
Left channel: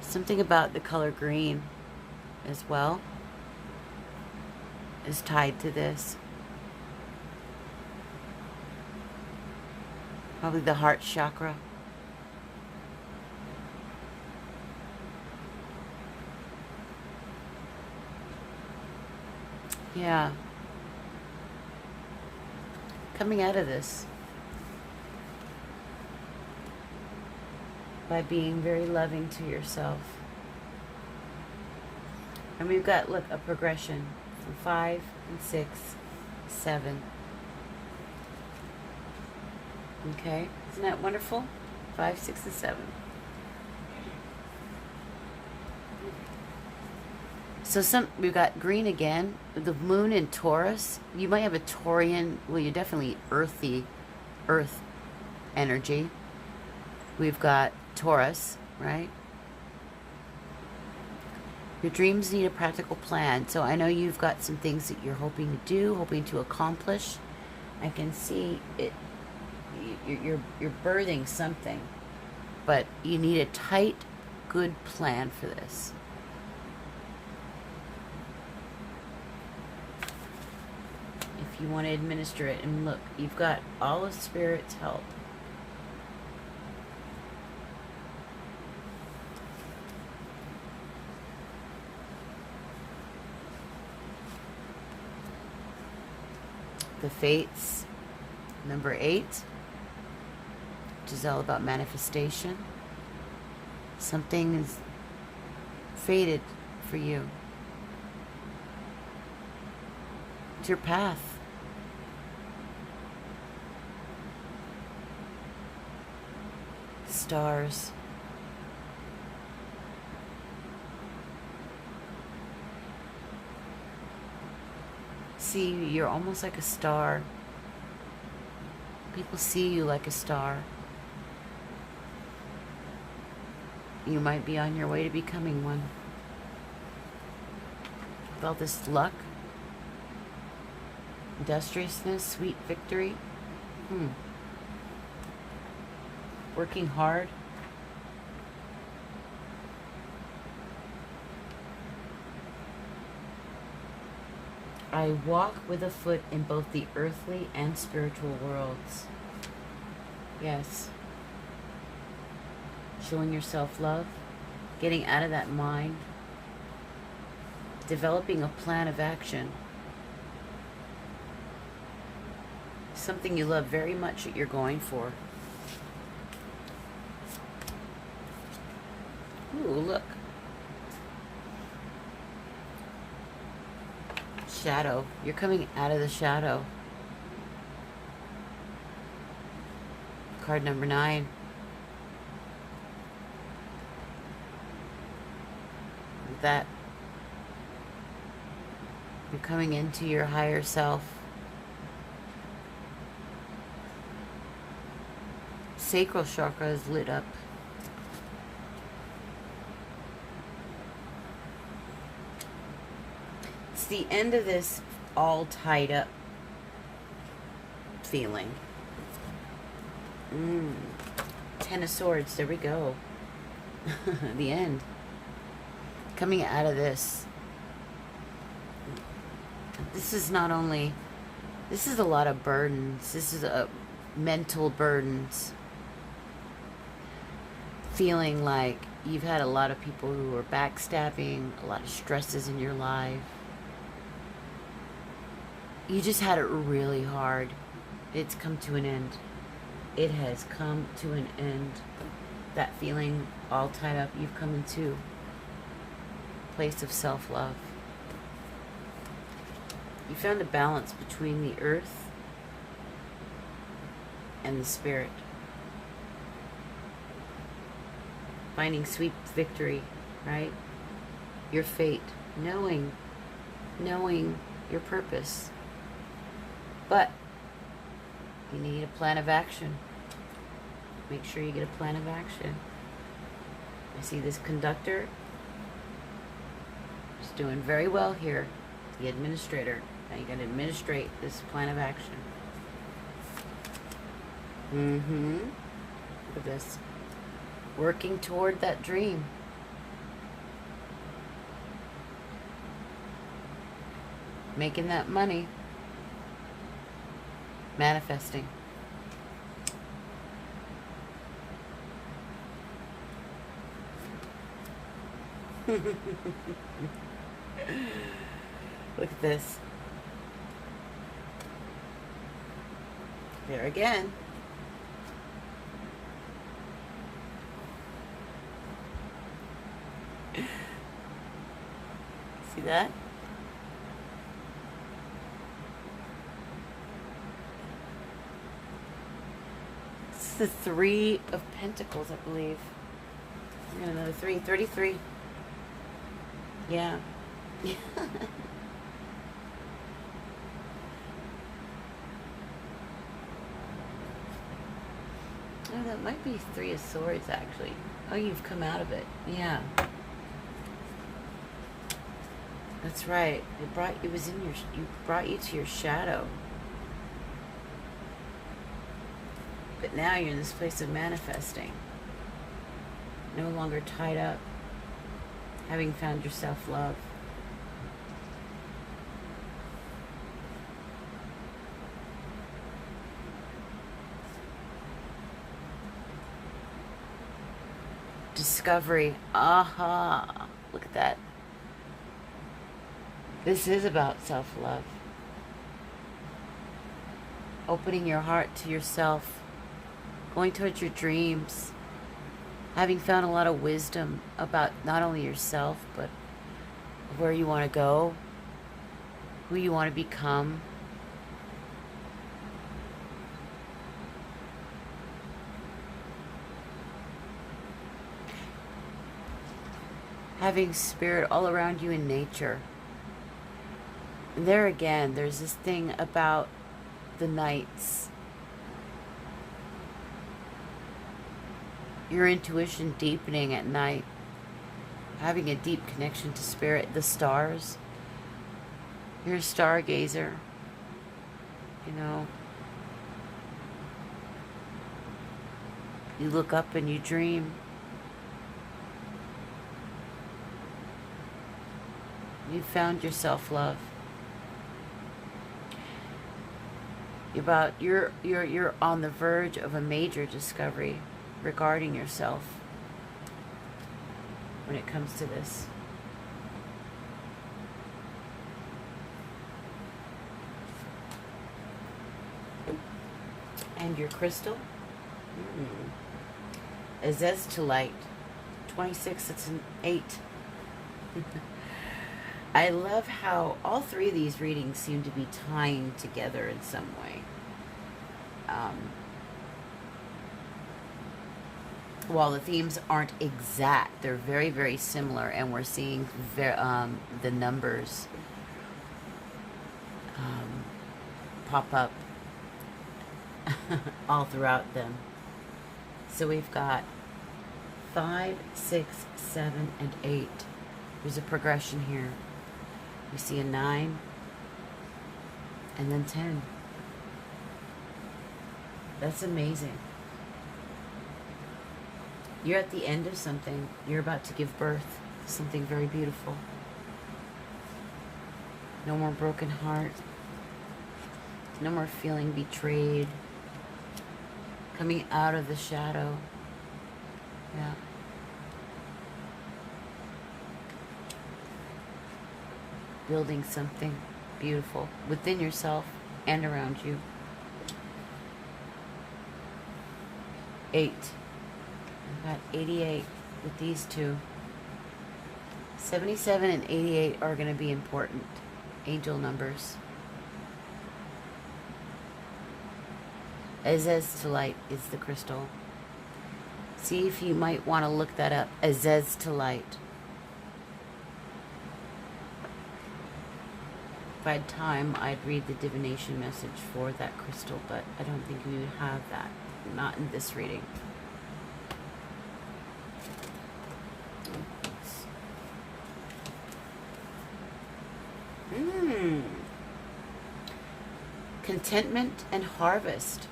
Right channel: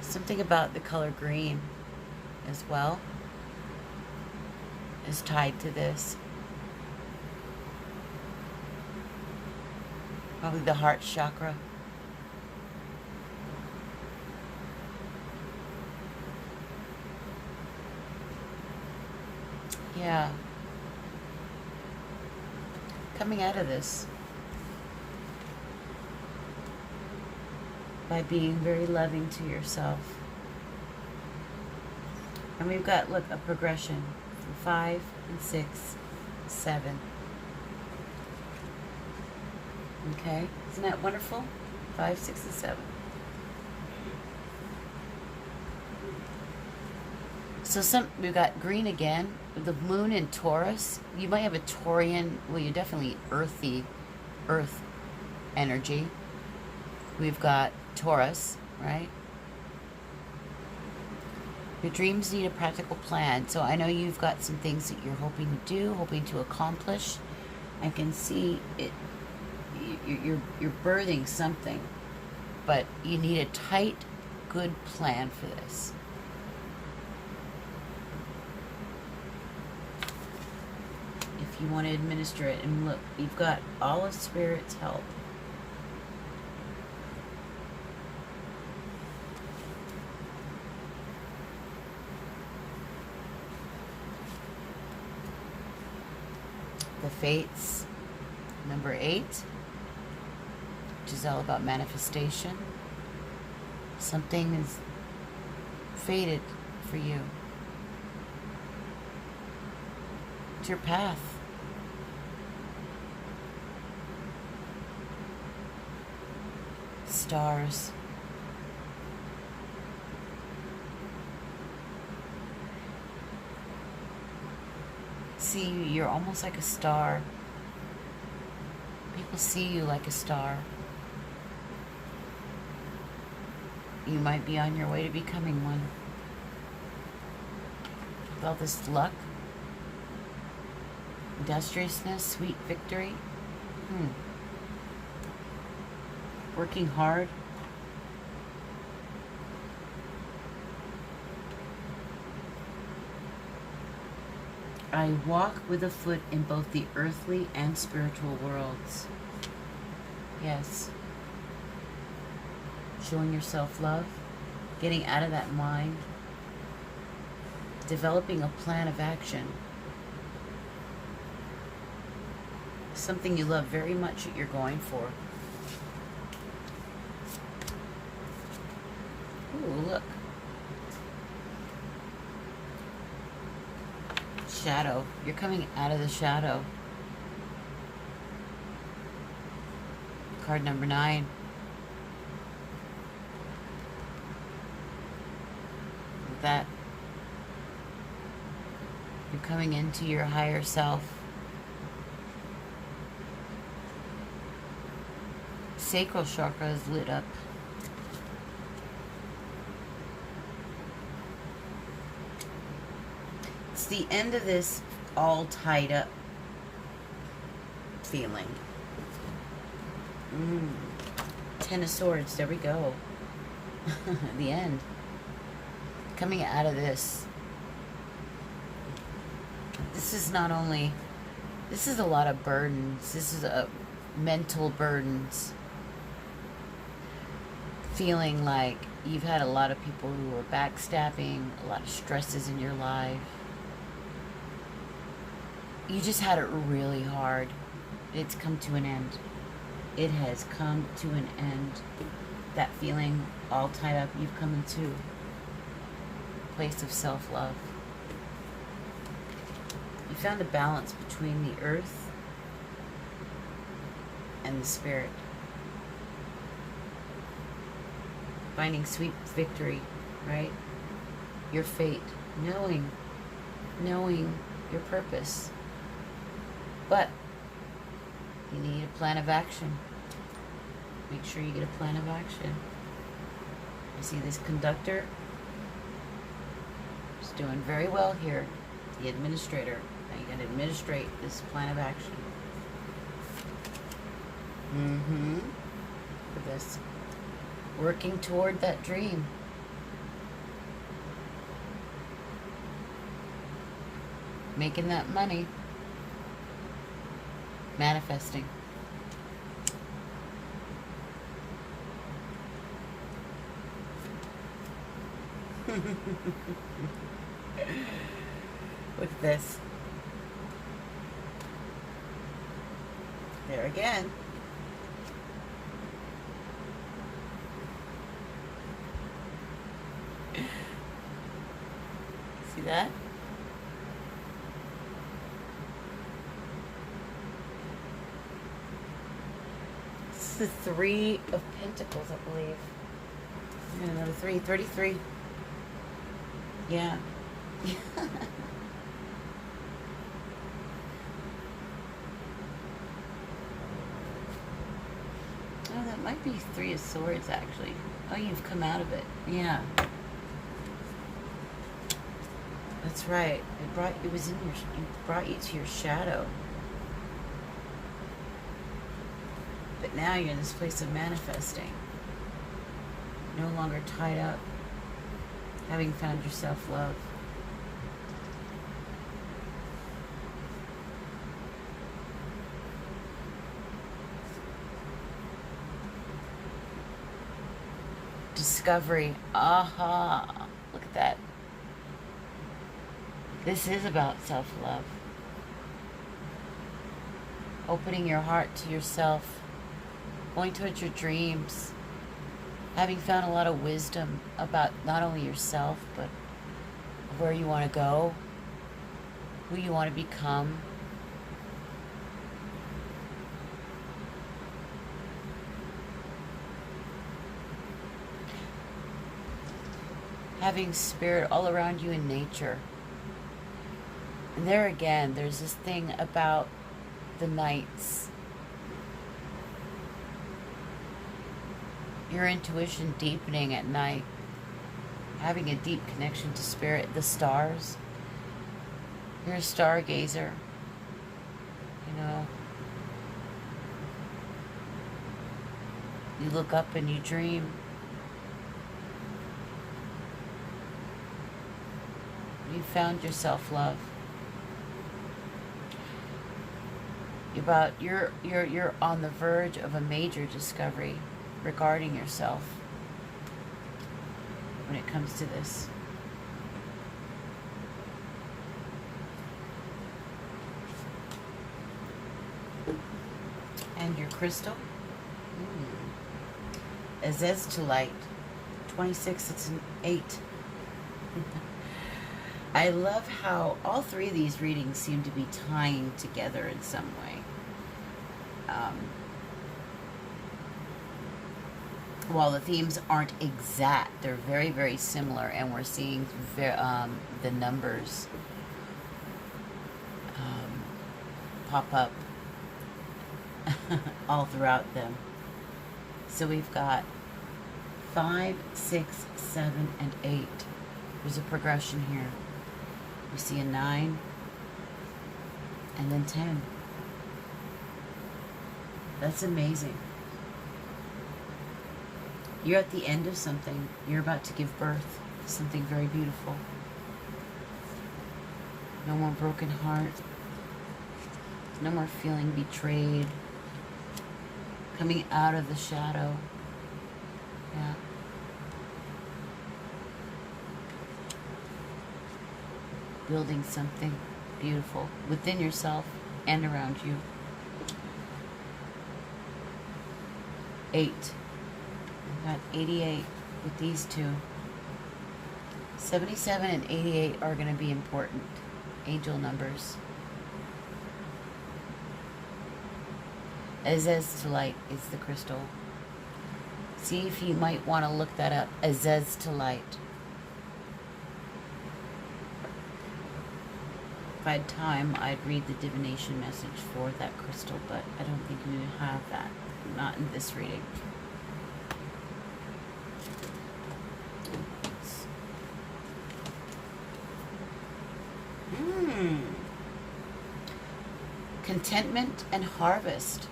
Something about the color green as well is tied to this. Probably the heart chakra. Yeah. Coming out of this by being very loving to yourself. And we've got, look, a progression from 5 and 6, 7. Okay, isn't that wonderful? 5, 6, and 7. So we've got green again. The moon in Taurus. You might have a Taurian. Well, you're definitely earthy, earth energy. We've got Taurus, right? Your dreams need a practical plan. So I know you've got some things that you're hoping to do, hoping to accomplish. I can see it. You're birthing something, but you need a tight, good plan for this. If you want to administer it, and look, you've got all of Spirit's help. The Fates, number 8, which is all about manifestation. Something is fated for you. It's your path. Stars. See you, you're almost like a star. People see you like a star. You might be on your way to becoming one. With all this luck, industriousness, sweet victory. Working hard. I walk with a foot in both the earthly and spiritual worlds. Yes. Showing yourself love, getting out of that mind, developing a plan of action. Something you love very much that you're going for. Ooh, look. Shadow. You're coming out of the shadow. Card number 9. With that, you're coming into your higher self. Sacral chakra is lit up. It's the end of this all tied up feeling. 10 of Swords, there we go. The end. Coming out of this. This is not only, this is a lot of burdens. This is a mental burdens. Feeling like you've had a lot of people who are backstabbing, a lot of stresses in your life. You just had it really hard. It's come to an end. It has come to an end. That feeling all tied up, you've come into a place of self-love. You found a balance between the earth and the spirit. Finding sweet victory, right? Your fate, knowing your purpose. But you need a plan of action. Make sure you get a plan of action. I see this conductor He's doing very well here. The administrator. Now you're going to administrate this plan of action. Look at this. Working toward that dream. Making that money. Manifesting. Look at this. There again. See that? This is the Three of Pentacles, I believe. Another 3, 33. Yeah. Oh, that might be Three of Swords, actually. Oh, you've come out of it. Yeah. That's right. It brought you to your shadow. But now you're in this place of manifesting. No longer tied up. Having found your self-love. Discovery. Aha. Look at that. This is about self-love. Opening your heart to yourself. Going towards your dreams. Having found a lot of wisdom about not only yourself, but where you want to go, who you want to become. Having spirit all around you in nature. And there again, there's this thing about the nights. Your intuition deepening at night. Having a deep connection to spirit. The stars. You're a stargazer. You know. You look up and you dream. You found your self-love. You're on the verge of a major discovery regarding yourself when it comes to this. And your crystal? Azeztulite. 26, it's an 8. I love how all three of these readings seem to be tying together in some way. While the themes aren't exact, they're very, very similar, and we're seeing the numbers pop up all throughout them. So we've got 5, 6, 7, and 8. There's a progression here. We see a 9, and then 10. That's amazing. You're at the end of something. You're about to give birth to something very beautiful. No more broken heart. No more feeling betrayed. Coming out of the shadow. Yeah. Building something beautiful within yourself and around you. 8. We've got 88 with these two. 77 and 88 are going to be important angel numbers. Azeztulite is the crystal. See if you might want to look that up. Azeztulite. If I had time, I'd read the divination message for that crystal, but I don't think we would have that. Not in this reading. Contentment and harvest.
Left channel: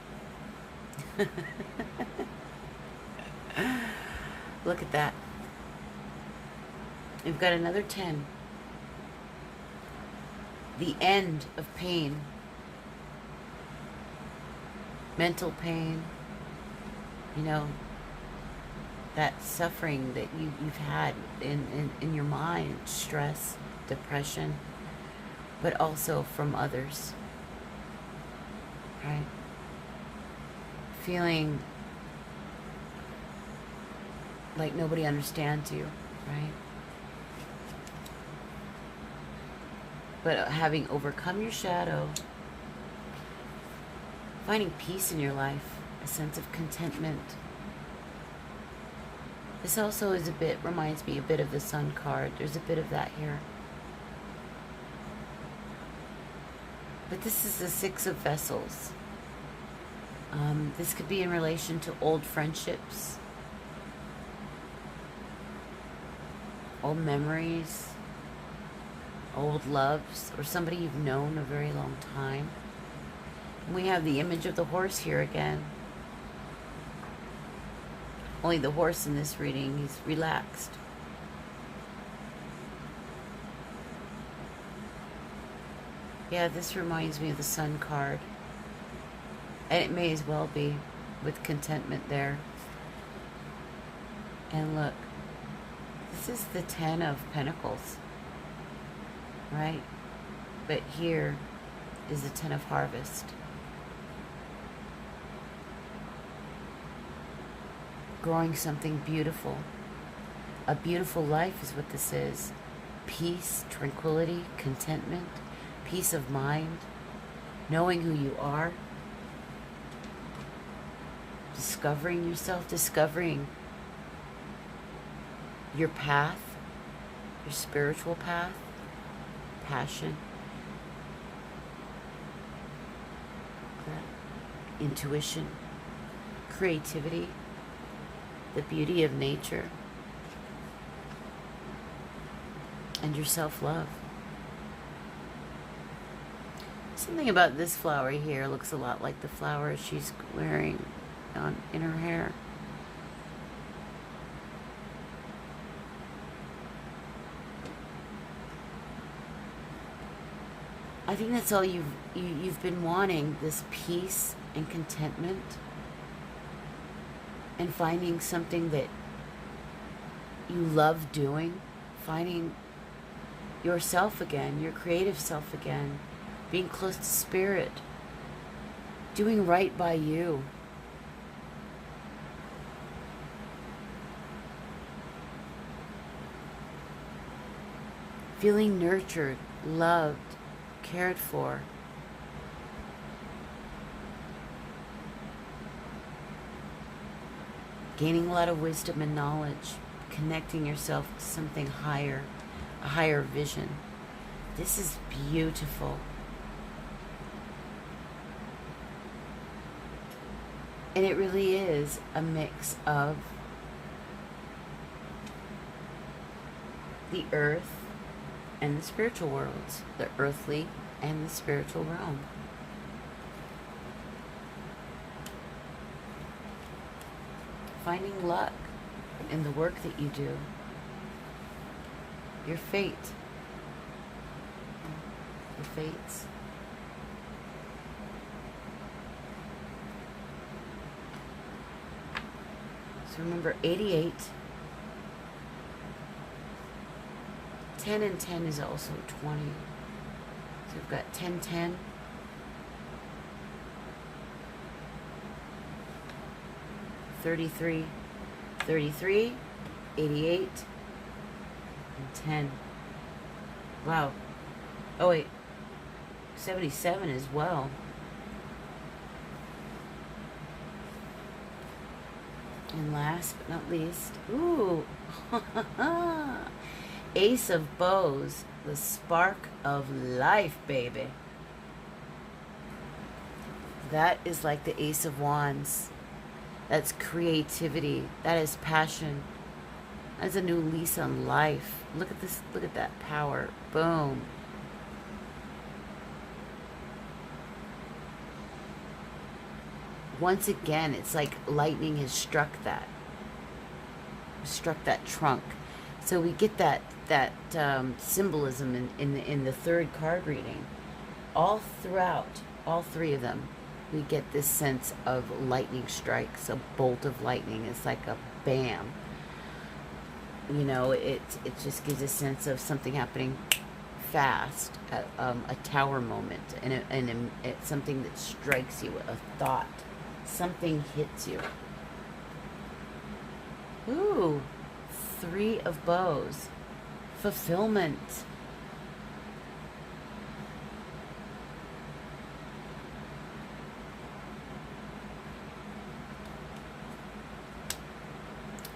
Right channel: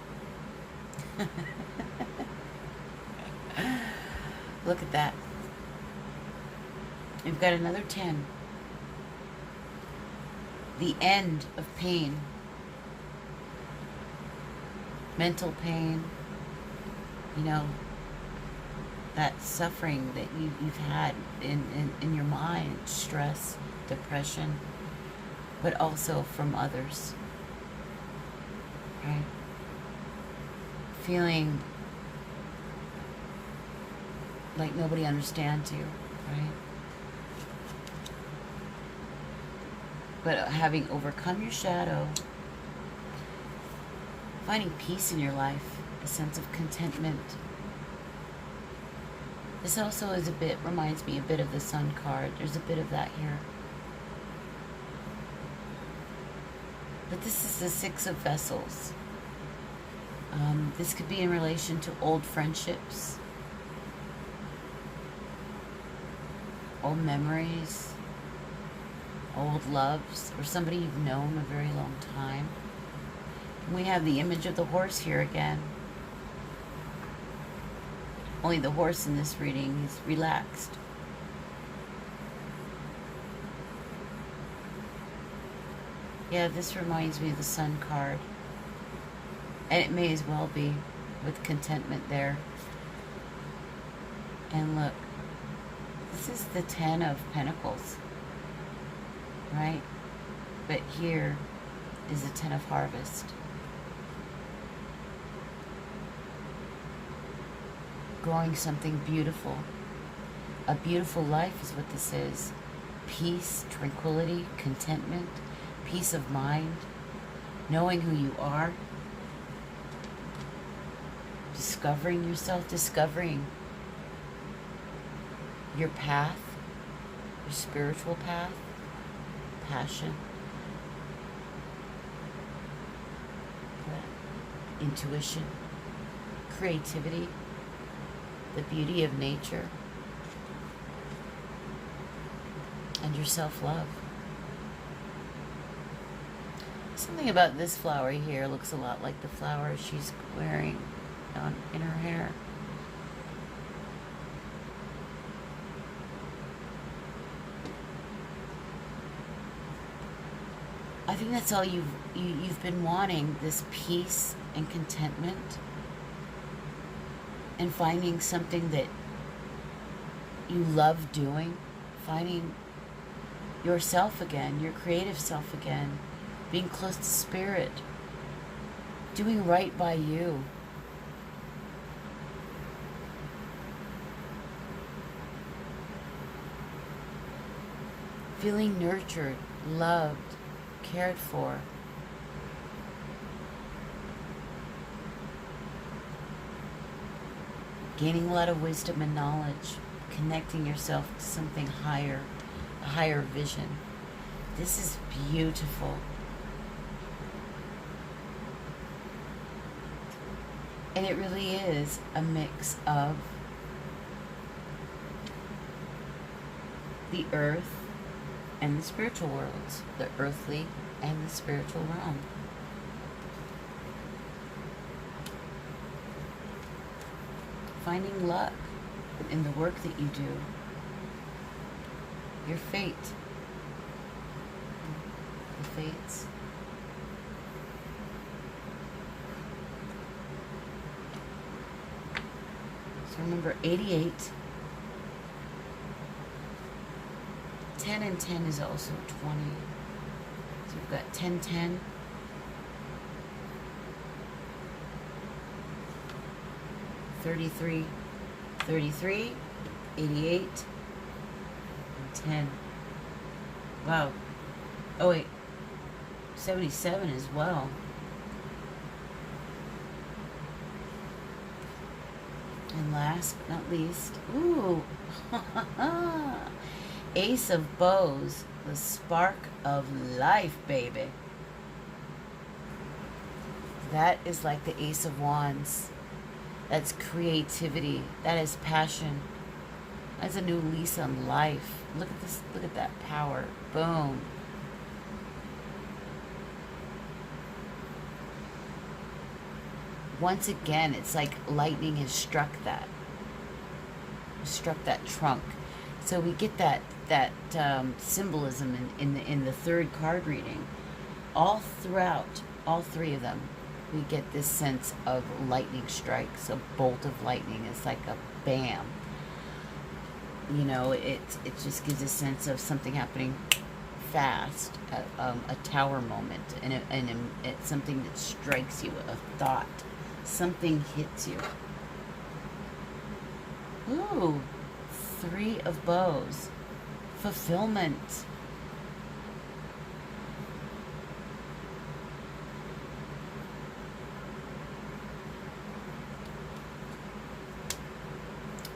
Look at that. You've got another 10. The end of pain. Mental pain. You know, that suffering that you've had in your mind. Stress, depression, but also from others. Right? Feeling like nobody understands you, right? But having overcome your shadow, finding peace in your life, a sense of contentment. This also is reminds me a bit of the Sun card. There's a bit of that here. But this is the Six of Vessels. This could be in relation to old friendships, old memories, old loves, or somebody you've known a very long time. And we have the image of the horse here again. Only the horse in this reading is relaxed. Yeah, this reminds me of the Sun card. And it may as well be, with contentment there. And look, this is the 10 of Pentacles, right? But here is the 10 of Harvest. Growing something beautiful. A beautiful life is what this is. Peace, tranquility, contentment, peace of mind, knowing who you are, discovering yourself, discovering your path, your spiritual path, passion, intuition, creativity, the beauty of nature, and your self-love. Something about this flower here looks a lot like the flower she's wearing in her hair. I think that's all you've been wanting, this peace and contentment, and finding something that you love doing, finding yourself again, your creative self again, being close to spirit, doing right by you. Feeling nurtured, loved, cared for. Gaining a lot of wisdom and knowledge, connecting yourself to something higher, a higher vision. This is beautiful. And it really is a mix of the earth and the spiritual worlds, the earthly and the spiritual realm. Finding luck in the work that you do. Your fate. The fates. So remember, 88. 10 and 10 is also 20. So we've got 10, 10. 33, 33, 88, and 10. Wow. Oh wait, 77 as well. And last but not least, ooh, Ace of Bows, the spark of life, baby. That is like the Ace of Wands. That's creativity. That is passion. That's a new lease on life. Look at this. Look at that power. Boom. once again, it's like lightning has struck that trunk. So we get that symbolism in the third card reading. All throughout, all three of them, we get this sense of lightning strikes, a bolt of lightning. It's like a bam. You know, it just gives a sense of something happening fast, a tower moment, and it's something that strikes you, a thought. Something hits you. Ooh, 3 of bows. Fulfillment.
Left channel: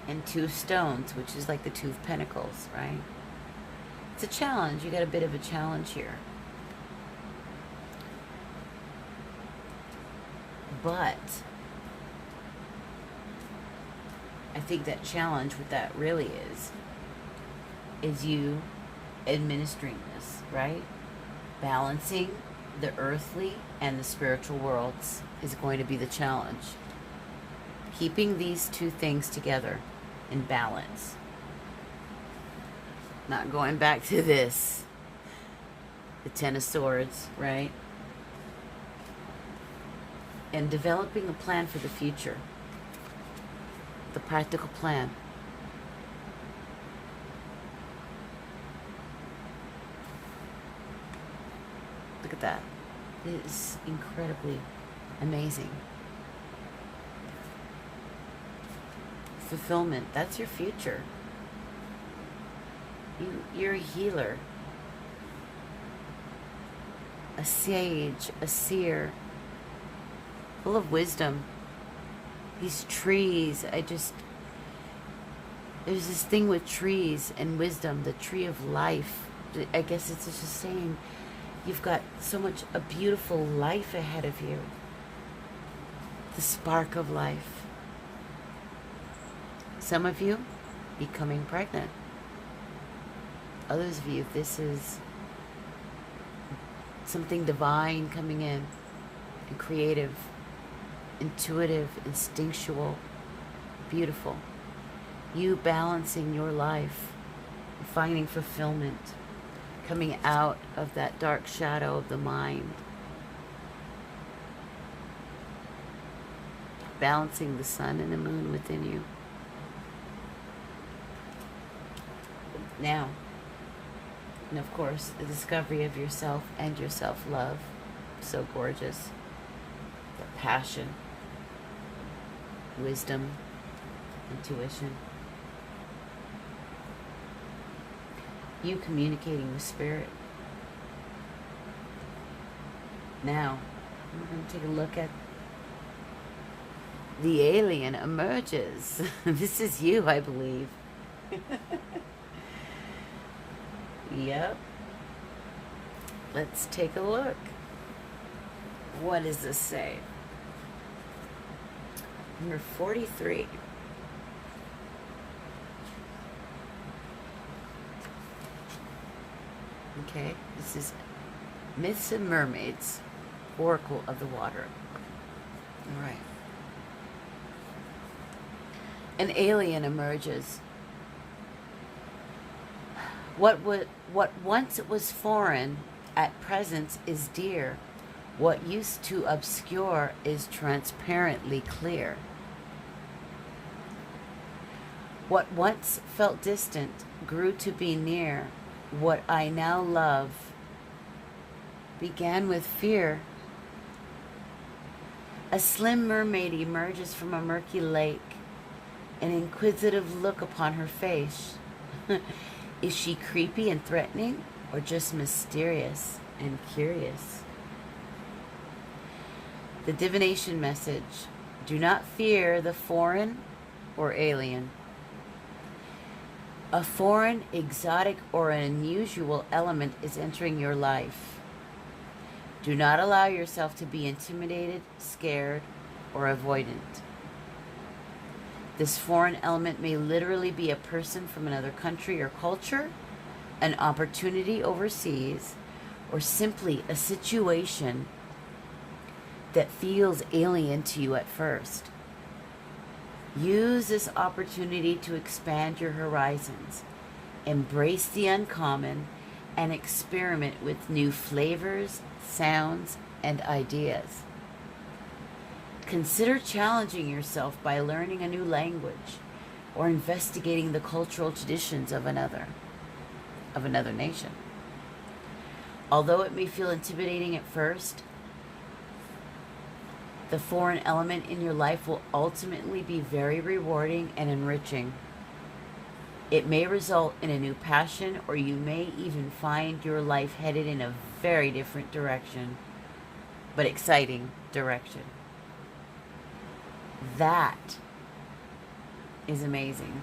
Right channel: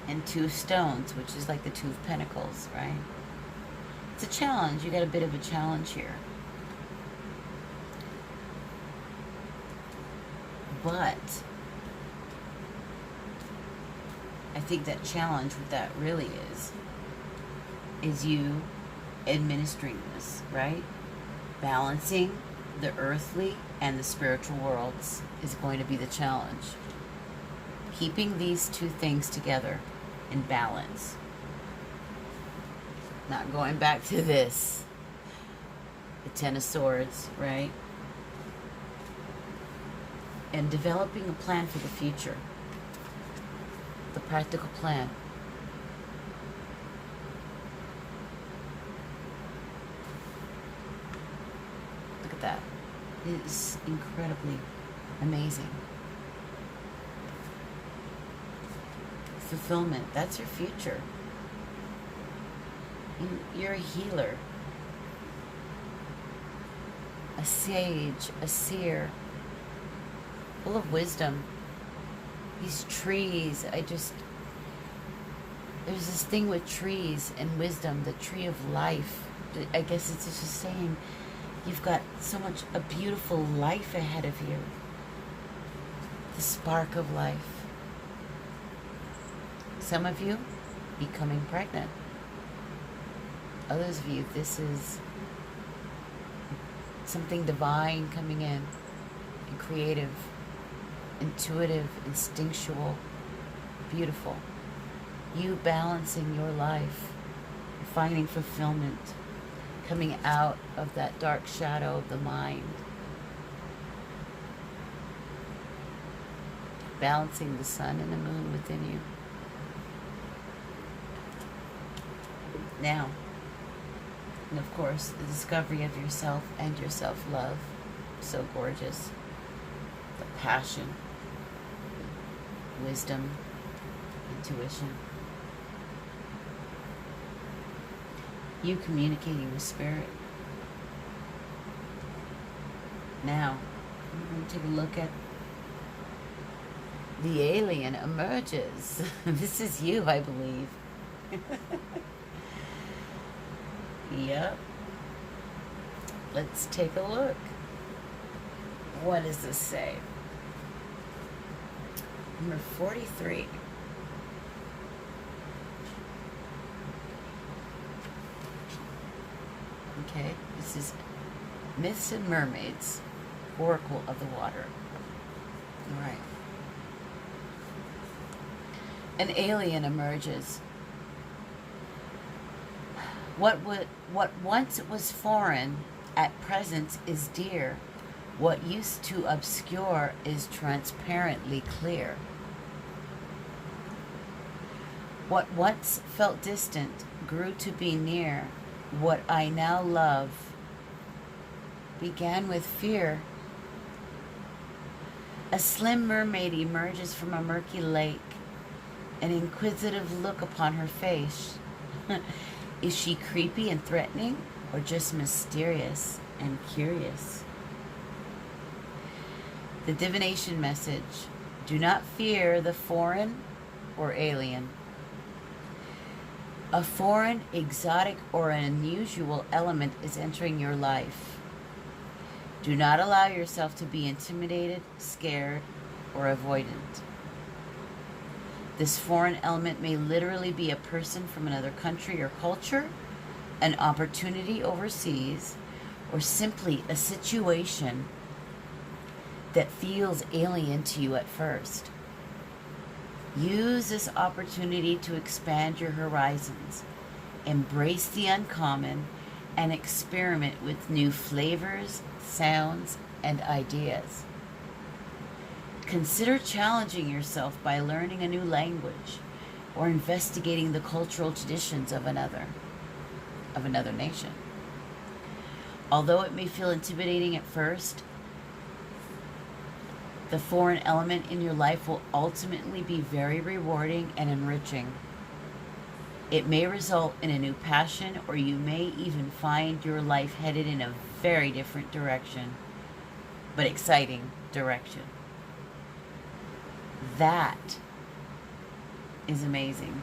And 2 of stones, which is like the 2 of pentacles, right? It's a challenge. You got a bit of a challenge here. But I think that challenge, what that really is you administering this, right? Balancing the earthly and the spiritual worlds is going to be the challenge. Keeping these 2 things together in balance. Not going back to this. The 10 of Swords, right? And developing a plan for the future. The practical plan. Look at that. It is incredibly amazing. Fulfillment. That's your future. You're a healer. A sage. A seer. Full of wisdom. These trees, there's this thing with trees and wisdom, the tree of life. I guess it's just saying you've got so much, a beautiful life ahead of you. The spark of life. Some of you becoming pregnant. Others of you, this is something divine coming in and creative. Intuitive, instinctual, beautiful. You balancing your life, finding fulfillment, coming out of that dark shadow of the mind, balancing the sun and the moon within you. Now, and of course, the discovery of yourself and your self-love, so gorgeous. The passion. Wisdom, intuition. You communicating with spirit. Now, we're going to take a look at the alien emerges. This is you, I believe. Yep. Let's take a look. What does this say? Number 43. Okay, this is Myths and Mermaids, Oracle of the Water. All right. An alien emerges. What once was foreign, at present is dear. What used to obscure is transparently clear. What once felt distant grew to be near. What I now love began with fear. A slim mermaid emerges from a murky lake, an inquisitive look upon her face. Is she creepy and threatening, or just mysterious and curious? The divination message: do not fear the foreign or alien. A foreign, exotic, or an unusual element is entering your life. Do not allow yourself to be intimidated, scared, or avoidant. This foreign element may literally be a person from another country or culture, an opportunity overseas, or simply a situation that feels alien to you at first. Use this opportunity to expand your horizons, embrace the uncommon, and experiment with new flavors, sounds, and ideas. Consider challenging yourself by learning a new language or investigating the cultural traditions of another nation. Although it may feel intimidating at first, the foreign element in your life will ultimately be very rewarding and enriching. It may result in a new passion, or you may even find your life headed in a very different direction, but exciting direction. That is amazing.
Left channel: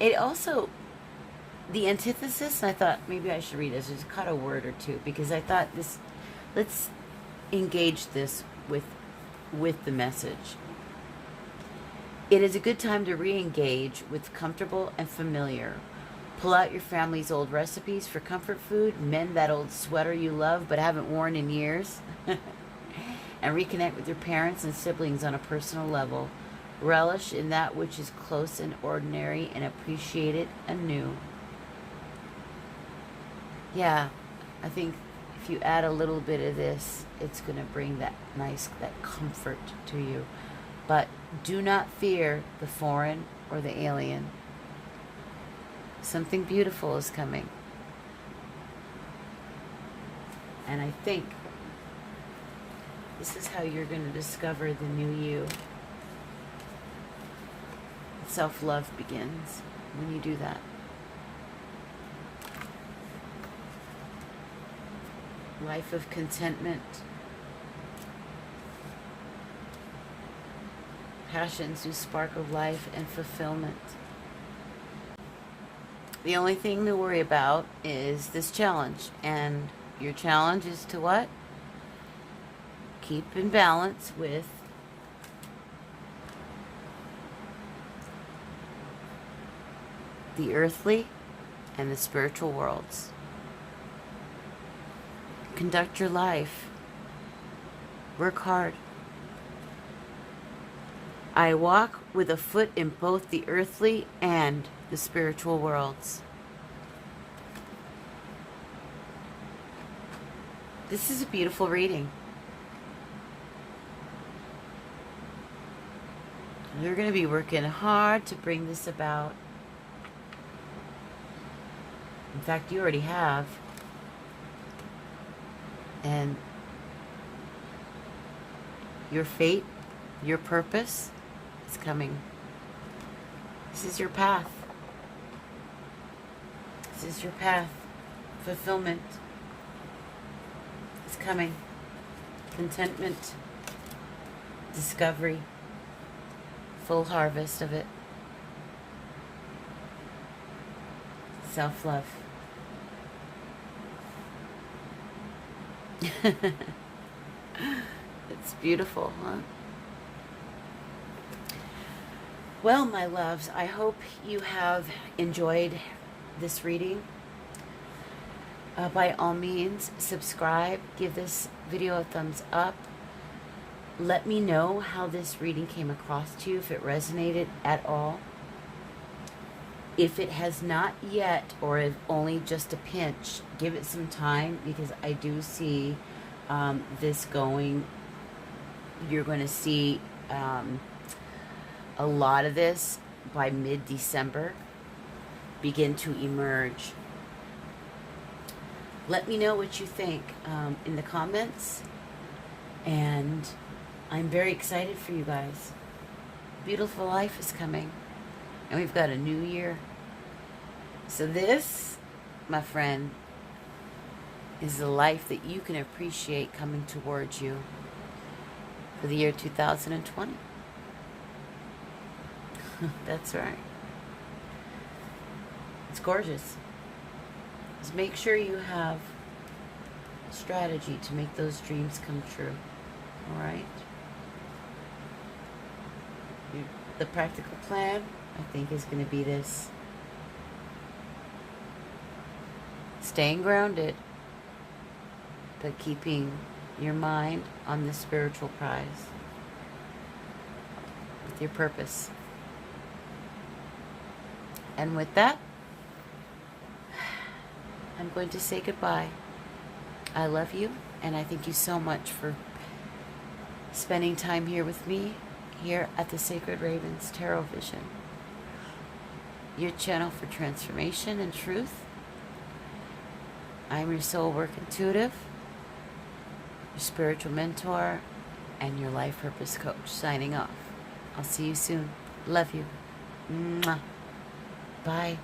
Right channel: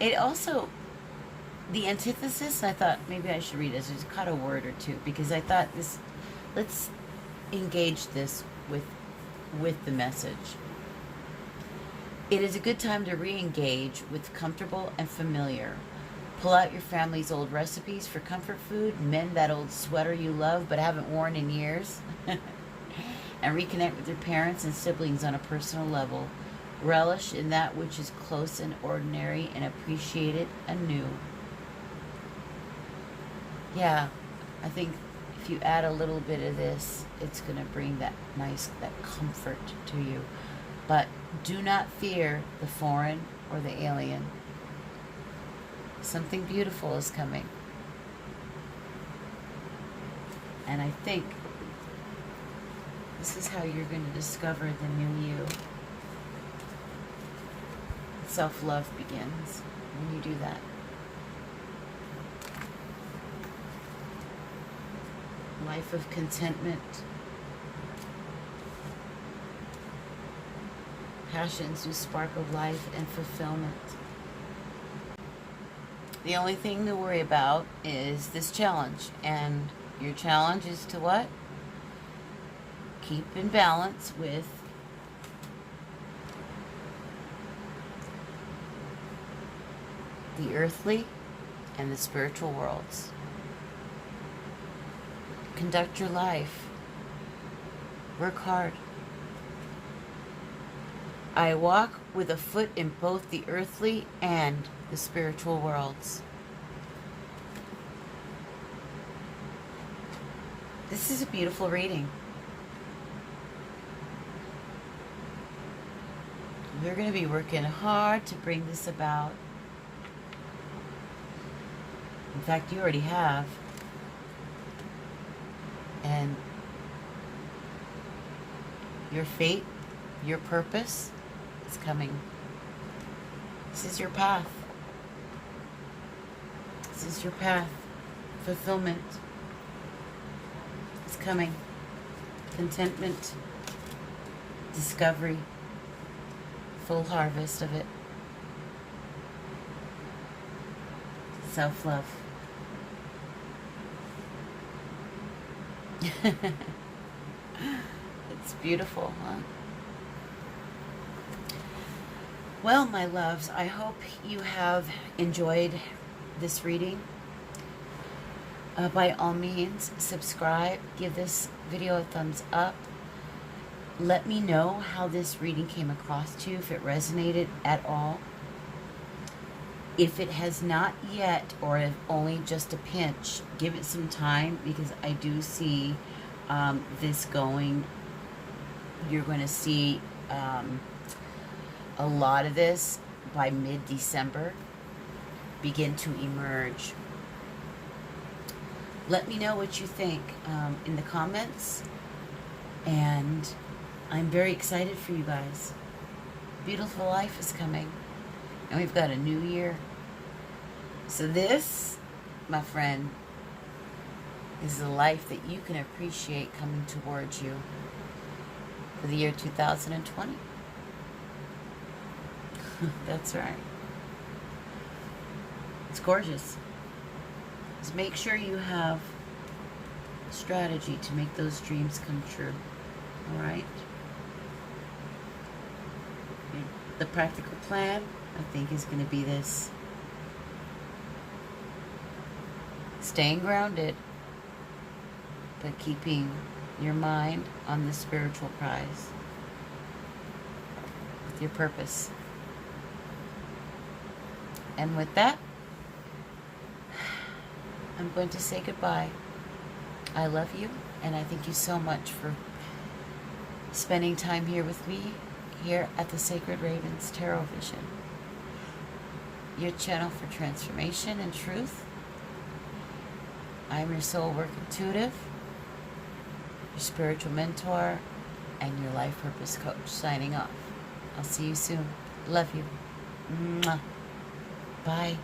It also, the antithesis, I thought maybe I should read this. Just cut a word or two, because I thought this, let's engage this with the message. It is a good time to re-engage with comfortable and familiar. Pull out your family's old recipes for comfort food, mend that old sweater you love but haven't worn in years, and reconnect with your parents and siblings on a personal level. Relish in that which is close and ordinary, and appreciate it anew. Yeah, I think if you add a little bit of this, it's going to bring that comfort to you. But do not fear the foreign or the alien. Something beautiful is coming. And I think this is how you're going to discover the new you. Self-love begins when you do that. Life of contentment. Passions whose spark of life and fulfillment. The only thing to worry about is this challenge. And your challenge is to what? Keep in balance with the earthly and the spiritual worlds. Conduct your life. Work hard. I walk with a foot in both the earthly and the spiritual worlds. This is a beautiful reading. We're going to be working hard to bring this about. In fact, you already have. And your fate, your purpose is coming. This is your path. This is your path. Fulfillment is coming. Contentment, discovery, full harvest of it. Self-love. It's beautiful, huh? Well, my loves, I hope you have enjoyed this reading. By all means, subscribe, give this video a thumbs up. Let me know how this reading came across to you, if it resonated at all. If it has not yet, or if only just a pinch, give it some time, because I do see this going. You're going to see a lot of this by mid-December begin to emerge. Let me know what you think in the comments, and I'm very excited for you guys. Beautiful life is coming, and we've got a new year. So this, my friend, is the life that you can appreciate coming towards you for the year 2020. That's right. It's gorgeous. Just make sure you have a strategy to make those dreams come true. All right? The practical plan, I think, is going to be this. staying grounded, but keeping your mind on the spiritual prize with your purpose. And with that, I'm going to say goodbye. I love you, and I thank you so much for spending time here with me, here at the Sacred Ravens Tarot Vision, your channel for transformation and truth. I'm your soul work intuitive, your spiritual mentor, and your life purpose coach, signing off. I'll see you soon. Love you. Mwah. Bye.